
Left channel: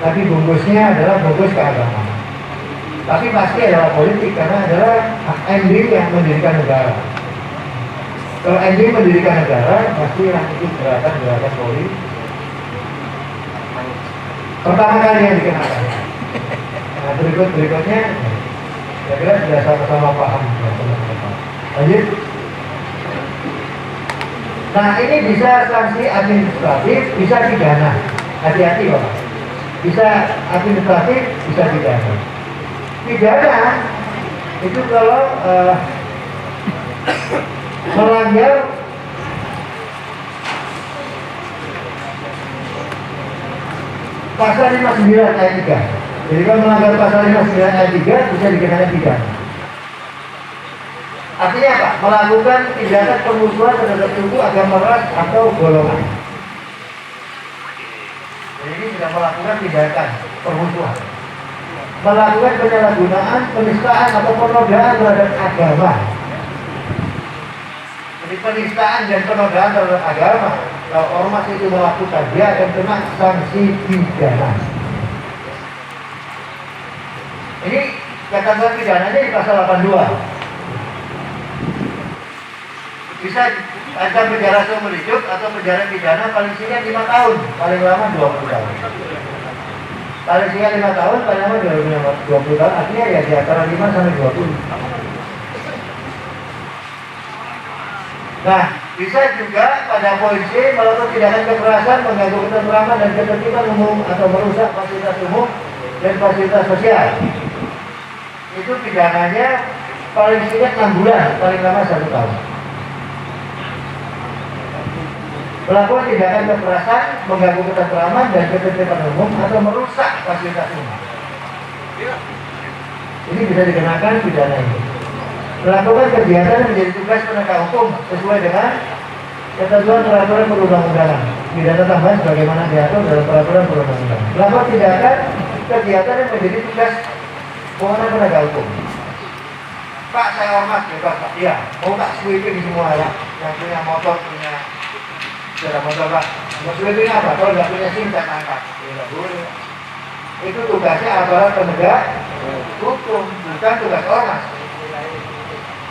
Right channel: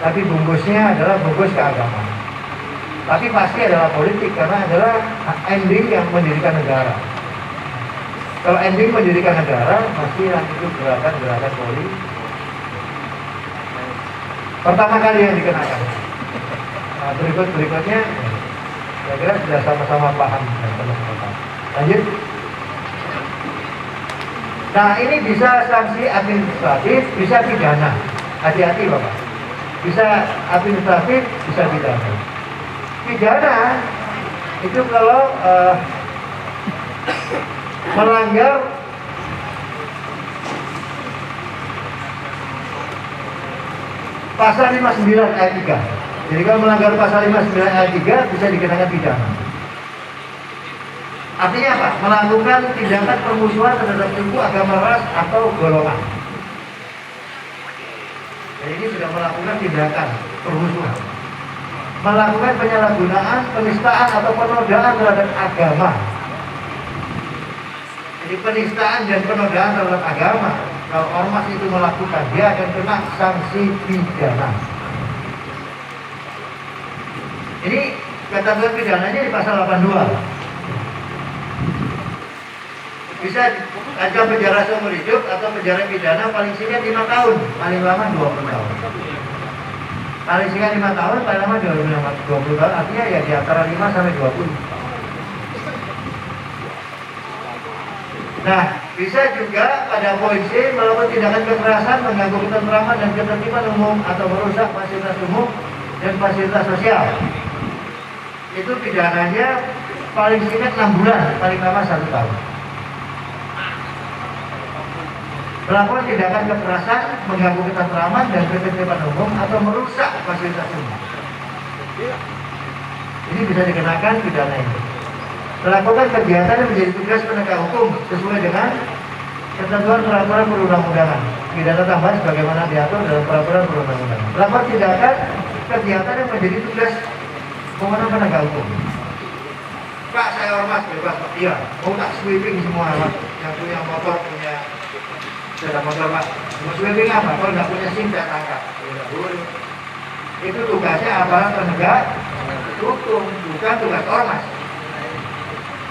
tapi bungkusnya adalah bungkus keagamaan. Tapi pasti adalah politik karena adalah ending yang mendirikan negara. Kalau ending mendirikan negara, pasti yang itu gerakan politik. Pertama kali yang dikenakan. Nah, berikutnya, saya kira sudah sama-sama paham. Lanjut. Nah, ini bisa sanksi administratif, bisa pidana. Hati-hati Bapak. Bisa administratif, bisa pidana. Pidana itu kalau melanggar pasal 59 ayat 3. Jadi kalau melanggar pasal 59 ayat 3 bisa dikenakan pidana. Artinya apa? Melakukan tindakan permusuhan terhadap suku, agama, ras atau golongan. Jadi ini sudah melakukan tindakan permusuhan, melakukan penyalahgunaan, penistaan atau penodaan terhadap agama. Jadi penistaan dan penodaan terhadap agama, kalau ormas itu melakukan, dia akan kena sanksi pidana. Ini ketentuan pidananya di pasal 82. Bisa ancam penjara seumur hidup atau penjara pidana paling singkat 5 tahun, paling lama 20 tahun. Paling singkat 5 tahun, paling lama 20 tahun, artinya ya di antara 5 sampai 20. Nah, bisa juga pada polisi melakukan tindakan kekerasan, mengganggu ketentraman dan ketertiban umum atau merusak fasilitas umum dan fasilitas sosial. Itu pidananya paling singkat 6 bulan, paling lama 1 tahun. Melakukan tindakan kekerasan, mengganggu ketentraman dan ketertiban umum atau merusak fasilitas umum. Ini bisa dikenakan pidana ini. Melakukan kegiatan yang menjadi tugas penegak hukum sesuai dengan ketentuan peraturan perundang-undangan. Pidana tambahan sebagaimana diatur dalam peraturan perundang-undangan. Melakukan tindakan kegiatan yang menjadi tugas kewenangan penegak hukum. Pak, saya ormas bebas Pak. Iya, mau tak sweeping semua Pak. Yang punya motor, punya sepeda motor Pak. Mau sweeping apa? Kalau nggak punya SIM saya tangkap. Tidak boleh. Itu tugasnya aparat penegak hukum, bukan tugas ormas.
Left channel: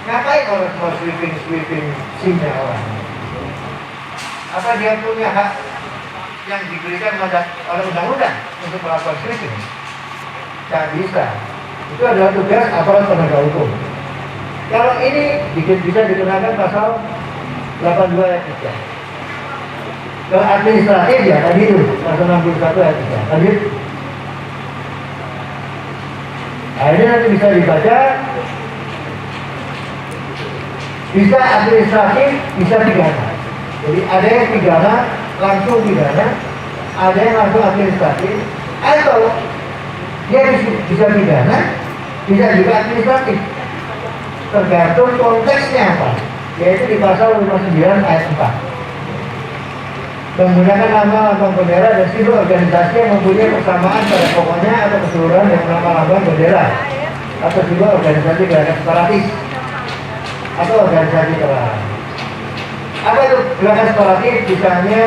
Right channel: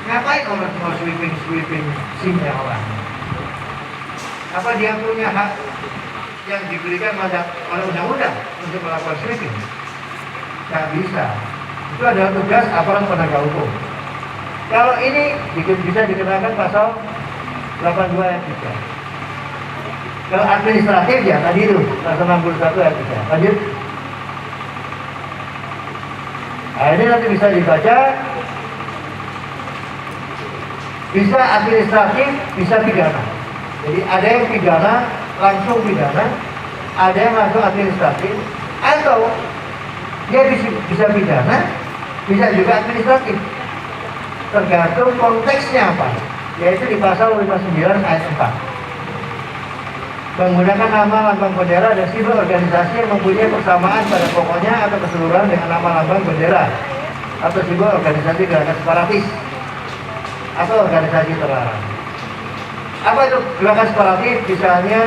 Ngapain orang mau sweeping SIM-nya orang? Apa dia punya hak yang diberikan oleh undang-undang untuk melakukan sweeping? Tidak bisa. Itu adalah tugas aparat penegak hukum. Kalau ini bisa dikenakan pasal 82 ayat 3. Kalau administratif ya tadi itu pasal 61 ayat 3. Lanjut. Nah, ini nanti bisa dibaca. Bisa administratif, bisa pidana. Jadi ada yang pidana, langsung pidana, ada yang langsung administratif, atau dia bisa pidana, bisa juga administratif. Tergantung konteksnya apa, yaitu di pasal 59 ayat 4. Menggunakan nama lambang bendera dan simbol organisasi yang mempunyai persamaan pada pokoknya atau keseluruhan dengan nama lambang bendera atau simbol organisasi gerakan separatis atau organisasi terlarang. Apa itu gerakan separatis? Misalnya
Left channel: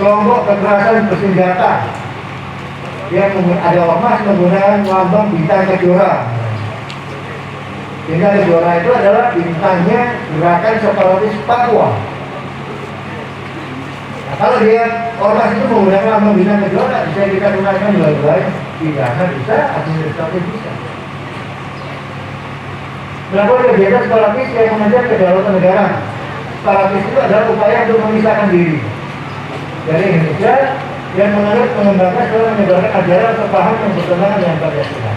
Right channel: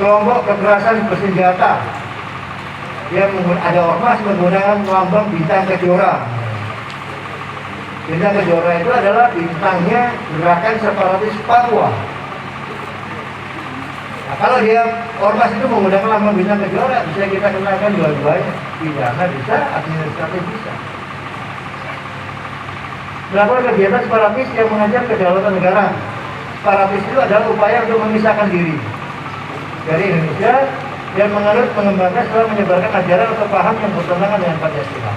kelompok kekerasan bersenjata yang ada ormas menggunakan lambang bintang kejora. Bintang kejora itu adalah bintangnya gerakan separatis Papua. Nah, kalau dia ormas itu menggunakan nama bintang kejora, bisa kita gunakan dua-duanya, pidana bisa, administratif bisa. Melakukan kegiatan separatis yang mengajar kedaulatan negara. Separatis itu adalah upaya untuk memisahkan diri dari Indonesia dan mengembangkan setelah menyebarkan ajaran atau paham yang bertentangan dengan Pancasila.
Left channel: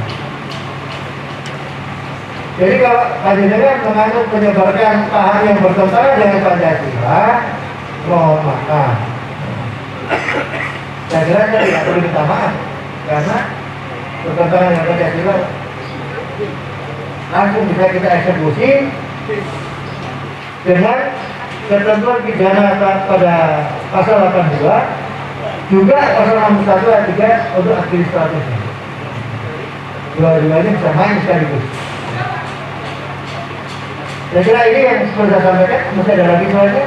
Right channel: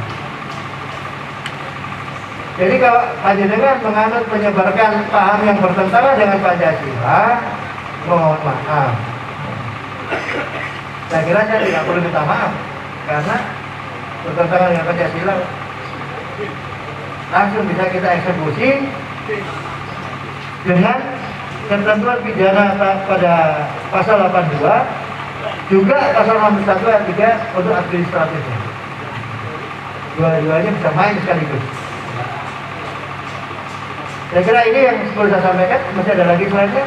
Jadi kalau panjenengan menganut menyebarkan paham yang bertentangan dengan Pancasila, mohon maaf. Saya kira saya tidak perlu minta maaf karena bertentangan dengan Pancasila langsung bisa kita eksekusi dengan ketentuan pidana pada pasal 82, juga pasal 61 ayat 3 untuk administratif. Dua-duanya bisa main sekaligus. Saya kira ini yang perlu saya sampaikan. Masih ada lagi sebenarnya?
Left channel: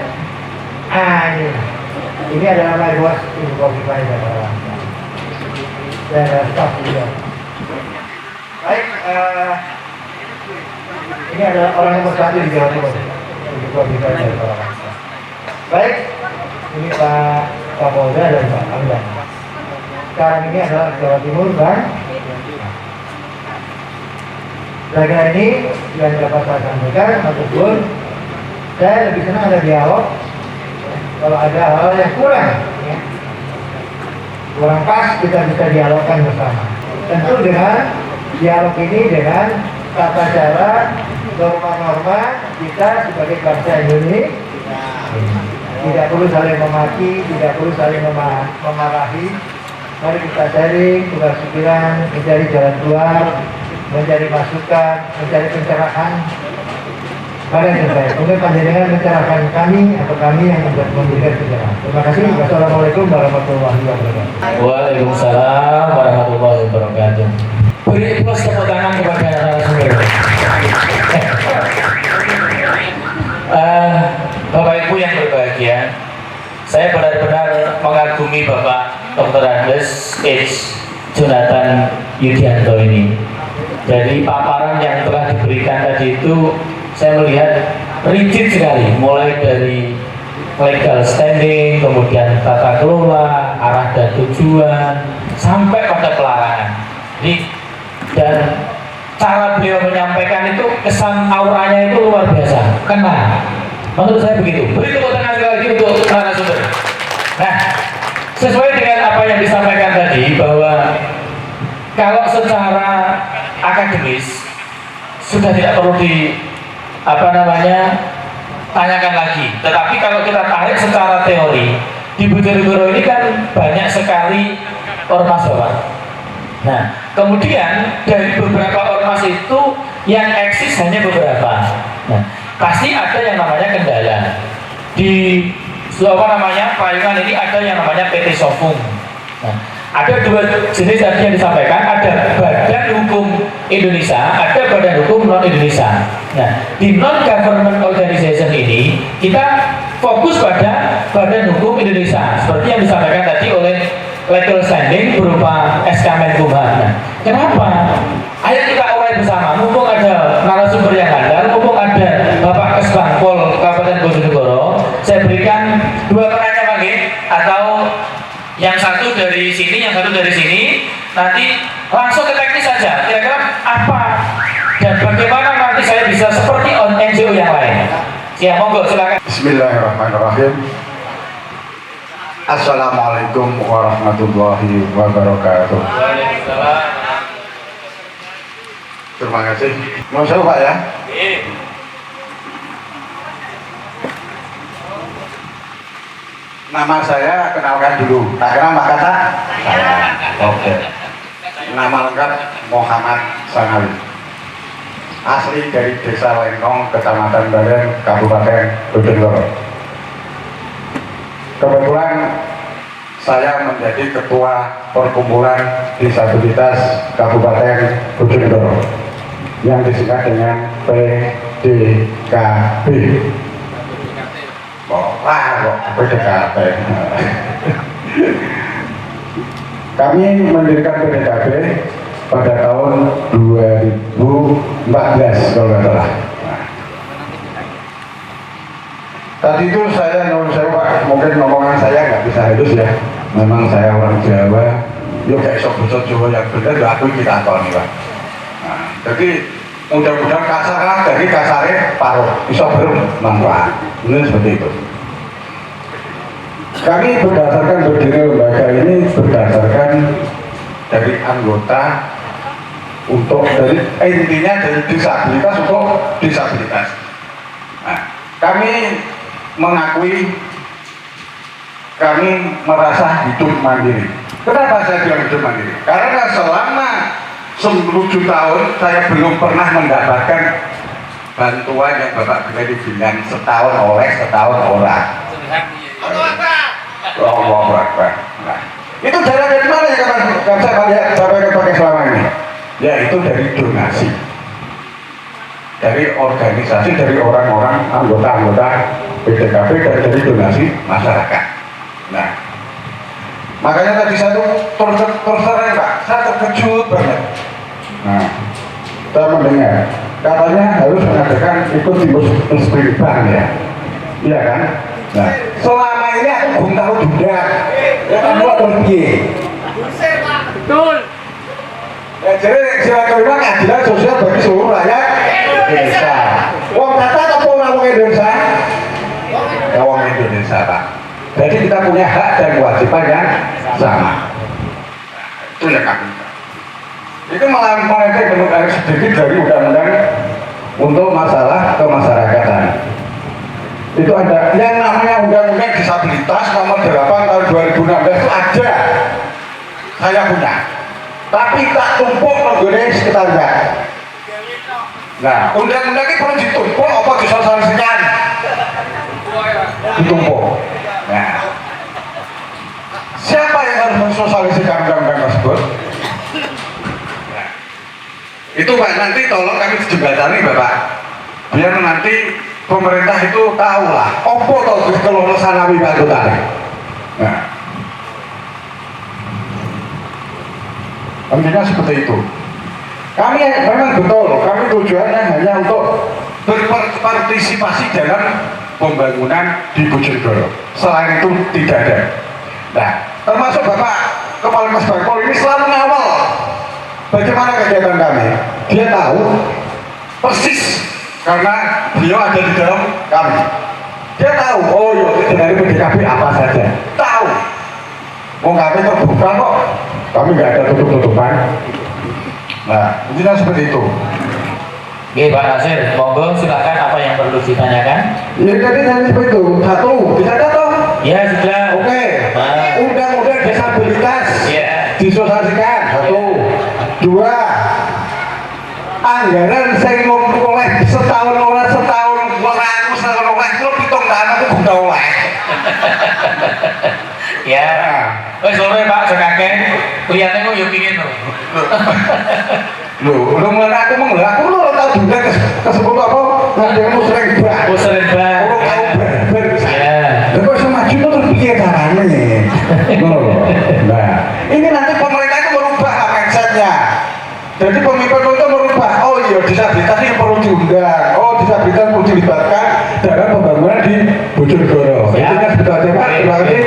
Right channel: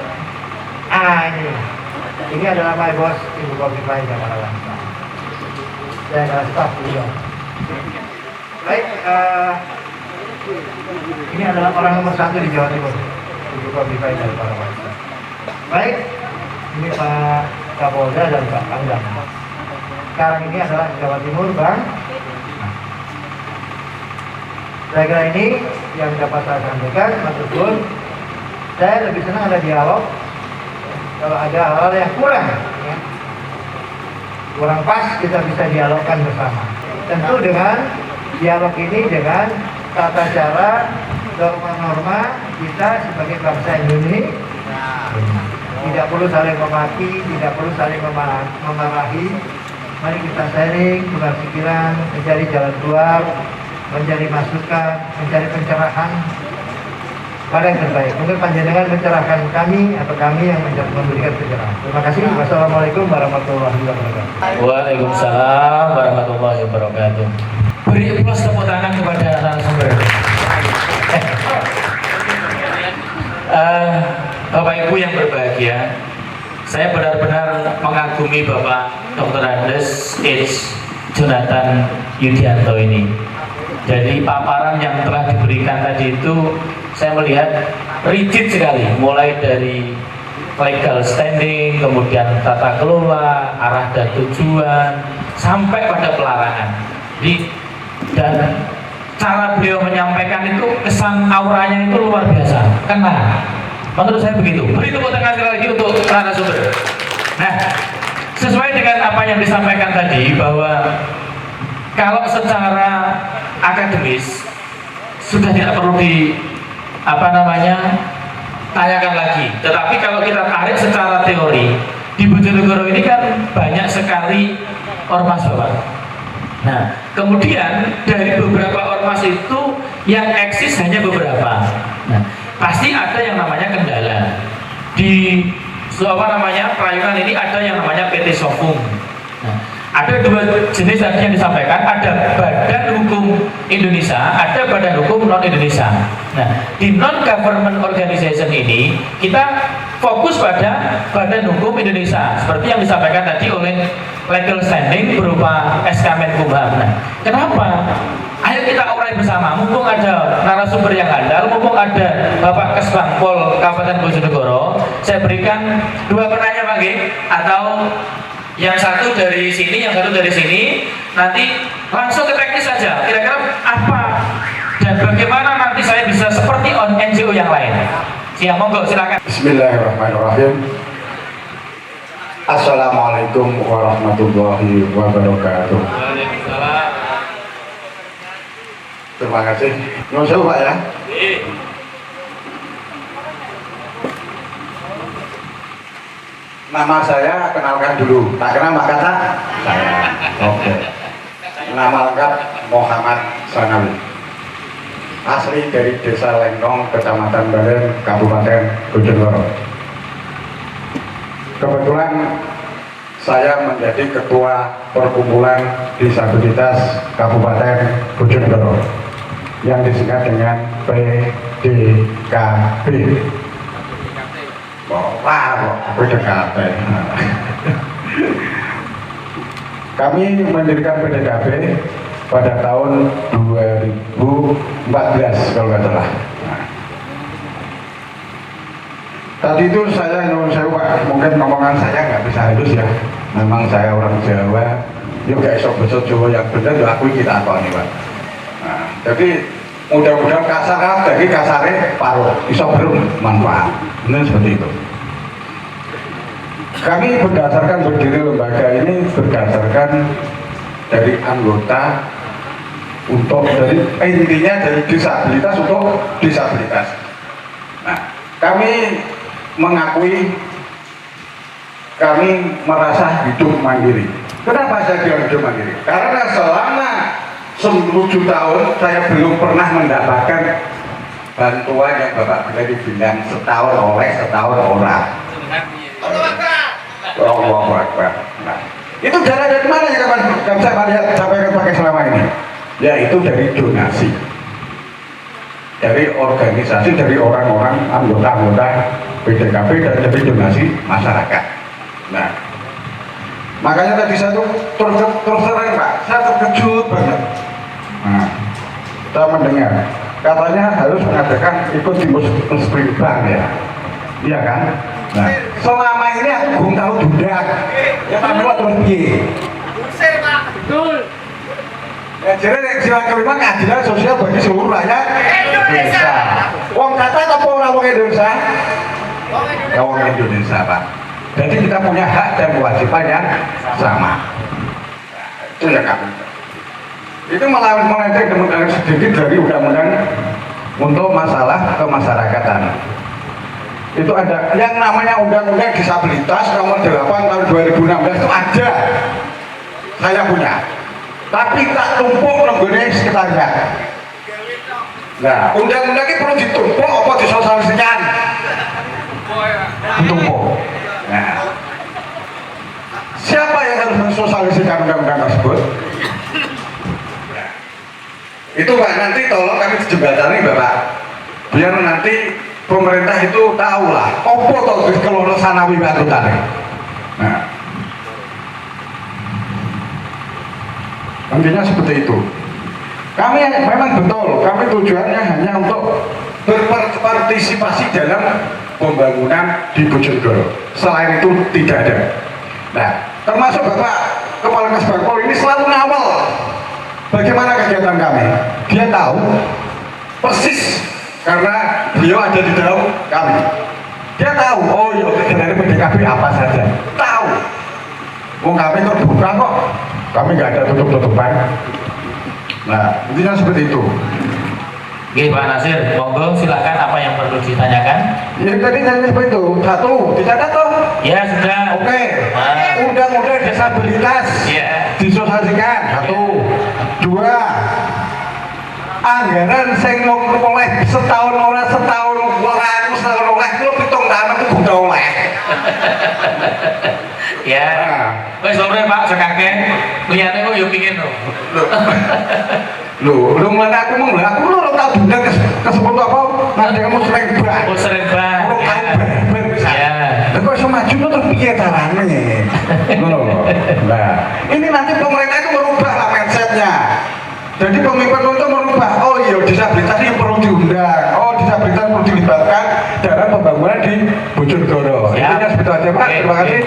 Ini adalah my boss Ibu Khofifah Indar Parawansa. Saya adalah staf juga. Baik, ini adalah orang nomor 1 di Jawa Timur, Ibu Khofifah Indar Parawansa. Baik, ini Pak Kapolda dan Pak Pangdam. Sekarang ini adalah Jawa Timur, Bang. Saya kira ini yang dapat saya sampaikan, meskipun saya lebih senang ada dialog. Kalau ada hal-hal yang kurang, ya, kurang pas, kita bisa dialogkan bersama. Tentu dengan dialog ini dengan tata cara, norma-norma kita sebagai bangsa Indonesia. Tidak perlu saling memaki, tidak perlu saling memarahi. Mari kita sharing, tukar pikiran, mencari jalan keluar, mencari masukan, mencari pencerahan. Mana yang terbaik? Mungkin panjenengan mencerahkan kami atau kami yang memberikan pencerahan. Terima kasih. Wassalamualaikum warahmatullahi wabarakatuh. Waalaikumsalam warahmatullahi wabarakatuh. Beri plus tepuk tangan kepada narasumber. Bapak Ibu yang berbahagia, saya benar-benar mengagumi Bapak Dr. Andes H. Jonathan Yudianto ini. Jadi paparan yang telah diberikan tadi itu saya melihat rigid sekali, mulai dari legal standing, kemudian tata kelola, arah dan tujuan, sampai pada pelarangan. Jadi, dan cara beliau menyampaikan itu kesan auranya itu luar biasa, kena. Menurut saya begitu. Beri tepuk tangan sekali lagi untuk narasumber. Nah, sesuai dengan apa yang disampaikan tadi, bahwa kalau secara akademis sudah tidak perlu tanyakan lagi. Tetapi kalau kita tarik secara teori, di Bojonegoro ini kan banyak sekali ormas-ormas. Nah, kemudian dari beberapa ormas itu yang eksis hanya beberapa. Nah, pasti ada yang namanya kendala. Di Prayungan ini ada yang namanya PT Sofung. Nah, ada dua jenis tadi yang disampaikan, ada Badan Hukum Indonesia, ada Badan Hukum Non Indonesia. Nah, di non government organization ini kita fokus pada Badan Hukum Indonesia, seperti yang disampaikan tadi oleh legal standing berupa SK Menkumham. Nah, kenapa? Ayo kita urai bersama, mumpung ada narasumber yang handal, mumpung ada Bapak Kesbangpol Kabupaten Bojonegoro, saya berikan dua pertanyaan lagi, atau yang satu dari sini, yang satu dari sini. Nanti langsung ke teknis saja. Kira-kira apa dan bagaimana nanti saya bisa seperti NGO yang lain. Siap, monggo silakan. Bismillahirrahmanirrahim. Assalamualaikum warahmatullahi wabarakatuh. Terima kasih. Masuk Pak ya. Nama saya kenalkan dulu. Tak kenal Mbak Kata? Saya. Oke. Nama lengkap Muhammad Sanawi. Asli dari Desa Lengkong, Kecamatan Baren, Kabupaten Bojonegoro. Kebetulan saya menjadi ketua perkumpulan disabilitas Kabupaten Bojonegoro yang disingkat dengan PDKB. PDKB. Kami mendirikan PDKB pada tahun 2014 kalau nggak salah. Tadi itu saya Pak, mungkin ngomongan saya nggak bisa halus ya. Memang saya orang Jawa, yo kayak sok bosok Jawa yang benar, yo aku kita tahu nih Pak. Nah, jadi mudah-mudahan kasar kan, dari kasarnya paruh, bisa bermanfaat. Ini seperti itu. Kami berdasarkan berdiri lembaga ini berdasarkan dari anggota untuk dari intinya dari disabilitas untuk disabilitas. Nah, kami mengakui kami merasa hidup mandiri. Kenapa saya bilang hidup mandiri? Karena selama 10 tahun saya belum pernah mendapatkan bantuan yang Bapak Gede bilang setahun oleh setahun orang. Allah Akbar. Nah, itu dana dari mana ya kapan saya pakai selama ini? Yaitu dari donasi, dari organisasi, dari orang-orang anggota-anggota PDKP dan dari donasi masyarakat. Nah, makanya tadi saya tuh terus terang Pak, saya terkejut banget. Nah, saya mendengar katanya harus mengadakan ikut di musbirban ya, iya kan? Nah, selama ini aku belum tahu juga. Ya tahu terus piye? Betul. Ya jadi sila kelima keadilan sosial bagi seluruh rakyat Indonesia. Wong kata apa orang wong Indonesia? Ya wong Indonesia Pak. Jadi kita punya hak dan kewajiban yang sama. Nah, itu yang kami. Itu malah melenceng kemudian sedikit dari undang-undang untuk masalah kemasyarakatan. Itu ada yang namanya undang-undang disabilitas nomor 8 tahun 2016 itu ada. Saya punya. Tapi tak tumpuk menggone sekretariat. Nah, undang-undang ini perlu ditumpuk apa disosialisasikan? Ditumpuk. Nah, siapa yang harus mensosialisasikan undang-undang tersebut? Nah, itu Pak, nanti tolong kami jembatani Bapak. Biar nanti pemerintah itu tahu lah. Apa toh kalau sanawi anggotanya. Nah, intinya seperti itu. Kami memang betul, kami tujuannya hanya untuk berpartisipasi dalam pembangunan di Bojonegoro. Selain itu tidak ada. Nah, termasuk Bapak Kepala Mas Bangpol ini selalu ngawal bagaimana kegiatan kami. Dia tahu persis karena beliau ada di dalam kami. Dia tahu, oh ya dari PDKP apa saja. Tahu. Mau kami terbuka kok. Kami nggak ada tutup-tutupan. Nah, intinya seperti itu. Oke Pak Nasir, monggo silakan apa yang perlu ditanyakan? Ya tadi seperti itu. Satu, bisa tahu? Ya sudah. Oke. Nah. Undang-undang disabilitas Ya. disosialisasikan. Satu. Dua. Anggaran saya mau oleh setahun oleh setahun aku setahun oleh lu pitung tanah itu udah oleh. Ya. Wes sore Pak sekake. Liyane kok yo pingin lho. Lu mana aku mau aku lu tahu juga kesebut apa? Nanti kamu sering bah. Oh sering Pak. Lu tahu ber. Ya. Lah kok sama maju terus piye caranya? Ngono lho. Nah, ini nanti pemerintah itu merubah mindsetnya. Jadi pemimpin itu merubah, oh iya disabilitas ini perlu diundang, oh disabilitas perlu dilibatkan dalam pembangunan di Bojonegoro. Ya. Intinya seperti itu Pak. Terima kasih.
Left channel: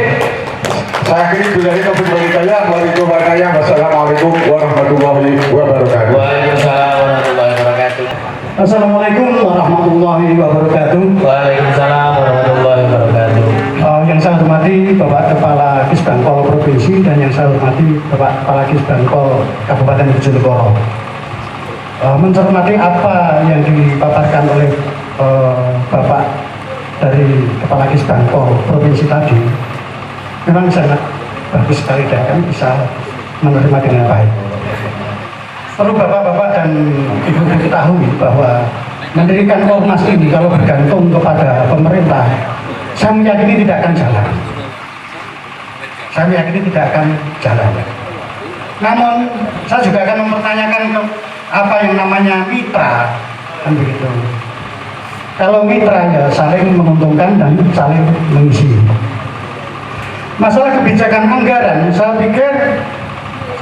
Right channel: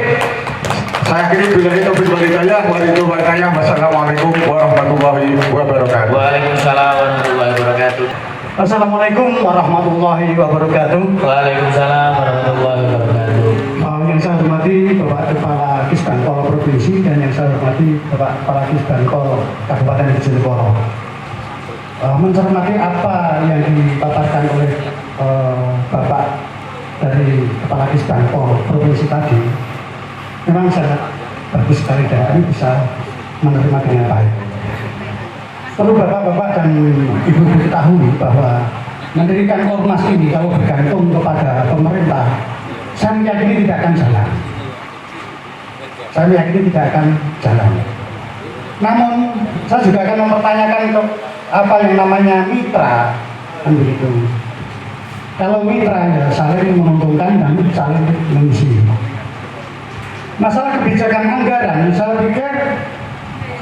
Saya akhiri billahi taufiq wal hidayah. Wassalamualaikum warahmatullahi wabarakatuh. Waalaikumsalam warahmatullahi wabarakatuh. Assalamualaikum warahmatullahi wabarakatuh. Waalaikumsalam warahmatullahi wabarakatuh. Yang saya hormati Bapak Kepala Kisbangpol Provinsi dan yang saya hormati Bapak Kepala Kisbangpol Kabupaten Bojonegoro. Mencermati apa yang dipaparkan oleh Bapak dari Kepala Kisbangpol Provinsi tadi, memang sangat bagus sekali dan kami bisa menerima dengan baik. Perlu bapak-bapak dan ibu-ibu ketahui bahwa mendirikan ormas ini kalau bergantung kepada pemerintah, saya meyakini tidak akan jalan. Saya meyakini tidak akan jalan. Namun saya juga akan mempertanyakan apa yang namanya mitra, kan begitu. Kalau mitra ya saling menguntungkan dan saling mengisi. Masalah kebijakan anggaran, saya pikir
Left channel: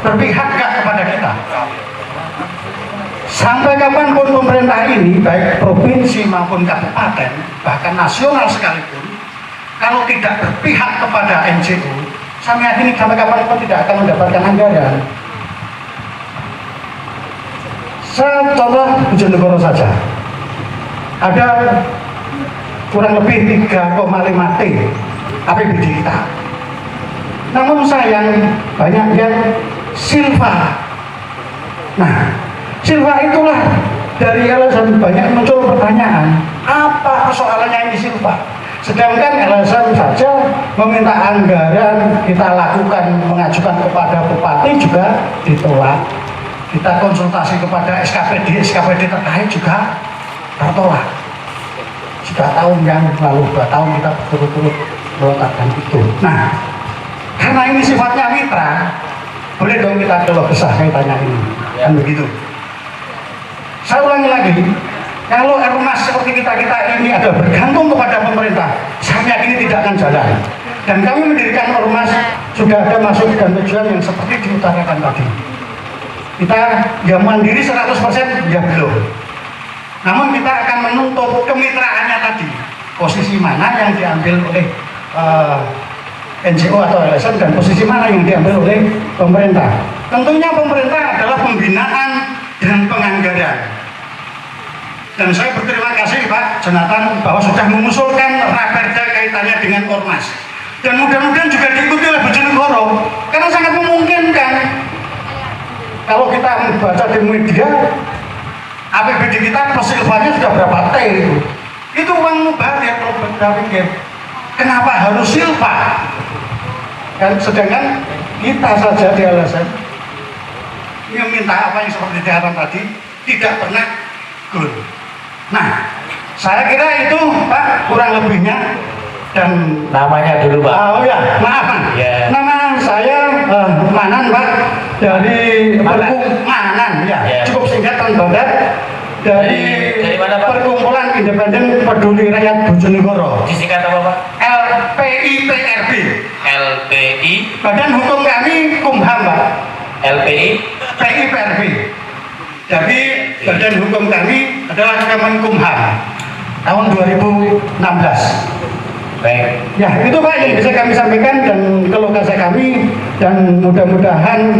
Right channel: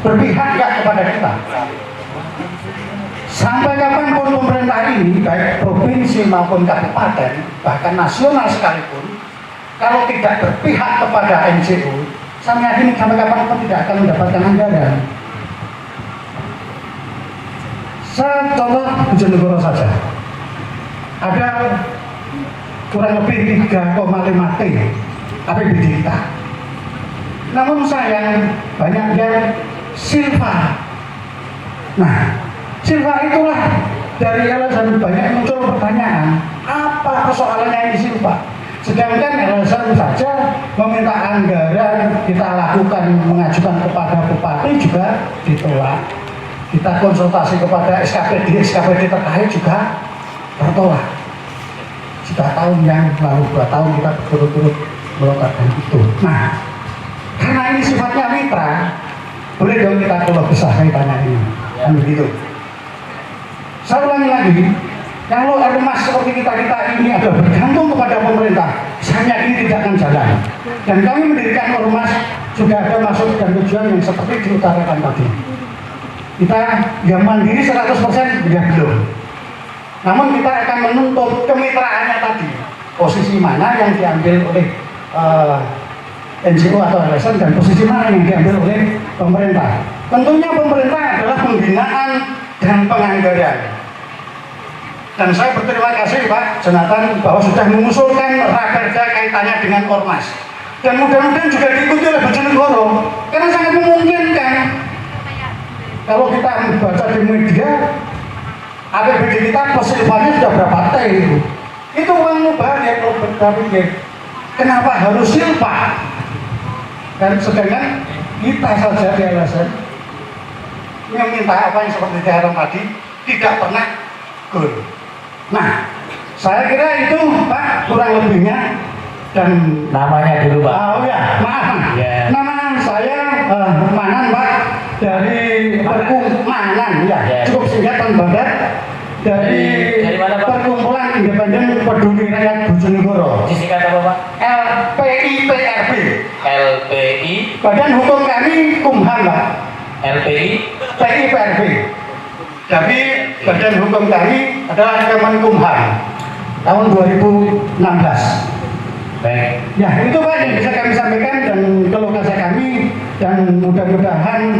berpihak nggak kepada kita. Sampai kapanpun pemerintah ini, baik provinsi maupun kabupaten, bahkan nasional sekalipun, kalau tidak berpihak kepada NGO, saya yakin sampai kapanpun tidak akan mendapatkan anggaran. Saya contoh Bojonegoro saja, ada kurang lebih 3,5 T APBD kita. Namun sayang banyak yang silva. Nah, silva itulah dari LSM banyak muncul pertanyaan, apa persoalannya ini silva? Sedangkan LSM saja meminta anggaran, kita lakukan mengajukan kepada bupati juga ditolak. Kita konsultasi kepada SKPD terkait juga tertolak. Sudah tahun yang lalu, 2 tahun kita berturut-turut melontarkan itu. Nah, karena ini sifatnya mitra, boleh dong kita keluh kesah kaitannya ini. Kan begitu. Saya ulangi lagi, kalau ormas seperti kita ini ada bergantung kepada pemerintah, saya yakin tidak akan jalan. Dan kami mendirikan ormas sudah ada masuk dan tujuan yang seperti diutarakan tadi. Kita yang mandiri 100% ya belum. Namun kita akan menuntut kemitraannya tadi, posisi mana yang diambil oleh NGO atau LSM dan posisi mana yang diambil oleh pemerintah. Tentunya pemerintah adalah pembinaan dan penganggaran. Dan saya berterima kasih Pak Jonathan bahwa sudah mengusulkan raperda kaitannya dengan ormas. Dan mudah-mudahan juga diikuti oleh Bojonegoro, karena sangat memungkinkan. Kalau kita membaca di media, APBD kita persilvannya sudah berapa T itu? Itu uang mubazir kalau berpikir. Kenapa harus silva? Dan sedangkan kita saja di LSM yang minta apa yang seperti diharapkan tadi tidak pernah gol. Nah, saya kira itu Pak kurang lebihnya. Dan Namanya dulu Pak. oh ya, maaf. Ya. Nama saya Manan Pak, dari Manan ya. Ya. Cukup singkat dan padat. Dari mana, Pak? Perkumpulan Independen Peduli Rakyat Bojonegoro. Disingkat apa Pak? LPIPRB. LPI. Badan hukum kami Kumham Pak. LPI. PIPRB. Jadi badan hukum kami adalah Kemenkumham tahun 2016. Baik. Ya, itu Pak yang bisa kami sampaikan dan keluh kesah kami, dan mudah-mudahan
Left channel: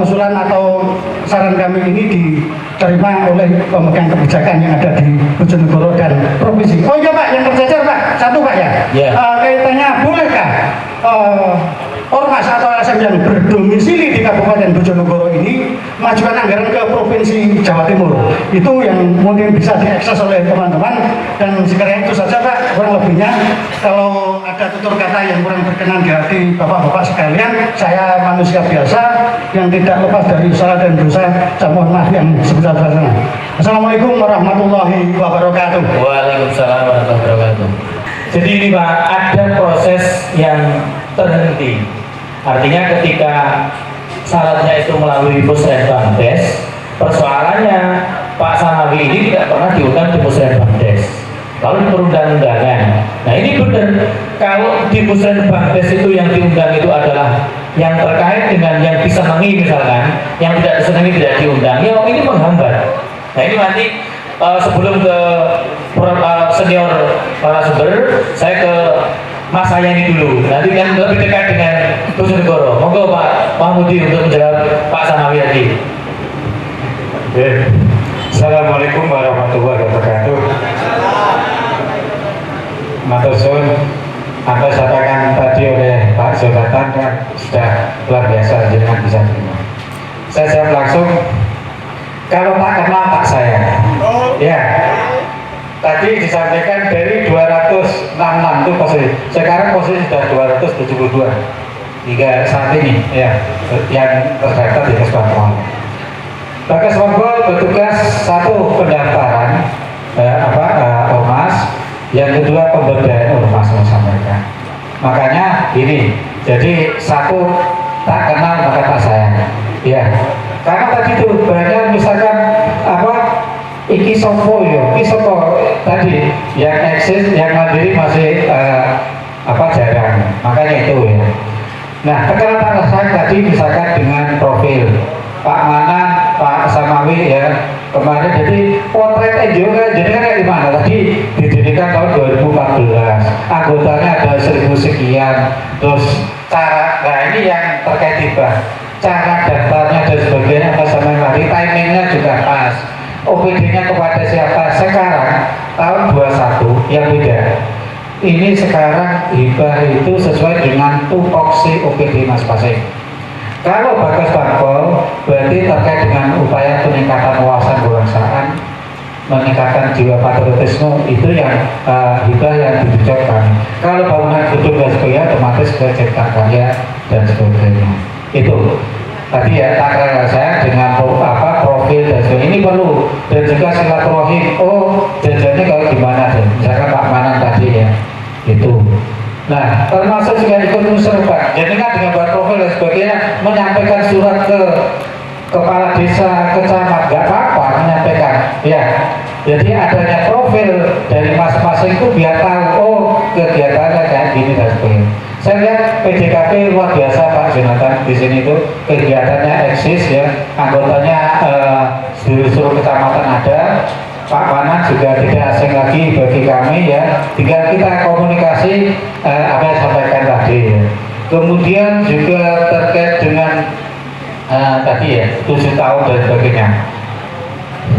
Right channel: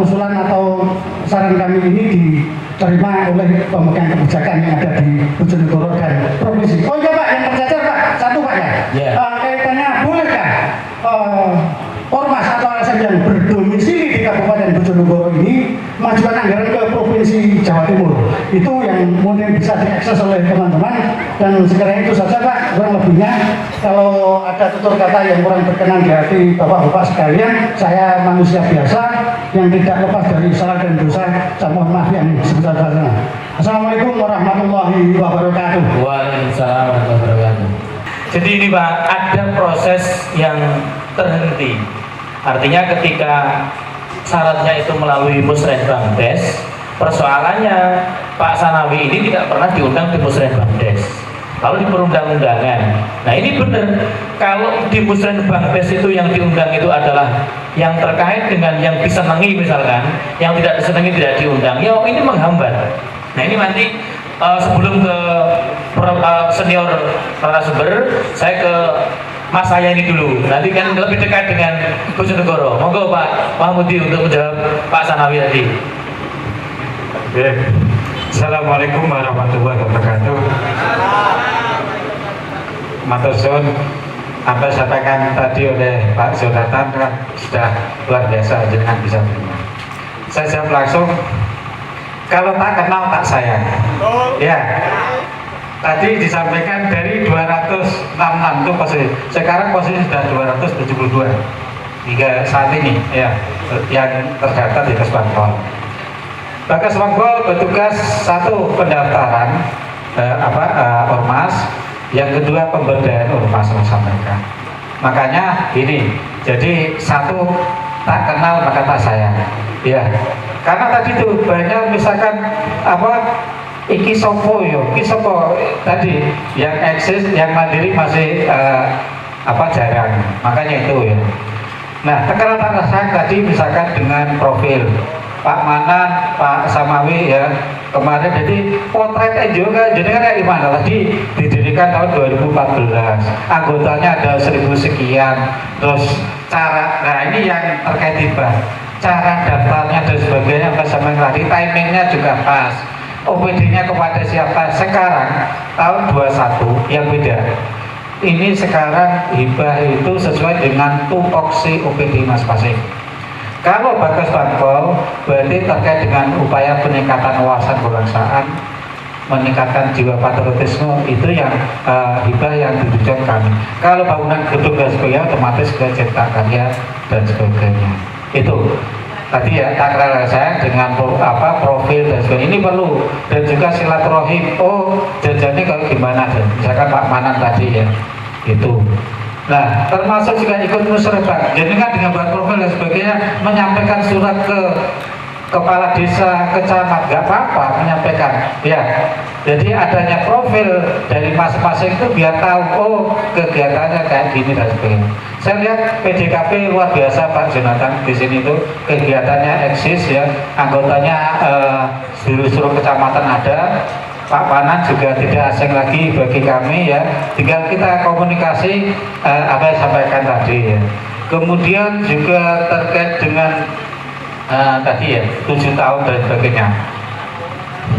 usulan atau saran kami ini diterima oleh pemegang kebijakan yang ada di Bojonegoro dan provinsi. Oh iya Pak, yang tercecer Pak, satu Pak ya. Ya. Kaitannya bolehkah ormas atau LSM yang berdomisili di Kabupaten Bojonegoro ini majukan anggaran ke Provinsi Jawa Timur? Itu yang mungkin bisa diakses oleh teman-teman. Dan sekiranya itu saja Pak, kurang lebihnya. Kalau ada tutur kata yang kurang berkenan di hati Bapak-Bapak sekalian, saya manusia biasa yang tidak lepas dari salah dan dosa. Saya mohon maaf yang sebesar-besarnya. Assalamualaikum warahmatullahi wabarakatuh. Waalaikumsalam warahmatullahi wabarakatuh. Jadi ini Pak, ada proses yang terhenti. Artinya ketika syaratnya itu melalui Musrenbangdes, persoalannya Pak Sanawi ini tidak pernah diundang di Musrenbangdes, lalu di perundang-undangan. Nah ini benar, kalau di Musrenbangdes itu yang diundang itu adalah yang terkait dengan yang disenangi misalkan, yang tidak disenangi tidak diundang, ya ini menghambat. Nah ini nanti sebelum ke senior narasumber, saya ke Mas saya ini dulu, nanti kan lebih dekat dengan Bojonegoro. Monggo Pak Mahmudi untuk menjawab Pak Sanawi tadi. Assalamualaikum warahmatullahi wabarakatuh. Matur suwun, apa disampaikan tadi oleh Pak Jonathan kan sudah luar biasa, jangan bisa terima. Saya jawab langsung, kalau tak kenal tak sayang. Ya. Tadi disampaikan dari 266 itu posisi, sekarang posisi sudah 272 hingga saat ini ya, yang terdaftar di Kesbangpol. Kesbangpol bertugas satu pendaftaran ormas, yang kedua pemberdayaan ormas sampaikan. Makanya ini, jadi satu tak kenal maka tak sayang. Ya, karena tadi itu banyak misalkan iki sopo tadi yang eksis, yang mandiri masih jarang, makanya itu ya. Nah, sekarang saya tadi misalkan dengan profil Pak Manan, Pak Samawi ya, kemarin. Jadi potret NGO kan jadi kan di mana tadi didirikan tahun 2014, anggotanya ada 1000 sekian. Terus cara, nah ini yang terkait hibah, cara daftarnya dan sebagainya pas sama yang tadi, timingnya juga pas, OPD-nya kepada siapa. Sekarang tahun 21 yang beda, ini sekarang hibah itu sesuai dengan tupoksi OPD masing-masing. Kalau Bagas Bangkol berarti terkait dengan upaya peningkatan wawasan kebangsaan, meningkatkan jiwa patriotisme, itu yang hibah yang ditujukan. Kalau bangunan gedung dan sebagainya otomatis ke cipta karya dan sebagainya. Itu tadi ya takrar saya dengan profil dan sebagainya, ini perlu. Dan juga silaturahim, oh jajannya kalau gimana deh, misalkan Pak Manan tadi ya itu. Nah, termasuk juga ikut musyawarah. Jadi kan dengan buat profil dan sebagainya, menyampaikan surat ke kepala desa, ke camat, nggak apa-apa menyampaikan. Ya, jadi adanya profil dari masing-masing itu biar tahu, oh kegiatannya kayak gini dan sebagainya. Saya lihat PDKP luar biasa Pak Jonathan di sini tuh, kegiatannya eksis ya, anggotanya seluruh kecamatan ada. Pak Manan juga tidak asing lagi bagi kami ya, tinggal kita komunikasi apa yang sampaikan tadi ya. Kemudian juga terkait dengan tadi ya 7 tahun dan sebagainya,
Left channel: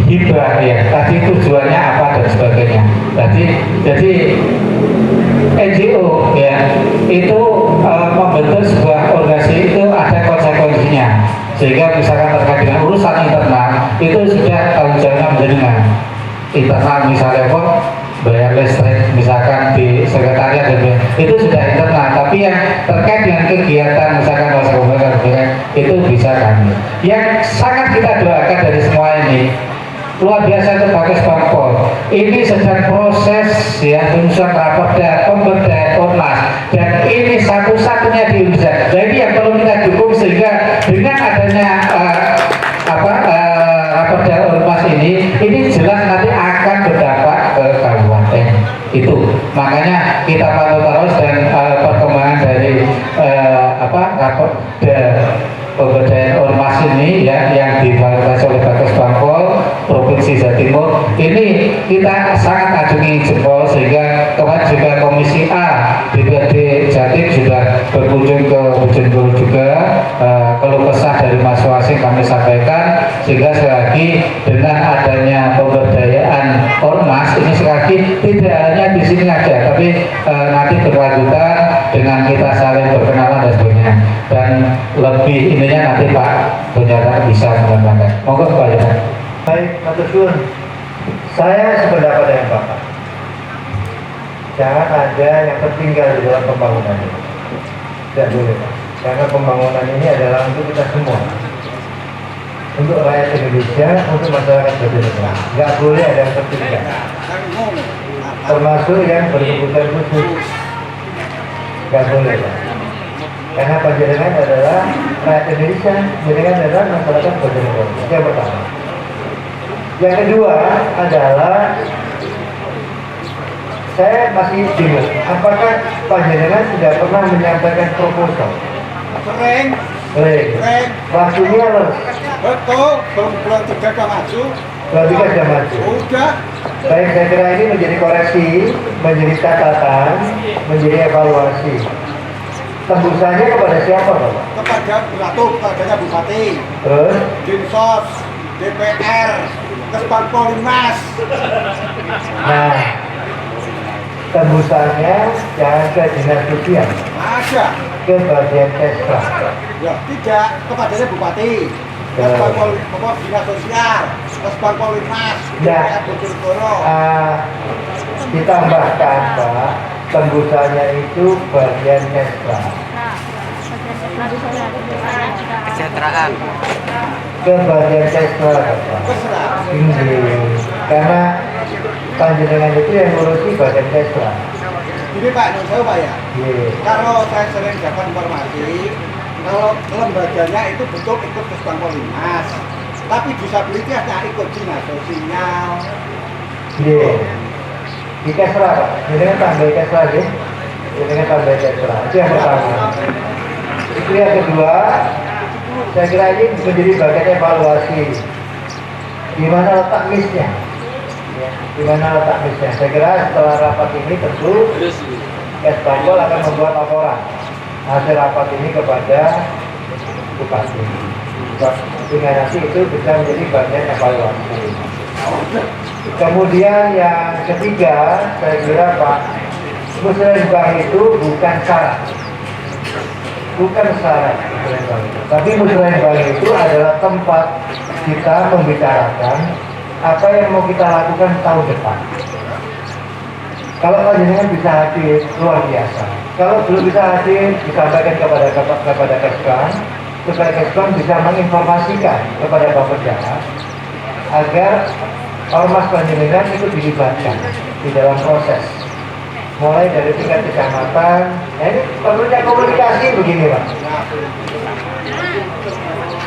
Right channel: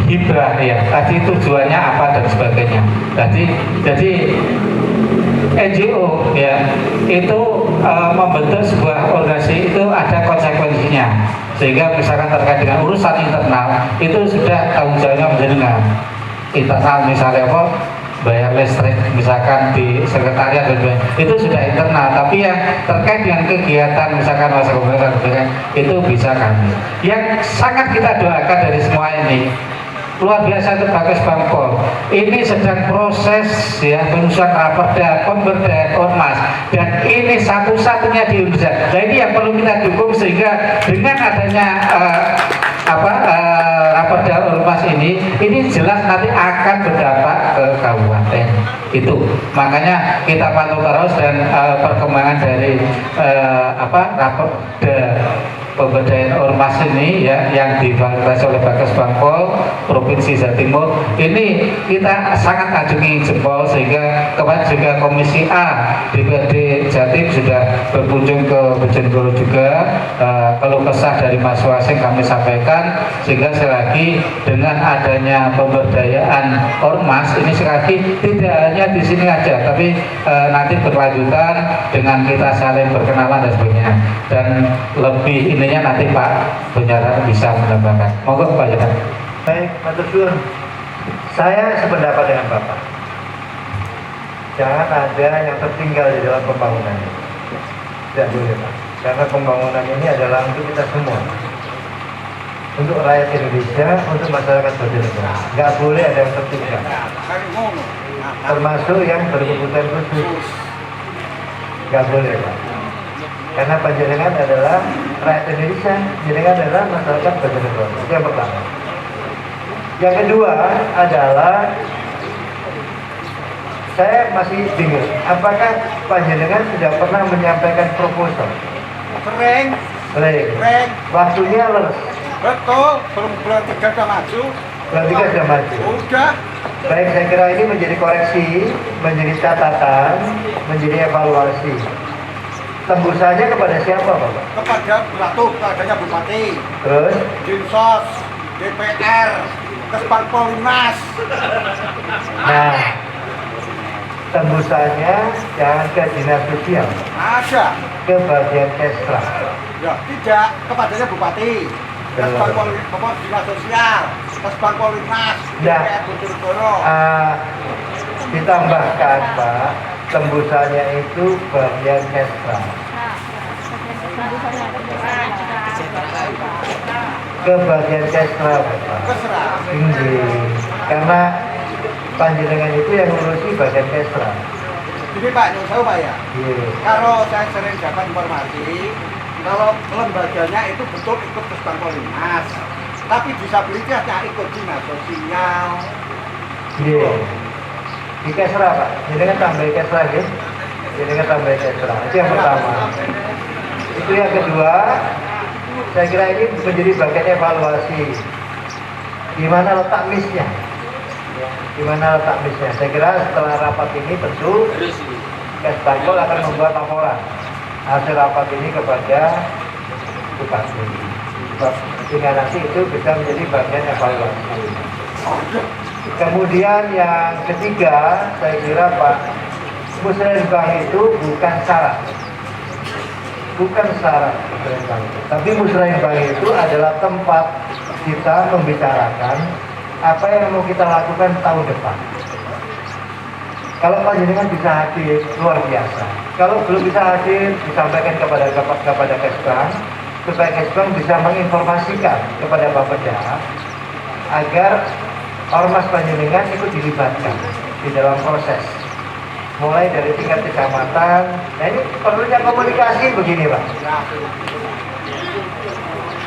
hibah ya, tadi tujuannya apa dan sebagainya. Jadi NGO ya itu membentuk sebuah organisasi itu ada konsekuensinya, sehingga misalkan terkait dengan urusan internal itu sudah tanggung jawabnya menjenengan. Internal misalnya apa, bayar listrik misalkan di sekretariat itu sudah internal, tapi yang terkait dengan kegiatan misalkan masa kemudian itu bisa kami. Yang sangat kita doakan dari semua ini luar biasa itu Bagas Bangkol. Ini sedang proses ya penyusunan raperda, pemberdayaan ormas, dan ini satu-satunya di Indonesia. Nah ini yang perlu kita dukung, sehingga dengan adanya raperda ormas ini jelas nanti akan berdampak ke kabupaten itu. Makanya kita pantau terus dan perkembangan dari raperda pemberdayaan ormas ini ya yang difasilitasi oleh Bagas Bangkol Provinsi Jawa Timur ini kita sangat acungi jempol, sehingga kemarin juga Komisi A DPRD Jatim sudah berkunjung ke Bojonegoro juga, keluh kesah dari masing-masing kami sampaikan, sehingga sekali lagi dengan adanya pemberdayaan ormas ini sekali lagi tidak hanya di sini aja, tapi nanti berlanjutan dengan kita saling berkenalan dan sebagainya, dan lebih ininya nanti Pak Bunyaran bisa menambahkan. Monggo Pak Bunyaran. Baik, Pak Tusun, saya sependapat dengan Bapak. Jangan ada yang tertinggal di dalam pembangunan ini. Tidak boleh Pak, karena pembangunan ini adalah untuk kita semua, untuk rakyat Indonesia, untuk masyarakat Bojonegoro. Nggak boleh ada yang tertinggal, termasuk yang berkebutuhan khusus. Nggak boleh Pak, karena panjenengan adalah rakyat Indonesia, panjenengan adalah masyarakat Bojonegoro. Itu yang pertama. Yang kedua adalah saya masih bingung, apakah panjenengan sudah pernah menyampaikan proposal? Sering. Waktunya Betul, belum bulan 3 udah maju. bulan 3 sudah maju. Udah. Baik, saya kira ini menjadi koreksi, menjadi catatan, menjadi evaluasi. Tembusannya kepada siapa Bapak? Kepada kepadanya Bupati, Terus? Dinsos, DPR, Kesbangkolimas. Nah, tembusannya jangan ke dinas sosial, Ada. ke bagian kesra. Ya, tidak, kepadanya Bupati, Kesbangkolimas, Dinas Sosial, Kesbangkolimas, DPR Bojonegoro. Ditambahkan Pak, tembusannya itu bagian kesra. Ke bagian kesra Bapak. Terserah. Tinggi. Karena panjenengan itu yang ngurusi bagian kesra. Ini Pak, nyuruh saya Pak ya. Iya. Kalau saya sering dapat informasi, kalau lembaganya itu betul ikut Kesbangkolimas, tapi disabilitasnya ikut dinas sosial. Iya. Di kesra Pak. Jenengan tambah kesra ya. Jenengan tambah kesra. Itu yang pertama. Itu yang kedua, saya kira ini menjadi bagian evaluasi. di mana letak miss-nya. Ya, di mana letak miss-nya. Saya kira setelah rapat ini tentu Kesbangpol akan membuat laporan hasil rapat ini kepada Bupati. Sehingga nanti itu bisa menjadi bagian evaluasi. Kemudian yang ketiga, saya kira Pak, musrenbang itu bukan syarat. Bukan syarat musrenbang. Tapi musrenbang itu adalah tempat kita membicarakan apa yang mau kita lakukan tahun depan. Kalau panjenengan bisa hadir, luar biasa. Kalau belum bisa hadir, disampaikan kepada Kesbang, supaya Kesbang bisa menginformasikan kepada Bapeda agar ormas panjenengan itu dilibatkan di dalam proses. Mulai dari tingkat kecamatan. Nah ini perlunya komunikasi begini Pak.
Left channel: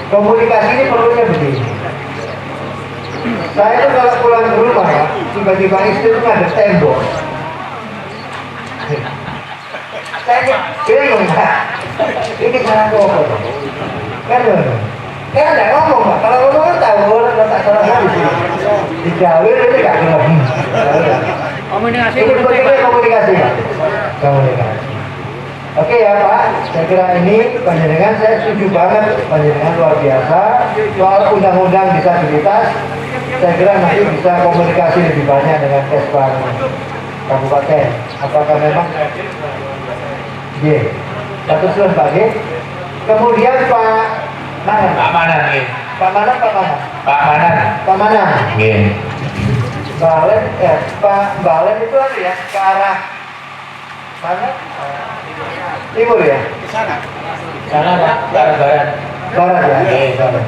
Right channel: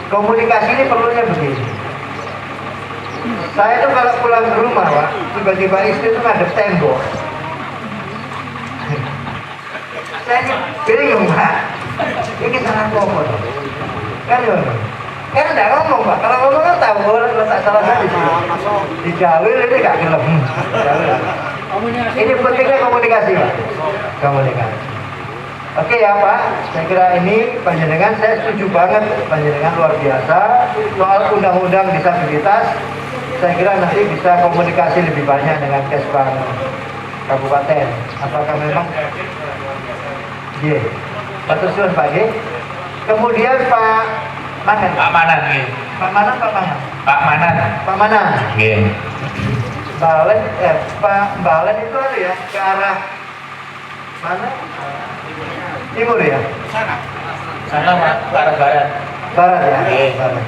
Komunikasi ini perlunya begini. Saya tuh kalau pulang ke rumah Pak, tiba-tiba istri itu ada tembok. Saya bingung Pak. Ini salah ngomong. Kan enggak ngomong Pak. Kalau ngomong kan tahu letak salah di sini. Di Jawir ini nggak gelap. Komunikasi Ini pentingnya komunikasi Pak. Komunikasi. Oke ya Pak, saya kira ini panjenengan saya setuju banget, panjenengan luar biasa. Soal undang-undang disabilitas, saya kira nanti bisa komunikasi lebih banyak dengan Kesbang Kabupaten. Apakah memang? Iya. Satu susun Pak G. Kemudian Pak Manan. Pak Manan nggih. Pak Manan, Pak Manan. Pak Manan. Pak Manan. Nggih. Balen, Pak Balen itu ada ya ke arah mana? Timur ya? Sana. Sana Pak, barat-barat. Barat ya? Oke. Barat.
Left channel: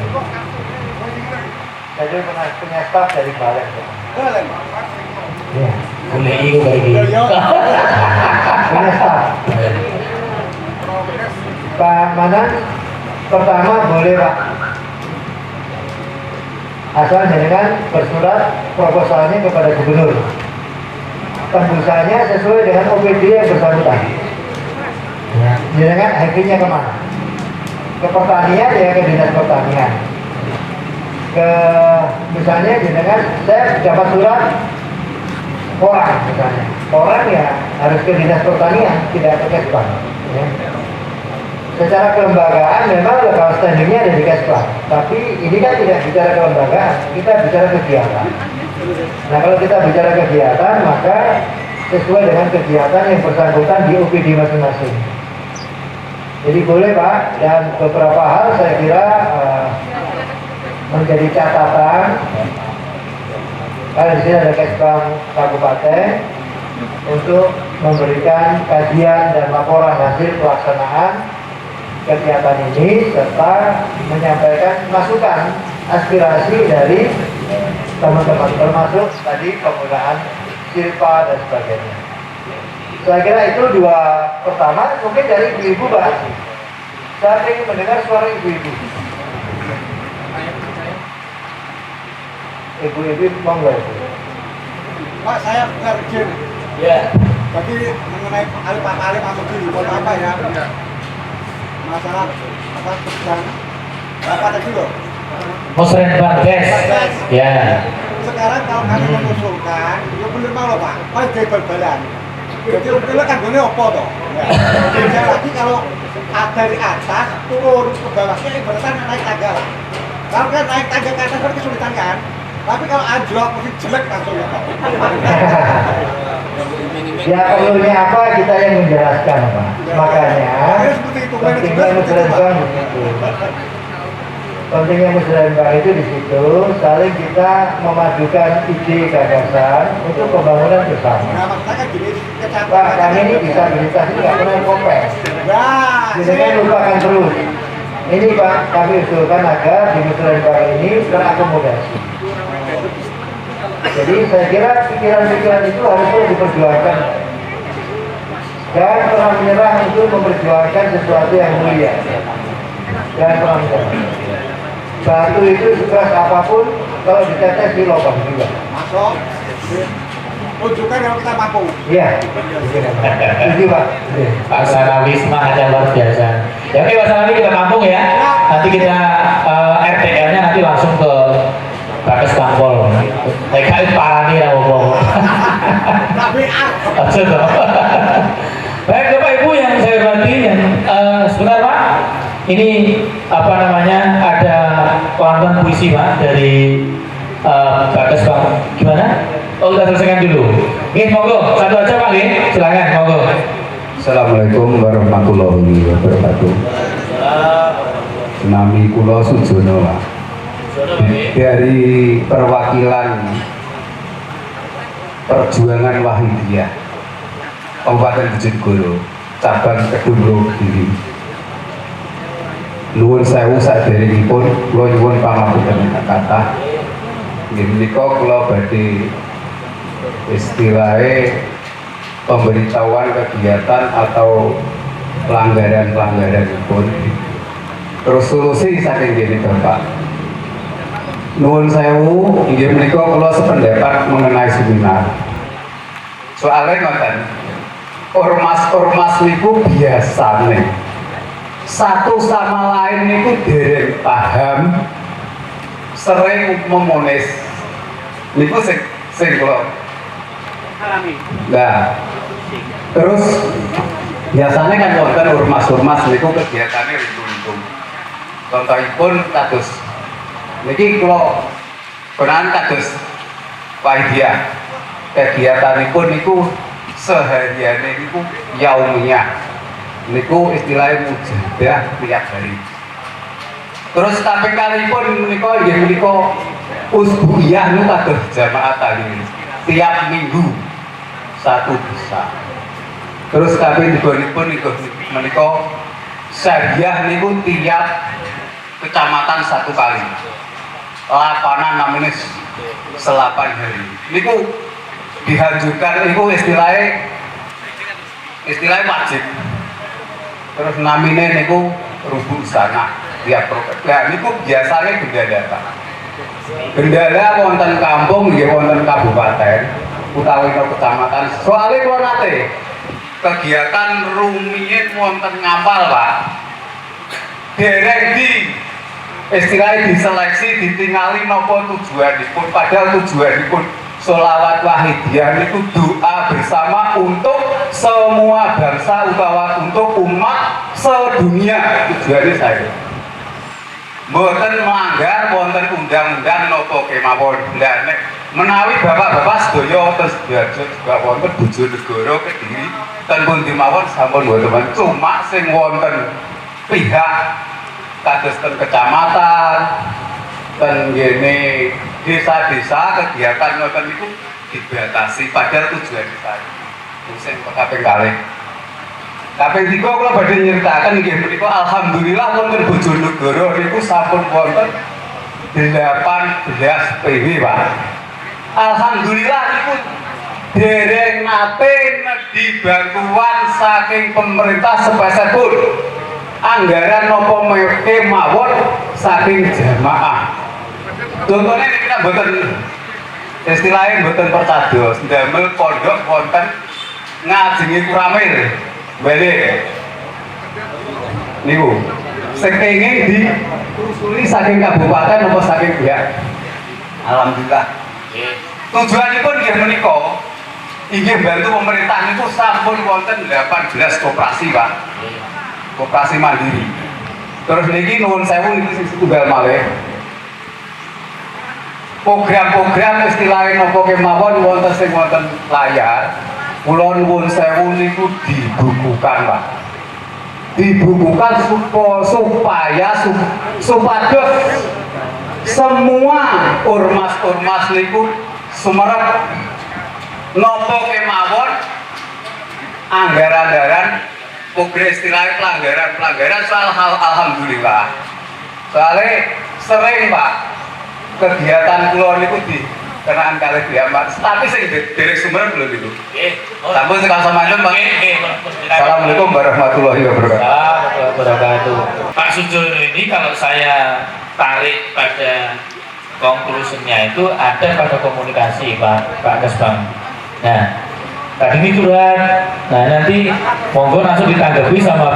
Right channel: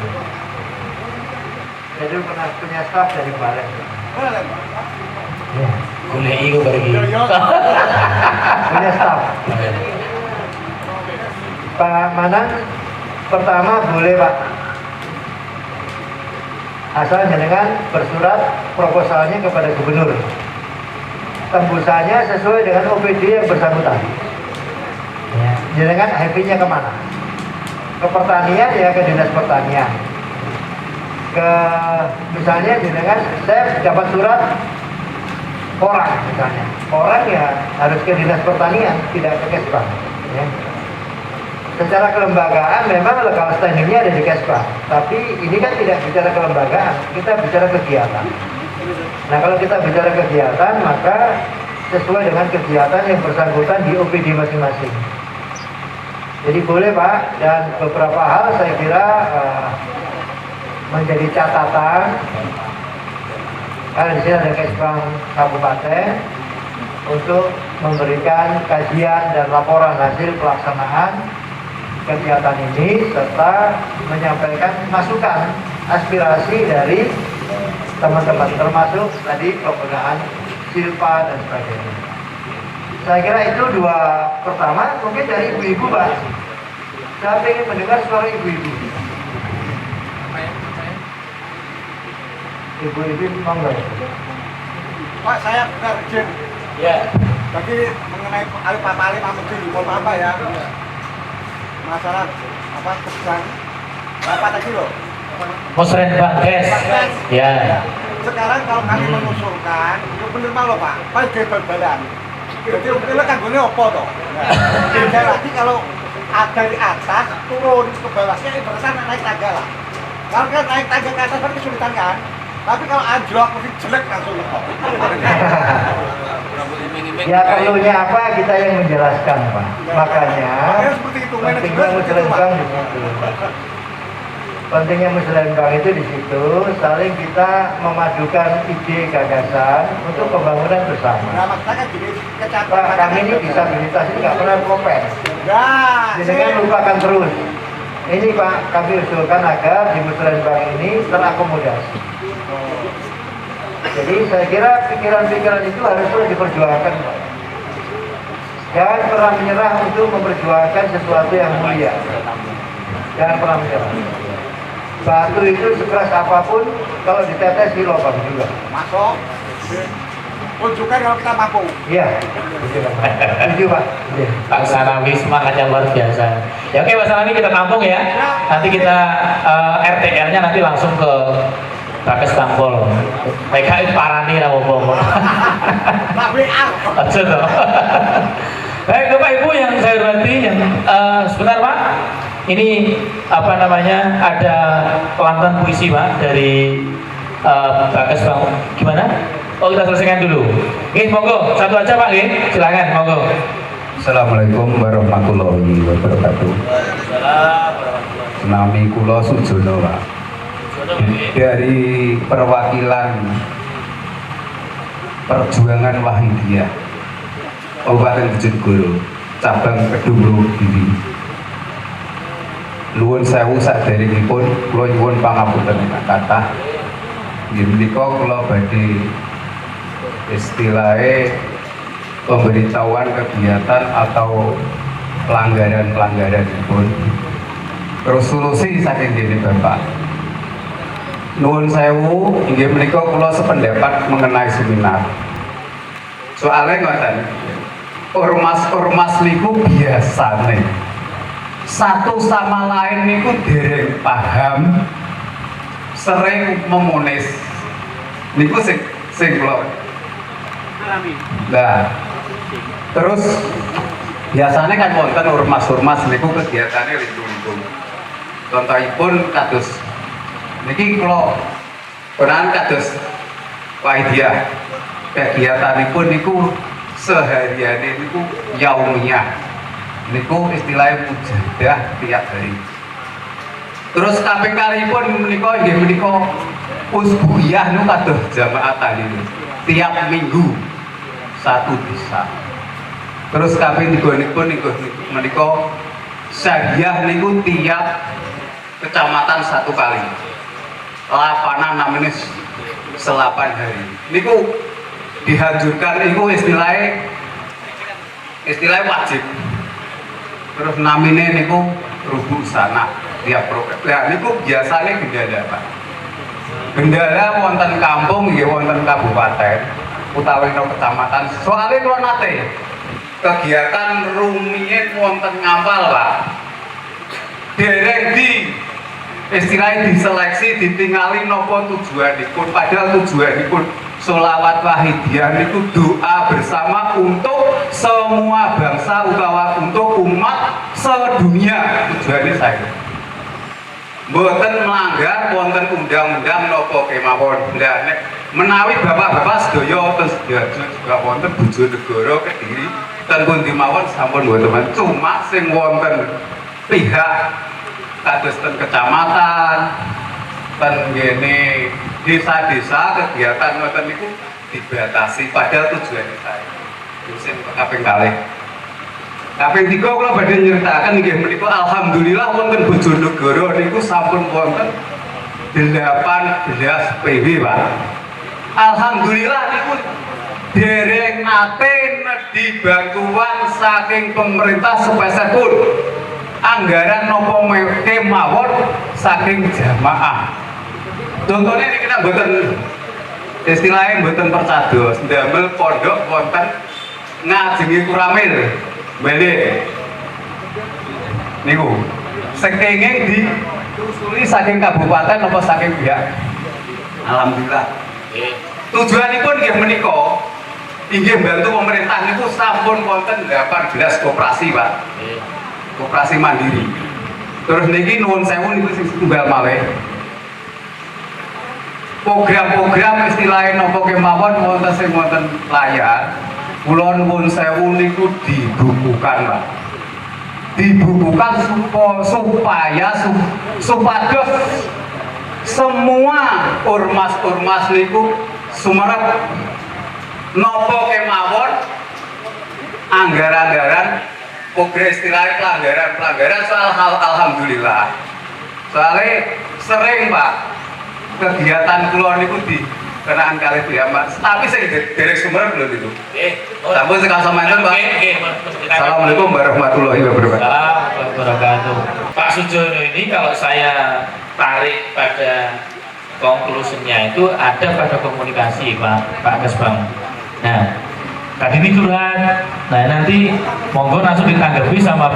Saya dulu pernah punya staf dari Balen. Balen. Ya. Boleh iku bagi. Punya staf. Pak Manan, pertama boleh Pak. Asal jenengan bersurat proposalnya kepada gubernur. Tembusannya sesuai dengan OPD yang bersangkutan. Ya. Jenengan akhirnya kemana? Ke pertanian ya ke dinas pertanian. Ke misalnya jenengan saya dapat surat orang misalnya. Orang ya harus ke dinas pertanian, tidak ke Kesbang. Ya. Secara kelembagaan memang legal standingnya ada di Kesbang, tapi ini kan tidak bicara kelembagaan, kita bicara kegiatan. Nah kalau kita bicara kegiatan, maka sesuai dengan kegiatan yang bersangkutan di OPD masing-masing. Jadi boleh Pak, dan beberapa hal saya kira menjadi catatan. Karena di sini ada Kesbang Kabupaten untuk memberikan kajian dan laporan hasil pelaksanaan kegiatan ini serta menyampaikan masukan aspirasi dari teman-teman termasuk tadi penggunaan silpa dan sebagainya. Saya kira itu dua pertama, mungkin dari ibu-ibu Pak. Saya ingin mendengar suara ibu-ibu. Ibu-ibu monggo. Pak, saya benar izin. Ya. Jadi mengenai Pak Malik Amudi, mohon apa ya? Masalah apa tentang apa tadi loh? Musrenbang Des. Ya. Sekarang kalau kami mengusulkan, ya bener malah Pak, paling bal-balan. Jadi udah kan boleh apa toh? Beda lagi kalau dari atas turun ke bawahnya ibaratnya naik tangga lah. Kalau kan naik tangga ke atas kan kesulitan kan? Tapi kalau anjlok mesti jelek langsung. Ya perlunya apa kita yang menjelaskan Pak. Makanya seperti itu. pentingnya musrenbang begitu. Pentingnya musrenbang itu di situ saling kita memadukan ide gagasan untuk pembangunan bersama. Nah, maksudnya kan gini, Pak, kami ini disabilitas ini nggak pernah kompres. Nah, Jadi kan lupakan terus. Ini Pak, kami usulkan agar di musrenbang ini terakomodasi. Jadi saya kira pikiran-pikiran itu harus terus diperjuangkan. Jangan pernah menyerah untuk memperjuangkan sesuatu yang mulia. Jangan pernah menyerah. Batu itu sekeras apapun, kalau ditetes di lubang juga. masuk. Tunjukkan kalau kita mampu. Iya. Setuju Pak. Iya. Pak Sarawi semangatnya luar biasa. Ya oke Pak Sarawi kita tampung ya. Nanti kita RTL-nya nanti langsung ke Pak Kestampol. PKI parani ra apa-apa. Tapi Aja toh. Baik Bapak Ibu yang saya hormati, yang sebentar Pak, ini apa namanya, ada kelantan puisi Pak dari Bagas Bang. Gimana? Oh kita selesaikan dulu. Oke, monggo satu aja Pak, silakan monggo. Assalamualaikum warahmatullahi wabarakatuh. Nami kula Sujono Pak. Dari perwakilan Perjuangan Wahidiyah Kabupaten Bojonegoro, cabang Kedung Giri. Nuwun sewu saderengipun kula nyuwun pangapunten kathah. Nggih menika kula badhe istilahé pemberitahuan kegiatan atau pelanggaran pun terus solusi saking dene Bapak. Nuwun sewu, inggih menika kula sependapat mengenai seminar. Soalnya ngoten, ormas-ormas niku biasane satu sama lain niku dereng paham, sering memonis. Niku sing kula alami. Nah, terus biasanya kan wonten ormas-ormas niku kegiatannya ribu-ribu. Contohipun kados niki kula peran kados Wahidiyah. Kegiatanipun niku sehariane niku yaumiyah. Niku istilahnya mujadah tiap hari. Terus tapi kalipun menika nggih menika usbuiyah niku kados jamaah taklim. Tiap minggu satu bisa. Terus kabeh digonipun niku menika syariah niku tiap kecamatan satu kali. Lapanan namanya selapan hari. Niku dihancurkan niku istilahnya wajib. Terus namine niku rubuh sana tiap program. Nah niku biasanya gendala Pak. Gendala wonten kampung nggih wonten kabupaten utawi kecamatan. Soalnya kula nate kegiatan rumiyin wonten Ngampal Pak. Dereng di istilahnya diseleksi ditingali nopo tujuanipun, padahal tujuanipun sholawat Wahidiyah itu doa bersama untuk semua bangsa utawa untuk umat sedunia. Tujuannya saya mboten melanggar wonten undang-undang nopo kemawon. Lah nek menawi bapak-bapak sedaya terus diajut juga wonten Bojonegoro Kediri ten pundi mawon sampun mboten, cuma sing wonten pihak kados ten kecamatan ten ngene desa-desa kegiatan ngoten niku dibatasi, padahal tujuannya saya musim kaping kalih. Kaping 3 kula badhe nyritakaken nggih menika alhamdulillah wonten Bojonegoro niku sampun wonten 18 PW Pak. Alhamdulillah niku dereng nate nedhi bantuan saking pemerintah sepesepun. Anggaran nopo kemawon saking jamaah. Contohnya ini kita mboten istilahnya mboten percados, ndamel pondok wonten ngajengi Kuramil. Balik. Niku sing kenging ditelusuri saking kabupaten apa saking pihak. Alhamdulillah. Tujuanipun nggih menika inggih bantu pemerintah niku sampun wonten 18 koperasi, Pak. Koperasi mandiri. Terus niki nuwun sewu niku sing setunggal malih. Program-program istilahnya nopo kemawon wonten sing wonten layar. Kula nuwun sewu niku dibukukan, Pak. Dibukukan supaya supados semua ormas-ormas niku sumerep nopo kemawon anggaran-anggaran program istilahnya pelanggaran soal hal alhamdulillah. Soalnya sering Pak kegiatan kula niku dikenaan kalih pihak Mas, tapi saya dari sumber belum itu. Sampun sekali sampeyan Pak. Assalamualaikum warahmatullahi wabarakatuh. Pak Sujono ini kalau saya tarik pada konklusinya itu ada pada komunikasi Pak Kesbang. Nah, tadi ini curhat. Nah nanti monggo langsung ditanggapi sama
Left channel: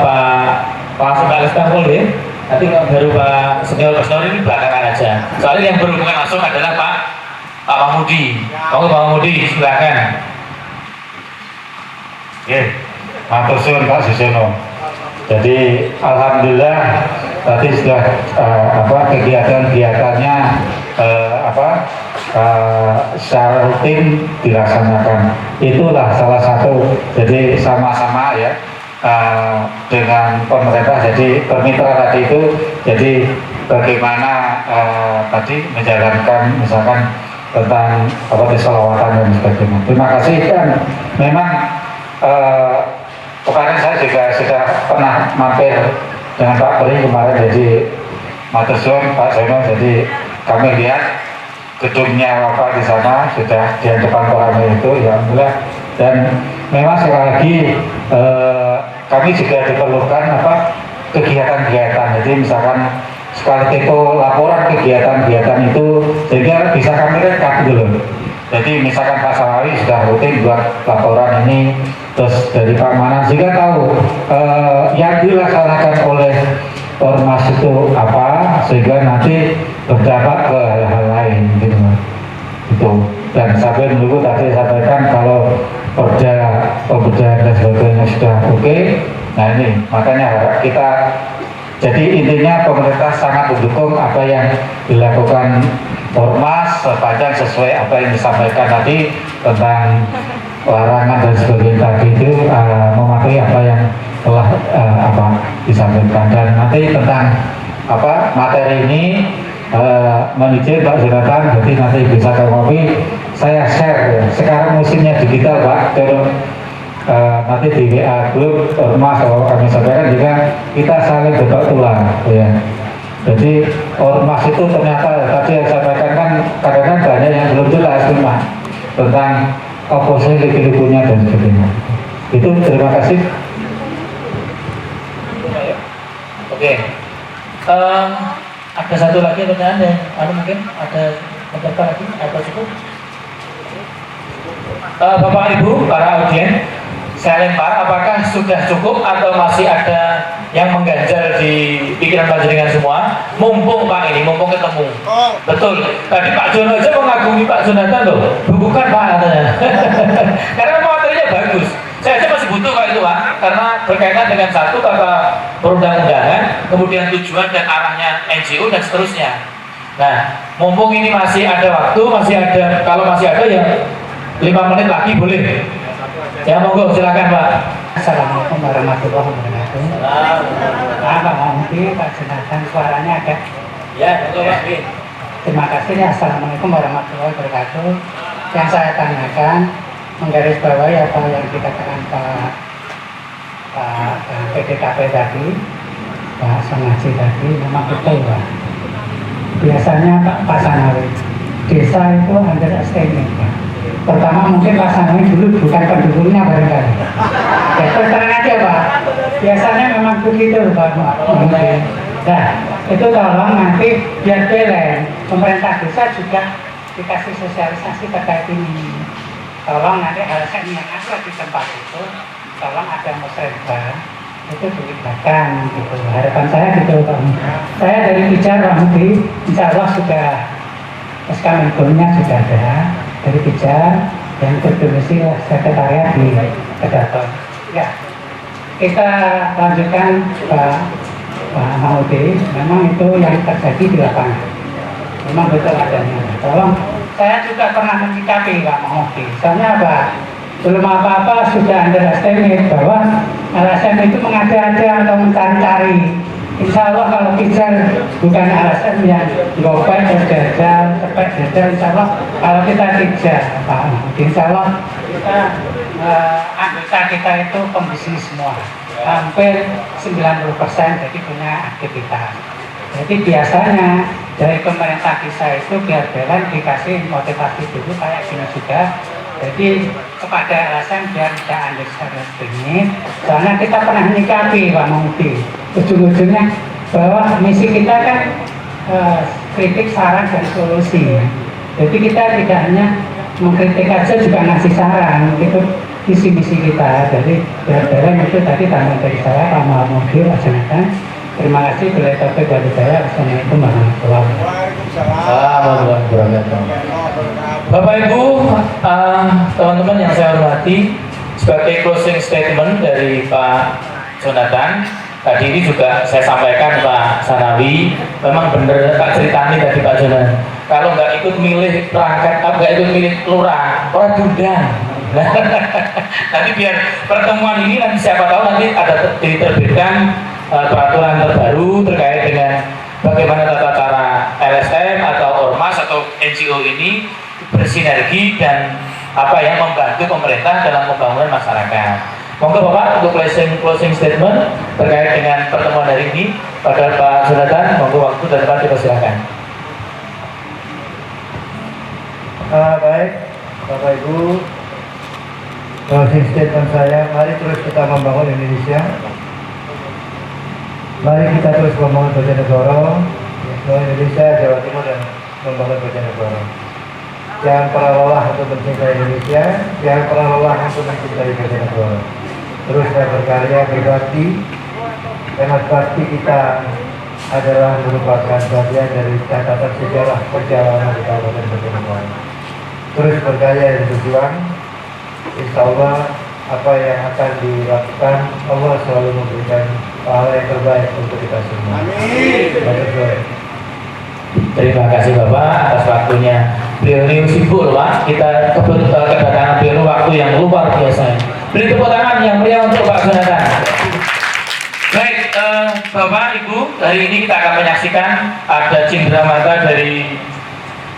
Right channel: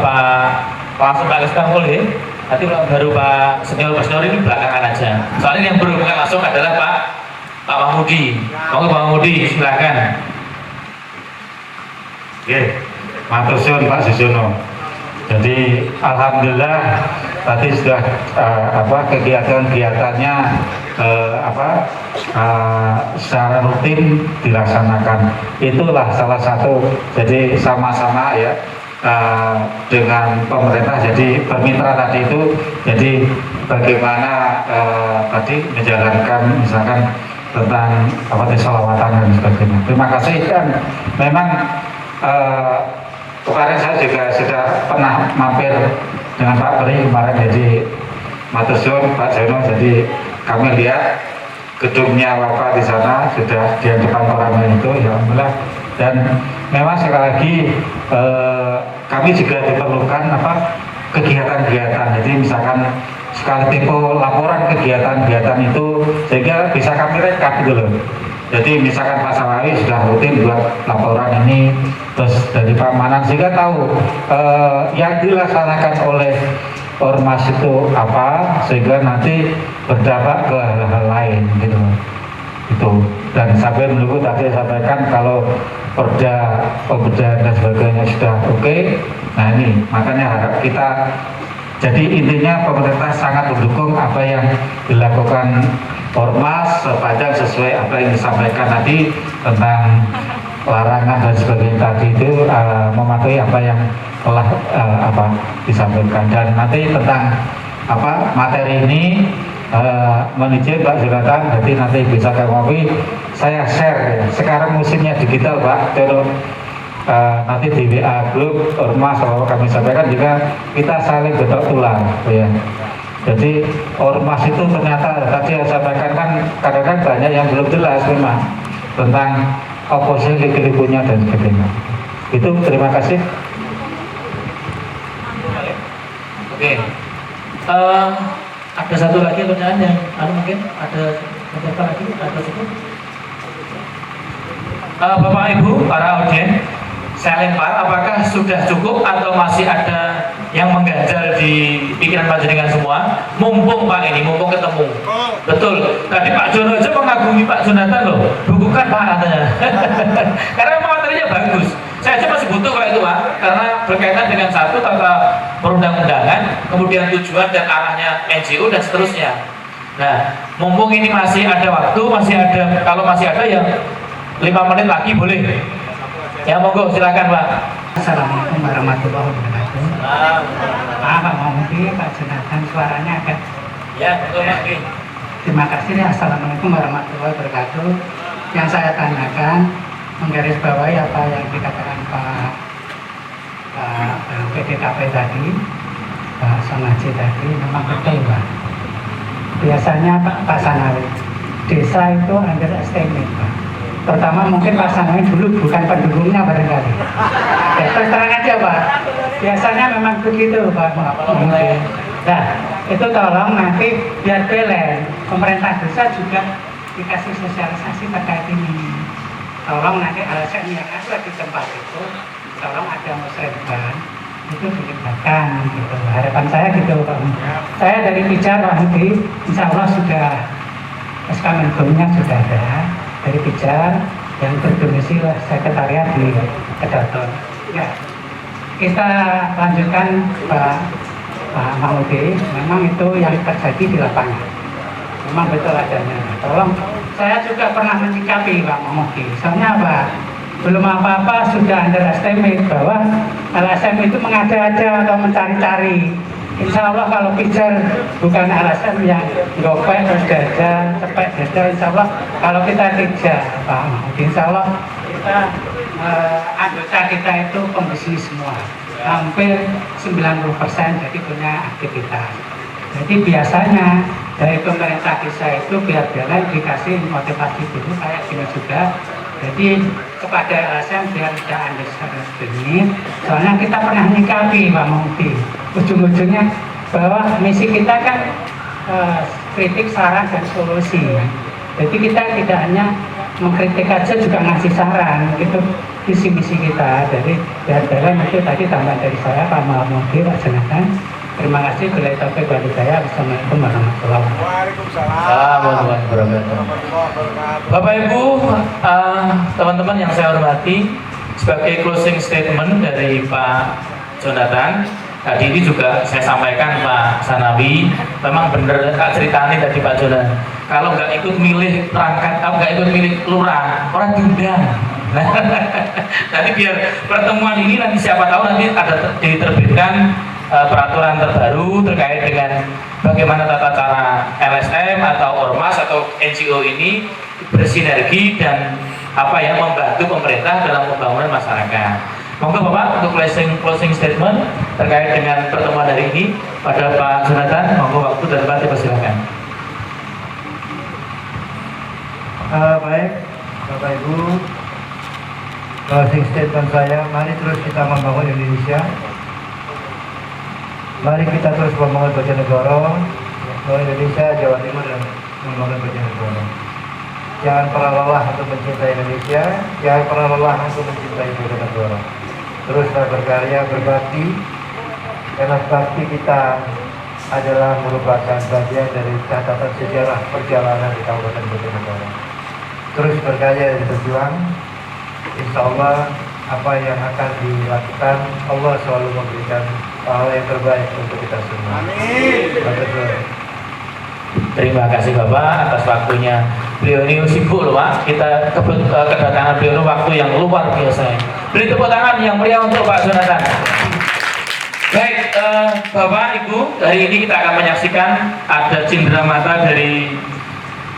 Pak Kesbang ya. Nanti baru Pak Senior ini belakangan aja. aja. Soalnya yang berhubungan langsung adalah Pak Mahmudi. Pak Mahmudi, silakan. Oke, matur suwun Pak Susono. Jadi alhamdulillah tadi sudah kegiatan-kegiatannya secara rutin dilaksanakan. Itulah salah satu. Jadi sama-sama ya dengan pemerintah. Jadi bermitra tadi itu. Jadi bagaimana tadi menjalankan misalkan tentang desolawatan dan sebagainya. Terima kasih. Dan memang kemarin saya juga sudah pernah mampir dengan Pak Peri kemarin, jadi matur suwun Pak Zeno. Jadi kami lihat gedungnya Bapak di sana sudah di depan koramil itu, ya alhamdulillah. Dan memang sekali lagi kami juga diperlukan kegiatan-kegiatan. Jadi misalkan sekali tempo laporan kegiatan-kegiatan itu sehingga bisa kami rekap dulu. Jadi misalkan Pak Salawi sudah rutin buat laporan ini, terus dari Pak Manan sehingga tahu yang dilaksanakan oleh ormas itu apa, sehingga nanti berdampak ke hal lain gitu. Itu. Dan sampai menunggu tadi sampaikan kalau pemberdayaan dan sebagainya sudah oke. Nah ini makanya kita, jadi intinya pemerintah sangat mendukung apa yang dilakukan ormas sepanjang sesuai apa yang disampaikan tadi tentang larangan dan sebagainya tadi itu mematuhi apa yang telah disampaikan. Dan nanti tentang materi ini menijin Pak Jonathan, jadi nanti bisa ke kopi saya share ya. Sekarang musimnya digital Pak, terus nanti di WA grup ormas kalau kami sampaikan juga kita saling betok tulang ya. Jadi ormas itu ternyata tadi yang saya sampaikan kan kadang-kadang banyak yang belum jelas memang tentang oposisi punya dan sebagainya. Itu terima kasih. Oke. Ada satu lagi pertanyaan yang mungkin ada beberapa lagi atau cukup? Bapak Ibu para audien, saya lempar apakah sudah cukup atau masih ada yang mengganjal di pikiran panjenengan semua? Mumpung Pak ini, mumpung ketemu. Betul. Tadi Pak Jono aja mengagumi Pak Jonathan loh. Bukan Pak katanya. Karena memang materinya bagus. Saya aja masih butuh kalau itu Pak, karena berkaitan dengan satu kata perundang-undangan, kemudian tujuan dan arahnya NGO dan seterusnya. Nah, mumpung ini masih ada waktu, kalau masih ada yang 5 menit lagi boleh. Ya monggo silakan Pak. Assalamualaikum warahmatullahi wabarakatuh. Pak Mahmudi, Pak Jonathan, suaranya agak. Ya betul Pak. Terima kasih ya. Assalamualaikum warahmatullahi wabarakatuh. Yang saya tanyakan menggarisbawahi apa yang dikatakan Pak PDKP tadi, Pak Sanaji tadi, memang betul Pak. Biasanya Pak Sanawi, desa itu underestimate Pak. Pertama mungkin Pak Sanawi dulu bukan pendukungnya barangkali. Ya terus terang aja Pak. Biasanya memang begitu Pak. Nah itu tolong nanti biar belen pemerintah desa juga dikasih sosialisasi terkait ini. Tolong nanti alasan yang ada di tempat itu, tolong ada musrembang itu dilibatkan gitu. Harapan saya gitu Pak. Saya dari Pijar Pak Mudi, insya Allah sudah SK Menkumnya sudah ada dari Pijar yang berdomisili sekretariat di Kedaton. Ya, kita lanjutkan Pak Mahmudi. Memang itu yang terjadi di lapangan. Memang betul adanya. Tolong, saya juga pernah menyikapi Pak Mahmudi. Soalnya apa? Belum apa-apa sudah underestimate bahwa LSM itu mengada-ada atau mencari-cari. Insya Allah kalau Pijar bukan LSM yang gopek atau gagal, tepek gagal, insya Allah kalau kita tidak Pak Mahmudi, insya Allah kita anggota kita itu pembisnis semua. Hampir 90% jadi punya aktivitas. Jadi biasanya dari pemerintah desa itu biar jalan dikasih motivasi dulu kayak gini juga. Jadi kepada LSM biar tidak underestimate. Soalnya kita pernah menyikapi Pak Mahmudi. Ujung-ujungnya bahwa misi kita kan kritik, saran, dan solusi. Jadi kita tidak hanya mengkritik aja juga ngasih saran. Itu visi misi kita. Jadi biar jalan itu tadi tambahan dari saya Pak Mahmudi, Pak Jonathan. Terima kasih bila topik dari saya. Assalamualaikum warahmatullahi wabarakatuh. Waalaikumsalam. Bapak Ibu, teman-teman yang saya hormati, sebagai closing statement dari Pak Jonathan, tadi ini juga saya sampaikan Pak Sanawi, memang benar tak ceritani tadi Pak Jonathan. Kalau nggak ikut milih perangkat, atau nggak ikut milih lurah, orang diundang. Nanti biar pertemuan ini nanti siapa tahu nanti ada diterbitkan peraturan terbaru terkait dengan bagaimana tata cara LSM atau ormas atau NGO ini bersinergi dan apa yang membantu pemerintah dalam pembangunan masyarakat. Monggo Bapak untuk closing statement terkait dengan pertemuan hari ini pada Pak Jonathan, monggo waktu dan Pak dipersilakan. Baik, Bapak Ibu, closing statement saya, mari terus kita membangun Indonesia. Mari kita terus membangun Bojonegoro, Indonesia, Jawa Timur, dan membangun Bojonegoro. Jangan pernah lelah untuk mencintai Indonesia, jangan pernah lelah untuk mencintai Bojonegoro. Teruslah berkarya, berbakti, karena bakti kita adalah merupakan bagian dari catatan sejarah perjalanan di Kabupaten Bojonegoro. Terus berkarya dan berjuang, insya Allah apa yang akan dilakukan, Allah selalu memberikan hal yang terbaik untuk kita semua. Amin. Terima kasih Bapak atas waktunya. Beliau ini sibuk loh Pak. Kita kedatangan beliau waktu yang luar biasa. Beri tepuk tangan yang meriah untuk Pak Jonathan. Baik, Bapak Ibu, hari ini kita akan menyaksikan ada cindera mata dari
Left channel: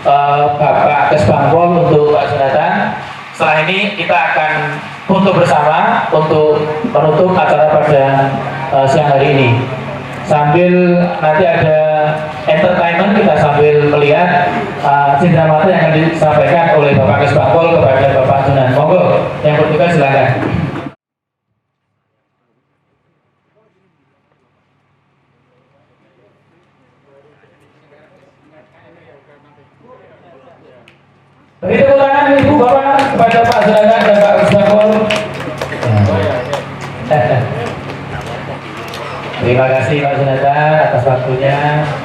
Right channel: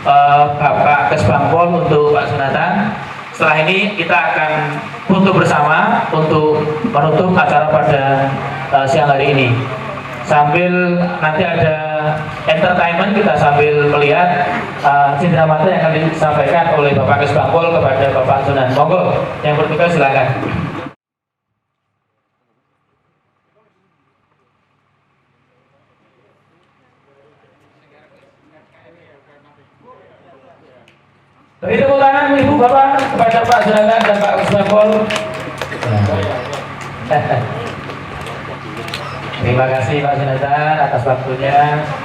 Bapak Kesbangpol untuk Pak Jonathan. Setelah ini kita akan foto bersama untuk menutup acara pada siang hari ini. Sambil nanti ada entertainment, kita sambil melihat cindera mata yang akan disampaikan oleh Bapak Kesbangpol kepada Bapak Jonathan. Monggo, yang bertugas silakan. Beri tepuk tangan Ibu Bapak kepada Pak Jonathan dan Pak Kesbangpol. Terima kasih Pak Jonathan atas waktunya.